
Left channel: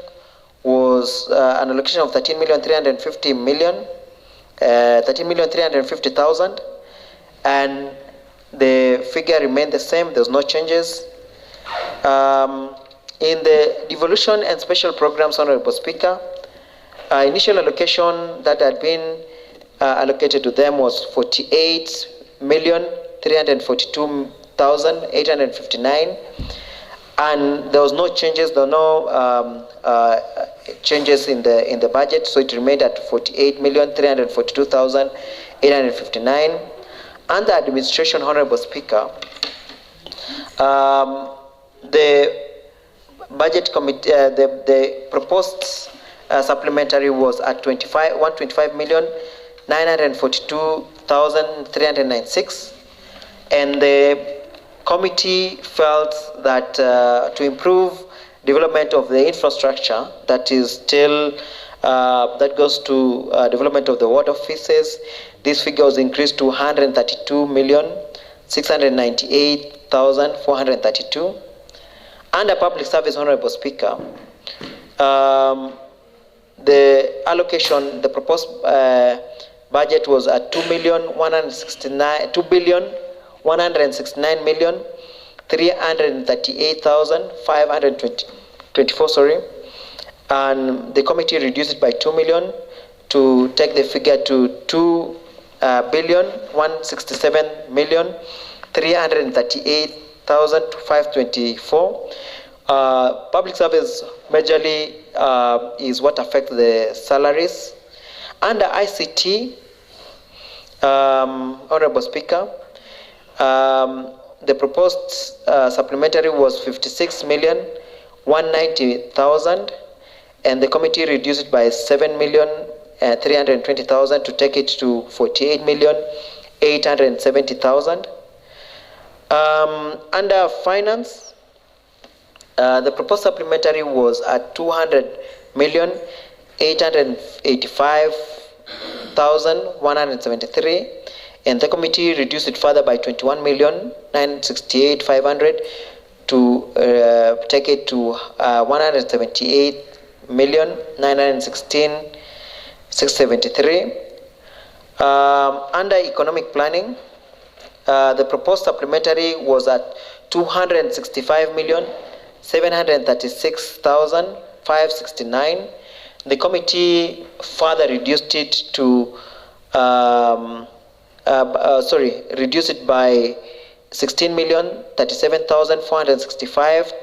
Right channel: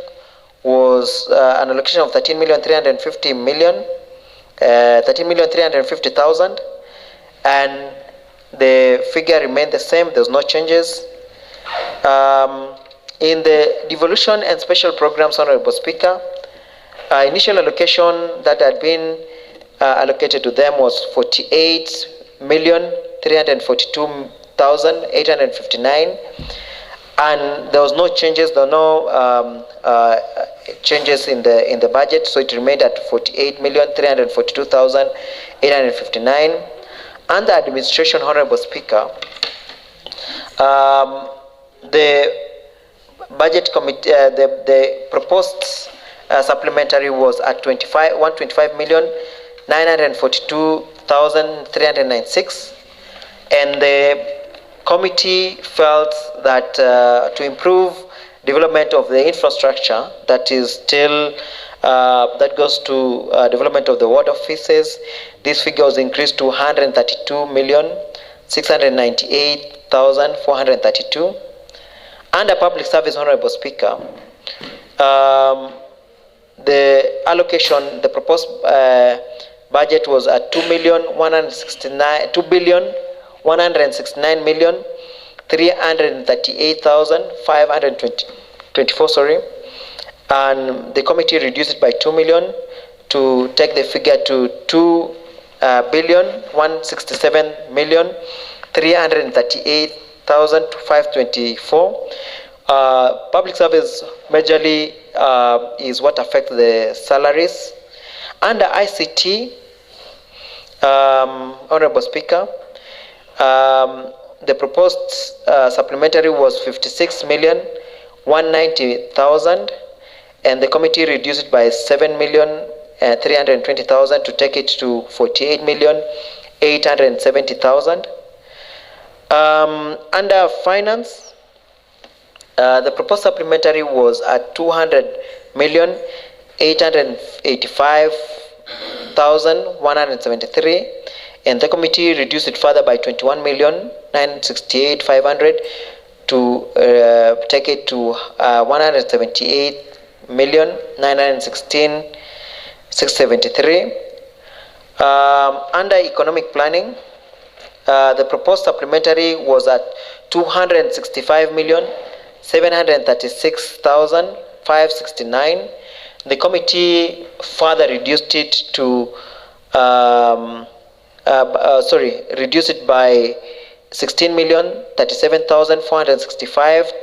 was an allocation of 13,350,000, and the figure remained the same. There's no changes. In the devolution and special programs, Honorable Speaker, initial allocation that had been allocated to them was 48,342,859, and there was no changes. There were no changes in the budget, so it remained at 48,342,859. Under administration, Honorable Speaker, the budget committee, the proposed supplementary was at 125,942,396, and the committee felt that to improve development of the infrastructure that is still that goes to development of the ward offices, this figure was increased to 132,698,432. Under public service, Honorable Speaker, the allocation, the proposed budget was at 2,169,338,524. And the committee reduced it by 2 million to take the figure to 2,167,338,524. Public service majorly is what affects the salaries. Under ICT, Honorable Speaker, the proposed supplementary was 56,190,000, and the committee reduced it by 7,320,000 to take it to 48,870,000. Under finance, the proposed supplementary was at 200,885,173, and the committee reduced it further by 21,968,500 to take it to 178,916,673. Under economic planning, the proposed supplementary was at 265,736,569. The committee further reduced it to reduced it by 16,037,465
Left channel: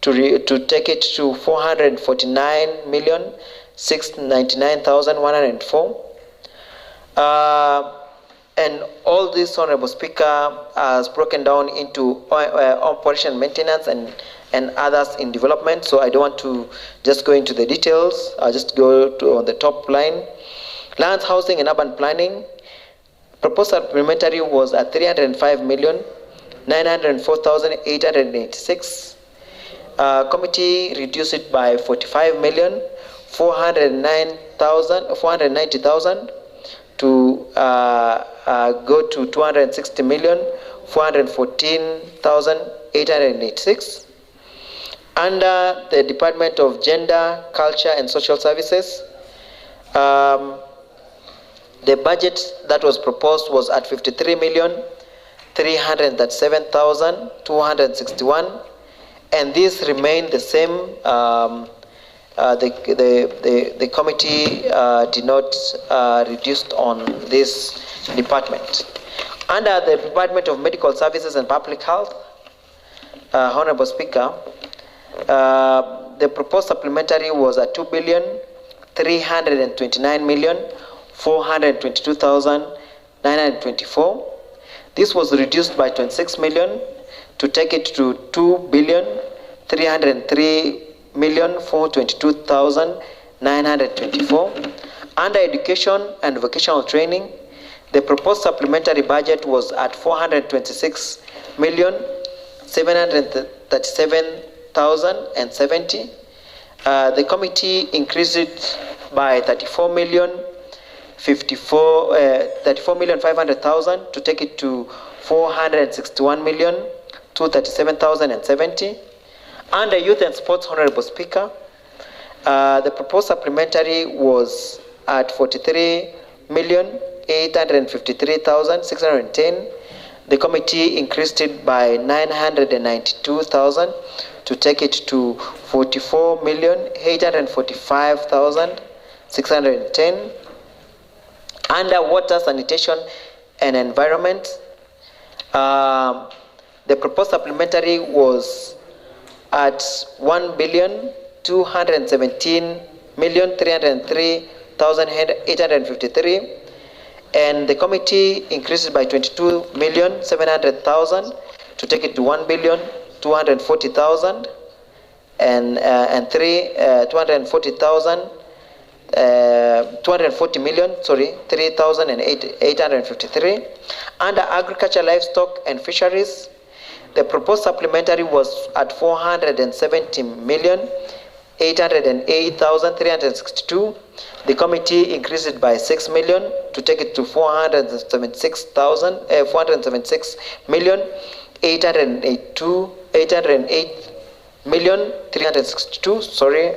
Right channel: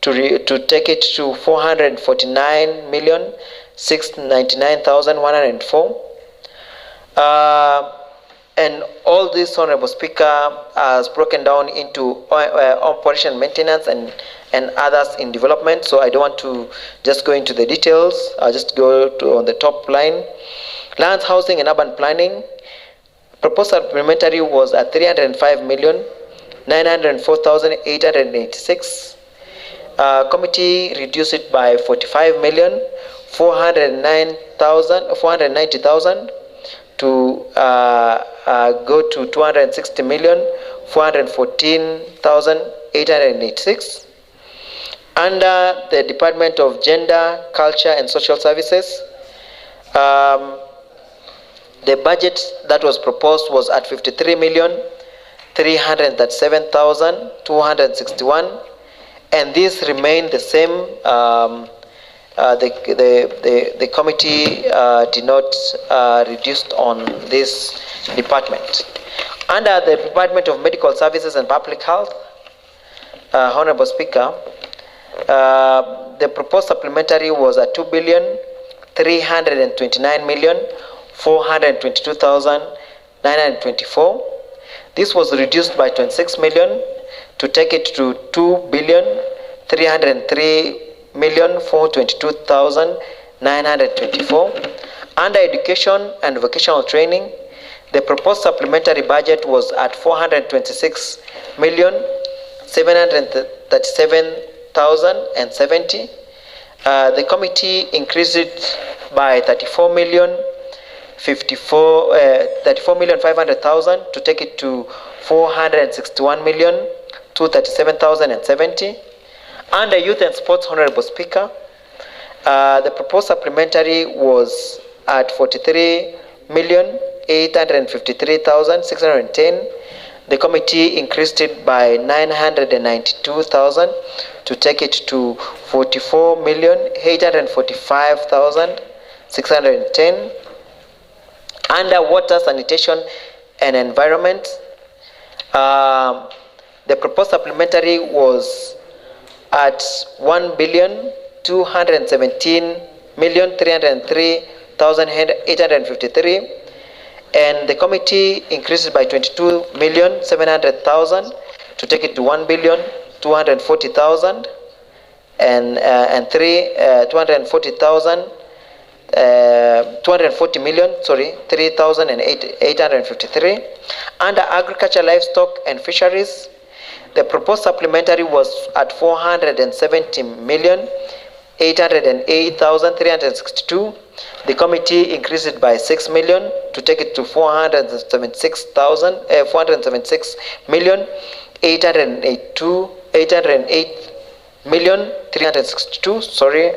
to take it to 449,699,104. And all this, Honorable Speaker, has broken down into operation maintenance and others in development. So I don't want to just go into the details. I'll just go to on the top line. Lands, housing, and urban planning. Proposed supplementary was at 305,904,886. Committee reduced it by 45,490,000 to go to 260,414,886. Under the Department of Gender, Culture, and Social Services, the budget that was proposed was at 53,337,261, and this remained the same. The committee did not reduce on this department. Under the Department of Medical Services and Public Health, Honorable Speaker, the proposed supplementary was at 2,329,422,924. This was reduced by 26 million to take it to 2,303,422,924. Under education and vocational training, the proposed supplementary budget was at 426,737,070. The committee increased it by 34,500,000 to take it to 461,237,070. Under youth and sports, Honorable Speaker, the proposed supplementary was at 43,853,610. The committee increased it by 992,000 to take it to 44,845,610. Under water, sanitation, and environment, the proposed supplementary was at 1,217,303,853, and the committee increased it by 22,700,000 to take it to 1,240,000 and 240 million, 3,853. Under agriculture, livestock, and fisheries, the proposed supplementary was at 470,808,362. The committee increased it by 6 million to take it to 408,362. Sorry,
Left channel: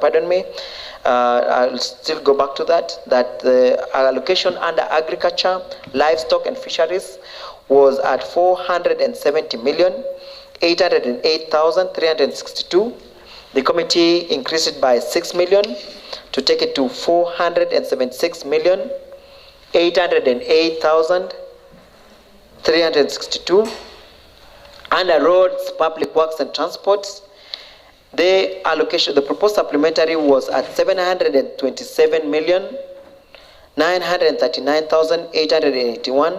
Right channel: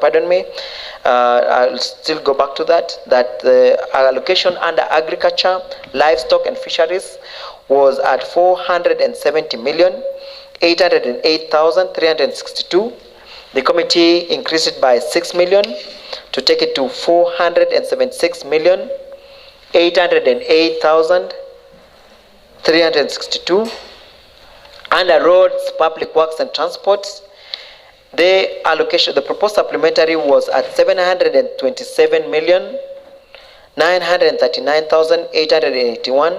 pardon me. I'll still go back to that. That the allocation under agriculture, livestock, and fisheries was at 470,808,362. The committee increased it by 6 million to take it to 476,808,362. Under roads, public works, and transports, the allocation, the proposed supplementary was at 727,939,881,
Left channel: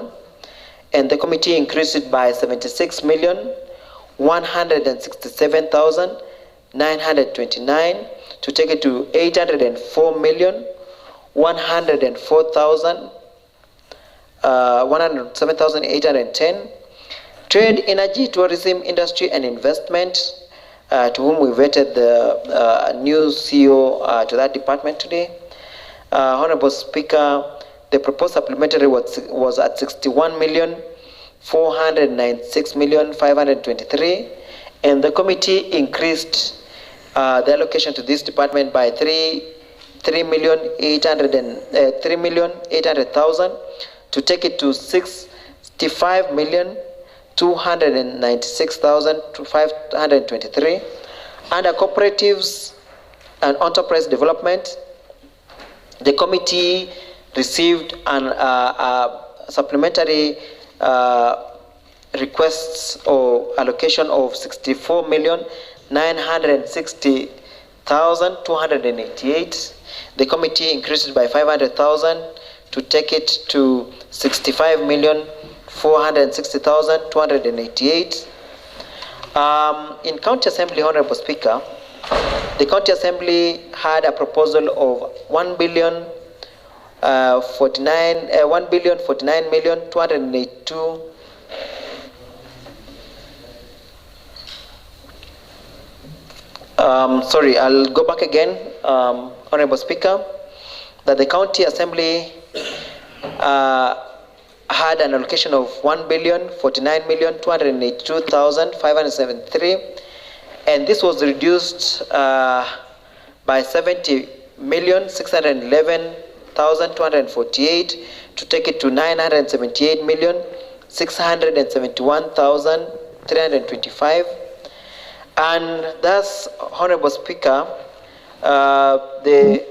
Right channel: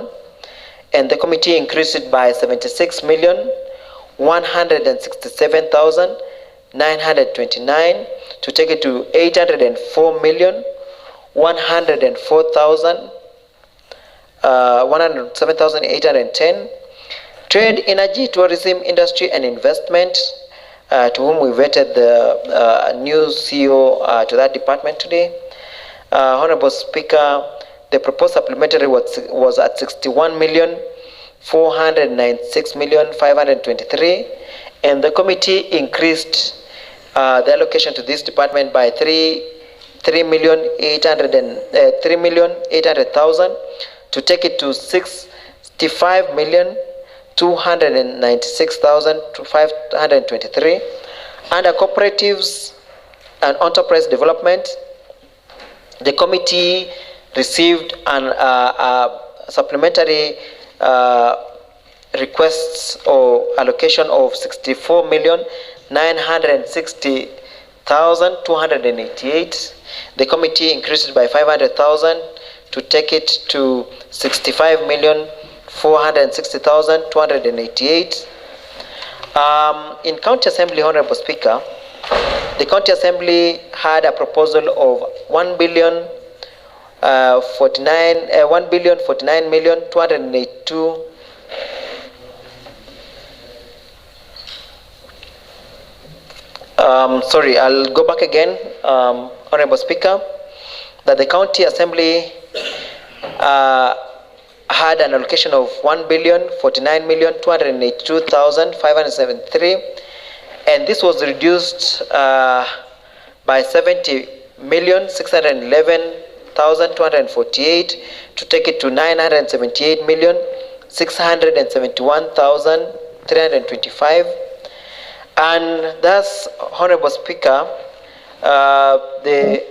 and the committee increased it by 76,167,929 to take it to 804,107,810. Trade, energy, tourism, industry, and investment, to whom we vetted the new CEO to that department today. Honorable Speaker, the proposed supplementary was at 61,496,523, and the committee increased the allocation to this department by 3,800,000 to take it to 65,296,523. Under cooperatives and enterprise development, the committee received an supplementary requests or allocation of 64,960,288. The committee increased it by 500,000 to take it to 65,460,288. In County Assembly, Honorable Speaker, the County Assembly had a proposal of 1,049,282. Sorry, I'll go back again, Honorable Speaker, that the County Assembly had an allocation of 1,049,282,573, and this was reduced by 70,611,248 to take it to 978,671,325. And thus, Honorable Speaker, the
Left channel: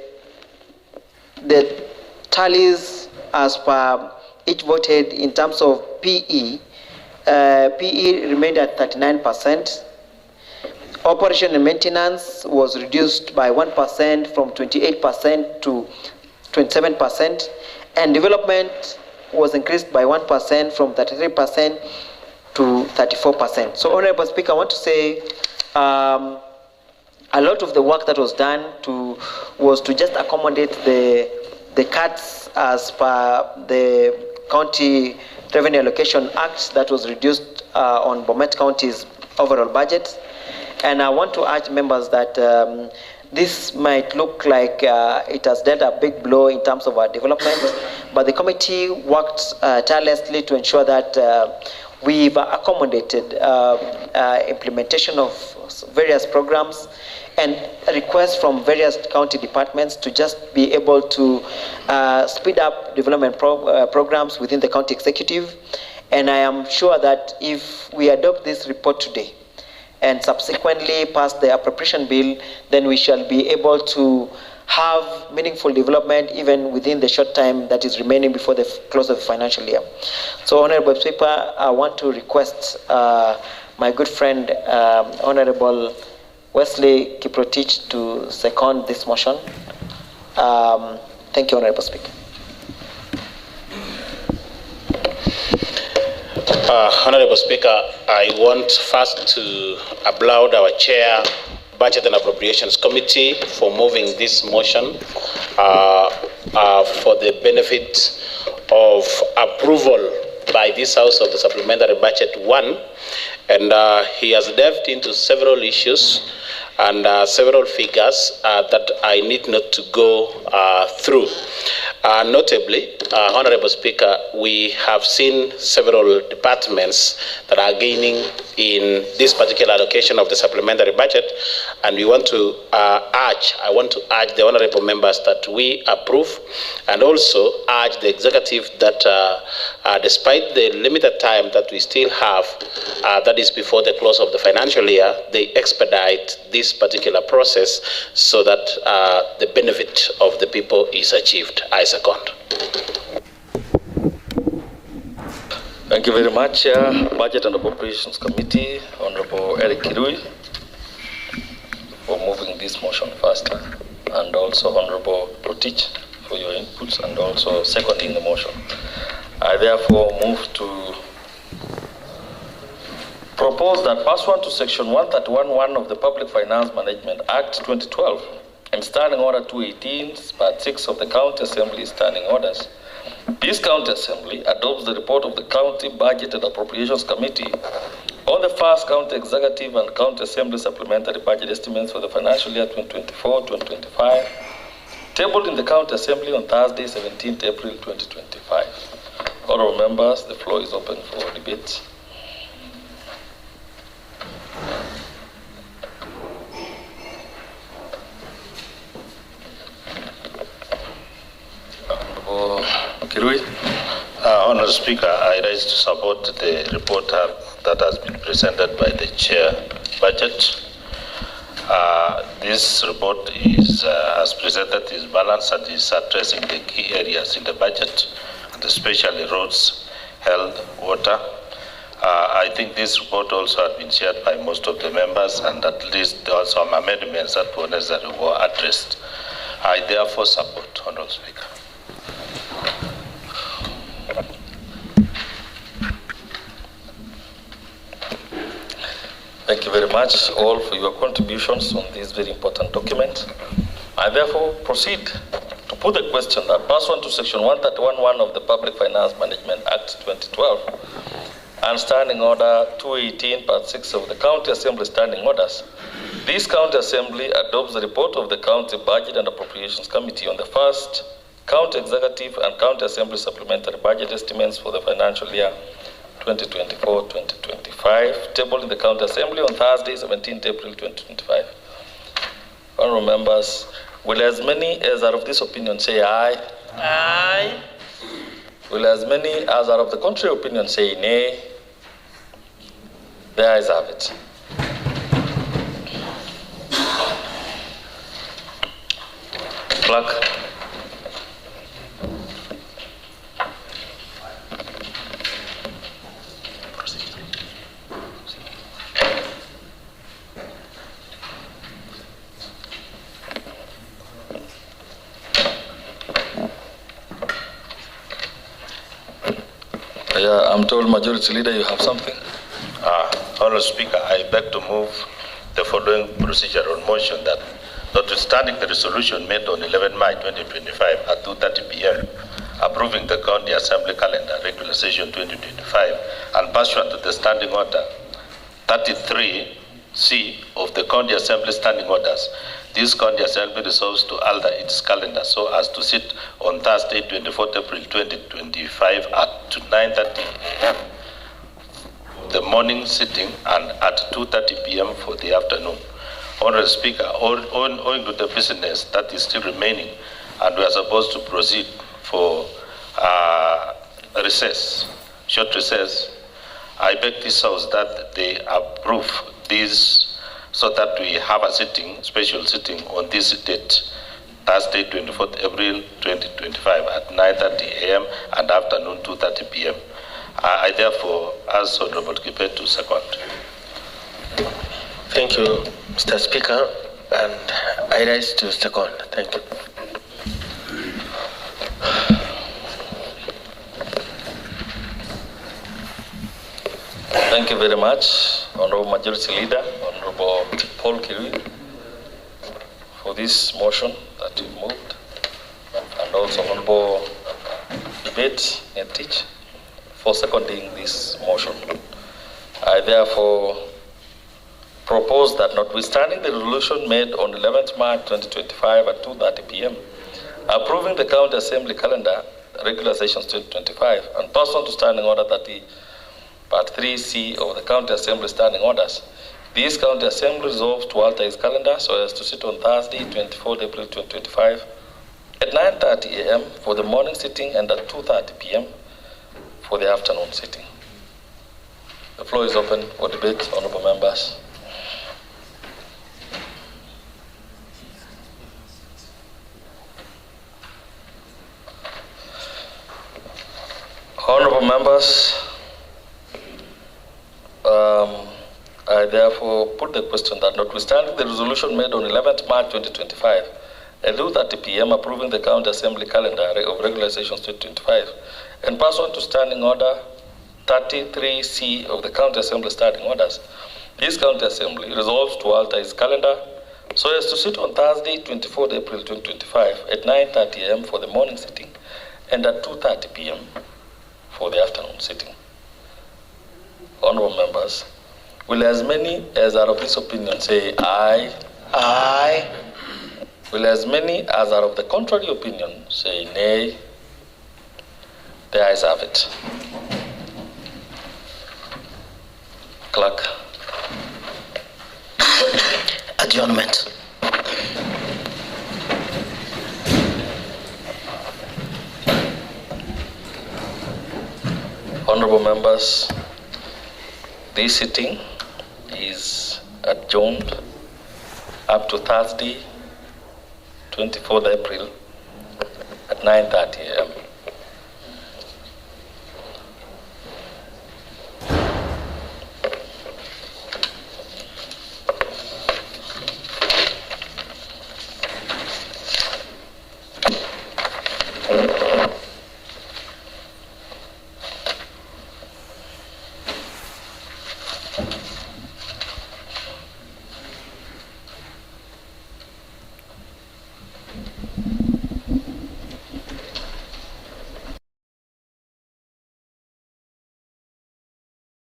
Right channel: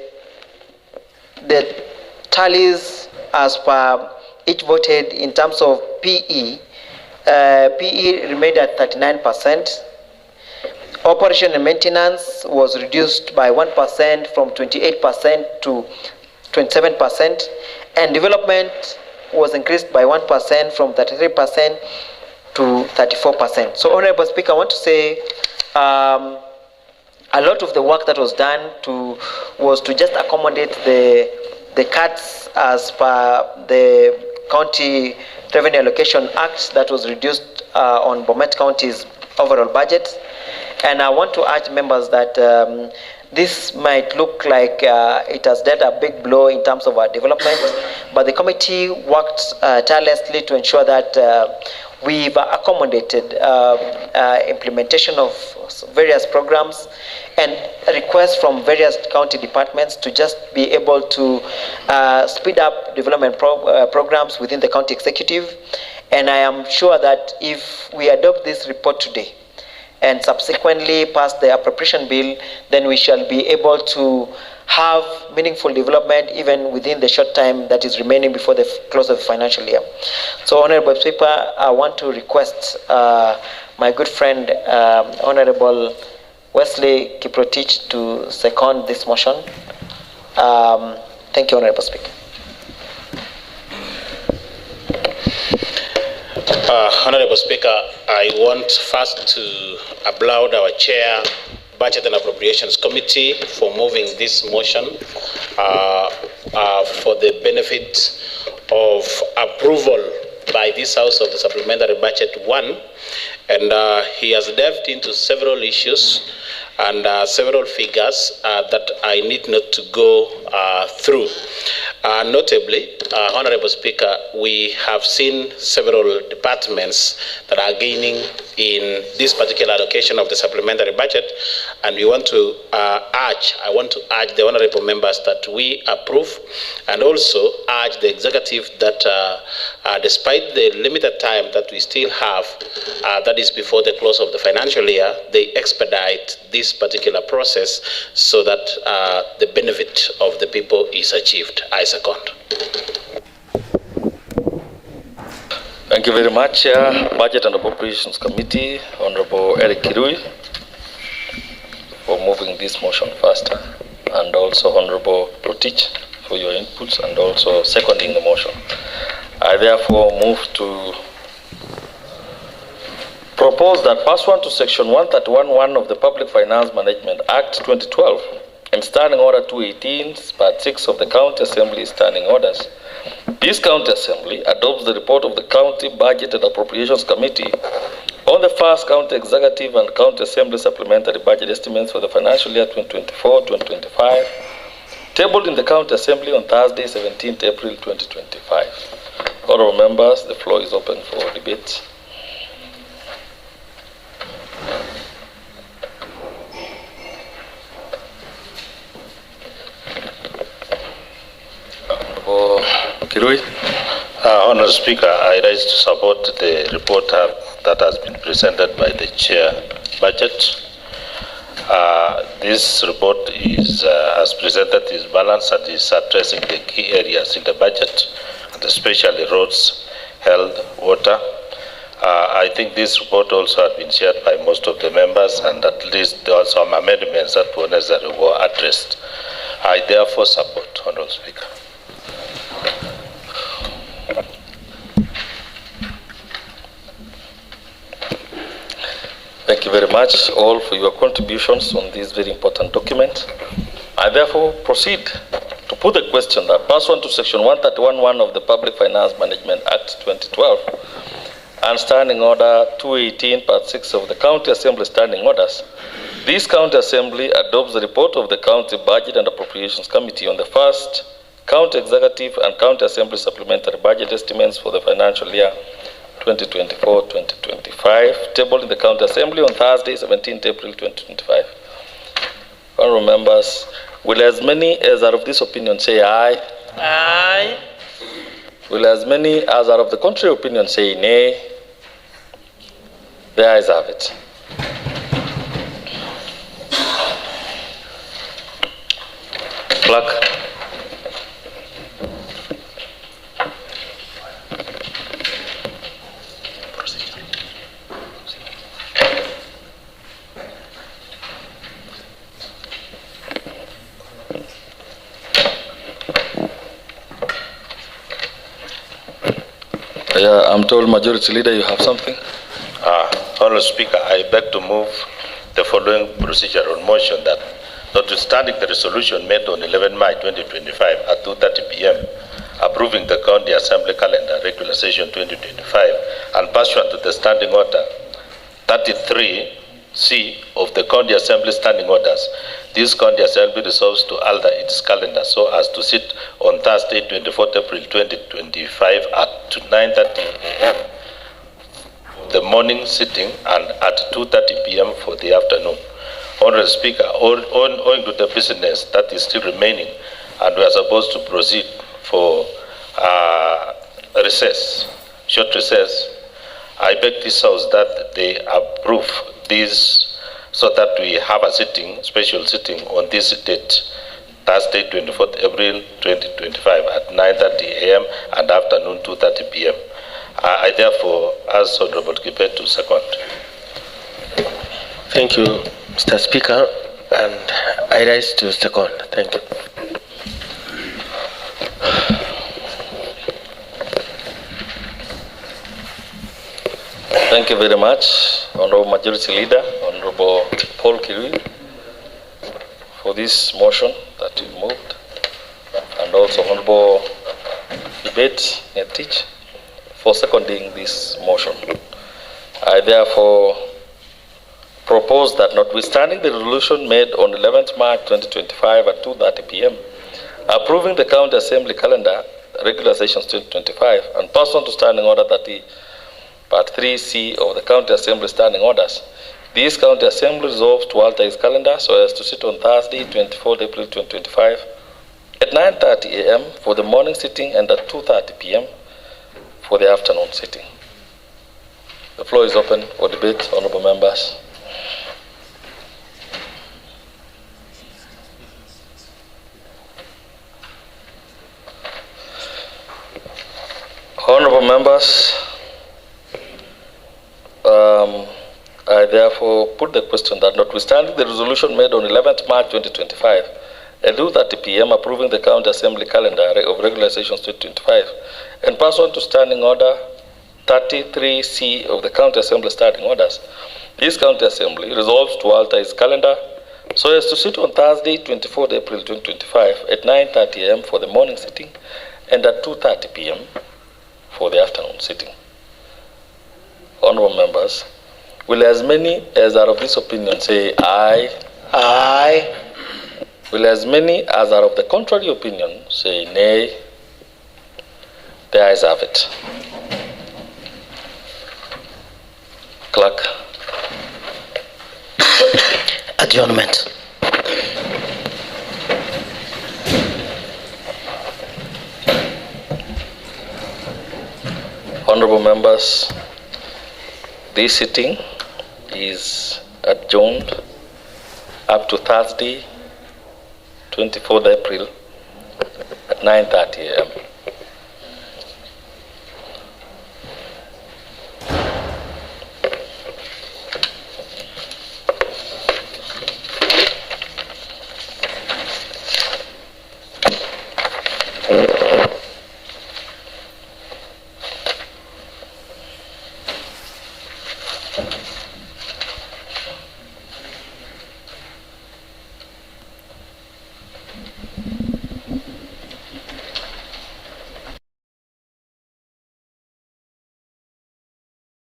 tallies as per each voted in terms of PE, PE remained at 39%. Operation and maintenance was reduced by 1% from 28% to 27%, and development was increased by 1% from 33% to 34%. So, Honorable Speaker, I want to say a lot of the work that was done was to just accommodate the the cuts as per the County Revenue Allocation Act that was reduced on Bomet County's overall budget. And I want to urge members that this might look like it has dealt a big blow in terms of our development, but the committee worked tirelessly to ensure that we've accommodated implementation of various programs and requests from various county departments to just be able to speed up development programs within the county executive. And I am sure that if we adopt this report today and subsequently pass the appropriation bill, then we shall be able to have meaningful development even within the short time that is remaining before the close of the financial year. So, Honorable Speaker, I want to request my good friend, Honorable Wesley Kiprotich, to second this motion. Thank you, Honorable Speaker. Honorable Speaker, I want first to applaud our chair, Budget and Appropriations Committee, for moving this motion for the benefit of approval by this House of the Supplementary Budget 1. And he has delved into several issues and several figures that I need not to go through. Notably, Honorable Speaker, we have seen several departments that are gaining in this particular allocation of the supplementary budget, and I want to urge the honorable members that we approve, and also urge the executive that despite the limited time that we still have, that is before the close of the financial year, they expedite this particular process so that the benefit of the people is achieved. I second. Thank you very much, Budget and Appropriations Committee, Honorable Eric Kirui, for moving this motion faster, and also Honorable Protich for your inputs and also seconding the motion. I therefore move to propose that pursuant to Section 131(1) of the Public Finance Management Act 2012 and Standing Order 218, Part 6 of the County Assembly Standing Orders, this County Assembly adopts the report of the County Budget and Appropriations Committee on the first County Executive and County Assembly Supplementary Budget Estimates for the financial year 2024-2025, tabled in the County Assembly on Thursday, 17th April 2025. Honorable members, the floor is open for debate. Honourable Speaker, I rise to support the report that has been presented by the Chair Budget. This report is, as presented, is balanced and is addressing the key areas in the budget, and especially roads, health, water. I think this report also has been shared by most of the members, and at least there are some amendments that were necessary were addressed. I therefore support, Honourable Speaker. Thank you very much all for your contributions on this very important document. I therefore proceed to put the question that pursuant to Section 131(1) of the Public Finance Management Act 2012 and Standing Order 218, Part 6 of the County Assembly Standing Orders, this County Assembly adopts the report of the County Budget and Appropriations Committee on the first County Executive and County Assembly Supplementary Budget Estimates for the financial year 2024-2025, tabled in the County Assembly on Thursday, 17th April 2025. Honourable members, will as many as are of this opinion say aye? Aye. Will as many as are of the contrary opinion say nay? The ayes have it. Clerk. I'm told Majority Leader, you have something? Honourable Speaker, I beg to move the following procedure on motion that notwithstanding the resolution made on 11 March 2025 at 2:30 p.m. approving the County Assembly calendar, regular session 2025, and pursuant to the Standing Order 33C of the County Assembly Standing Orders, this County Assembly resolves to alter its calendar so as to sit on Thursday, 24th April 2025 at 9:30 a.m. the morning sitting and at 2:30 p.m. for the afternoon. Honorable Speaker, owing to the business that is still remaining, and we are supposed to proceed for short recess, I beg this House that they approve this so that we have a special sitting on this date, Thursday, 24th April 2025 at 9:30 a.m. and afternoon 2:30 p.m. I therefore ask Honorable Kibet to second. Thank you, Mr. Speaker, and I rise to second. Thank you. Thank you very much, Honorable Majority Leader, Honorable Paul Kirui, for this motion that you moved, and also Honorable Debate Netich for seconding this motion. I therefore propose that, notwithstanding the resolution made on 11th March 2025 at 2:30 p.m., approving the County Assembly calendar, regular sessions 2025, and pursuant to Standing Order 30, Part 3C of the County Assembly Standing Orders, this County Assembly resolves to alter its calendar so as to sit on Thursday, 24th April 2025 at 9:30 a.m. for the morning sitting and at 2:30 p.m. for the afternoon sitting. The floor is open for debate, honorable members. Honorable members, I therefore put the question that, notwithstanding the resolution made on 11th March 2025 at 2:30 p.m. approving the County Assembly calendar of regular sessions 2025, and pursuant to Standing Order 33C of the County Assembly Standing Orders, this County Assembly resolves to alter its calendar so as to sit on Thursday, 24th April 2025 at 9:30 a.m. for the morning sitting and at 2:30 p.m. for the afternoon sitting. Honorable members, will as many as are of this opinion say aye? Aye. Will as many as are of the contrary opinion say nay? The ayes have it. Clerk. Adjournment. Honorable members, this sitting is adjourned up to Thursday, 24th April at 9:30 a.m.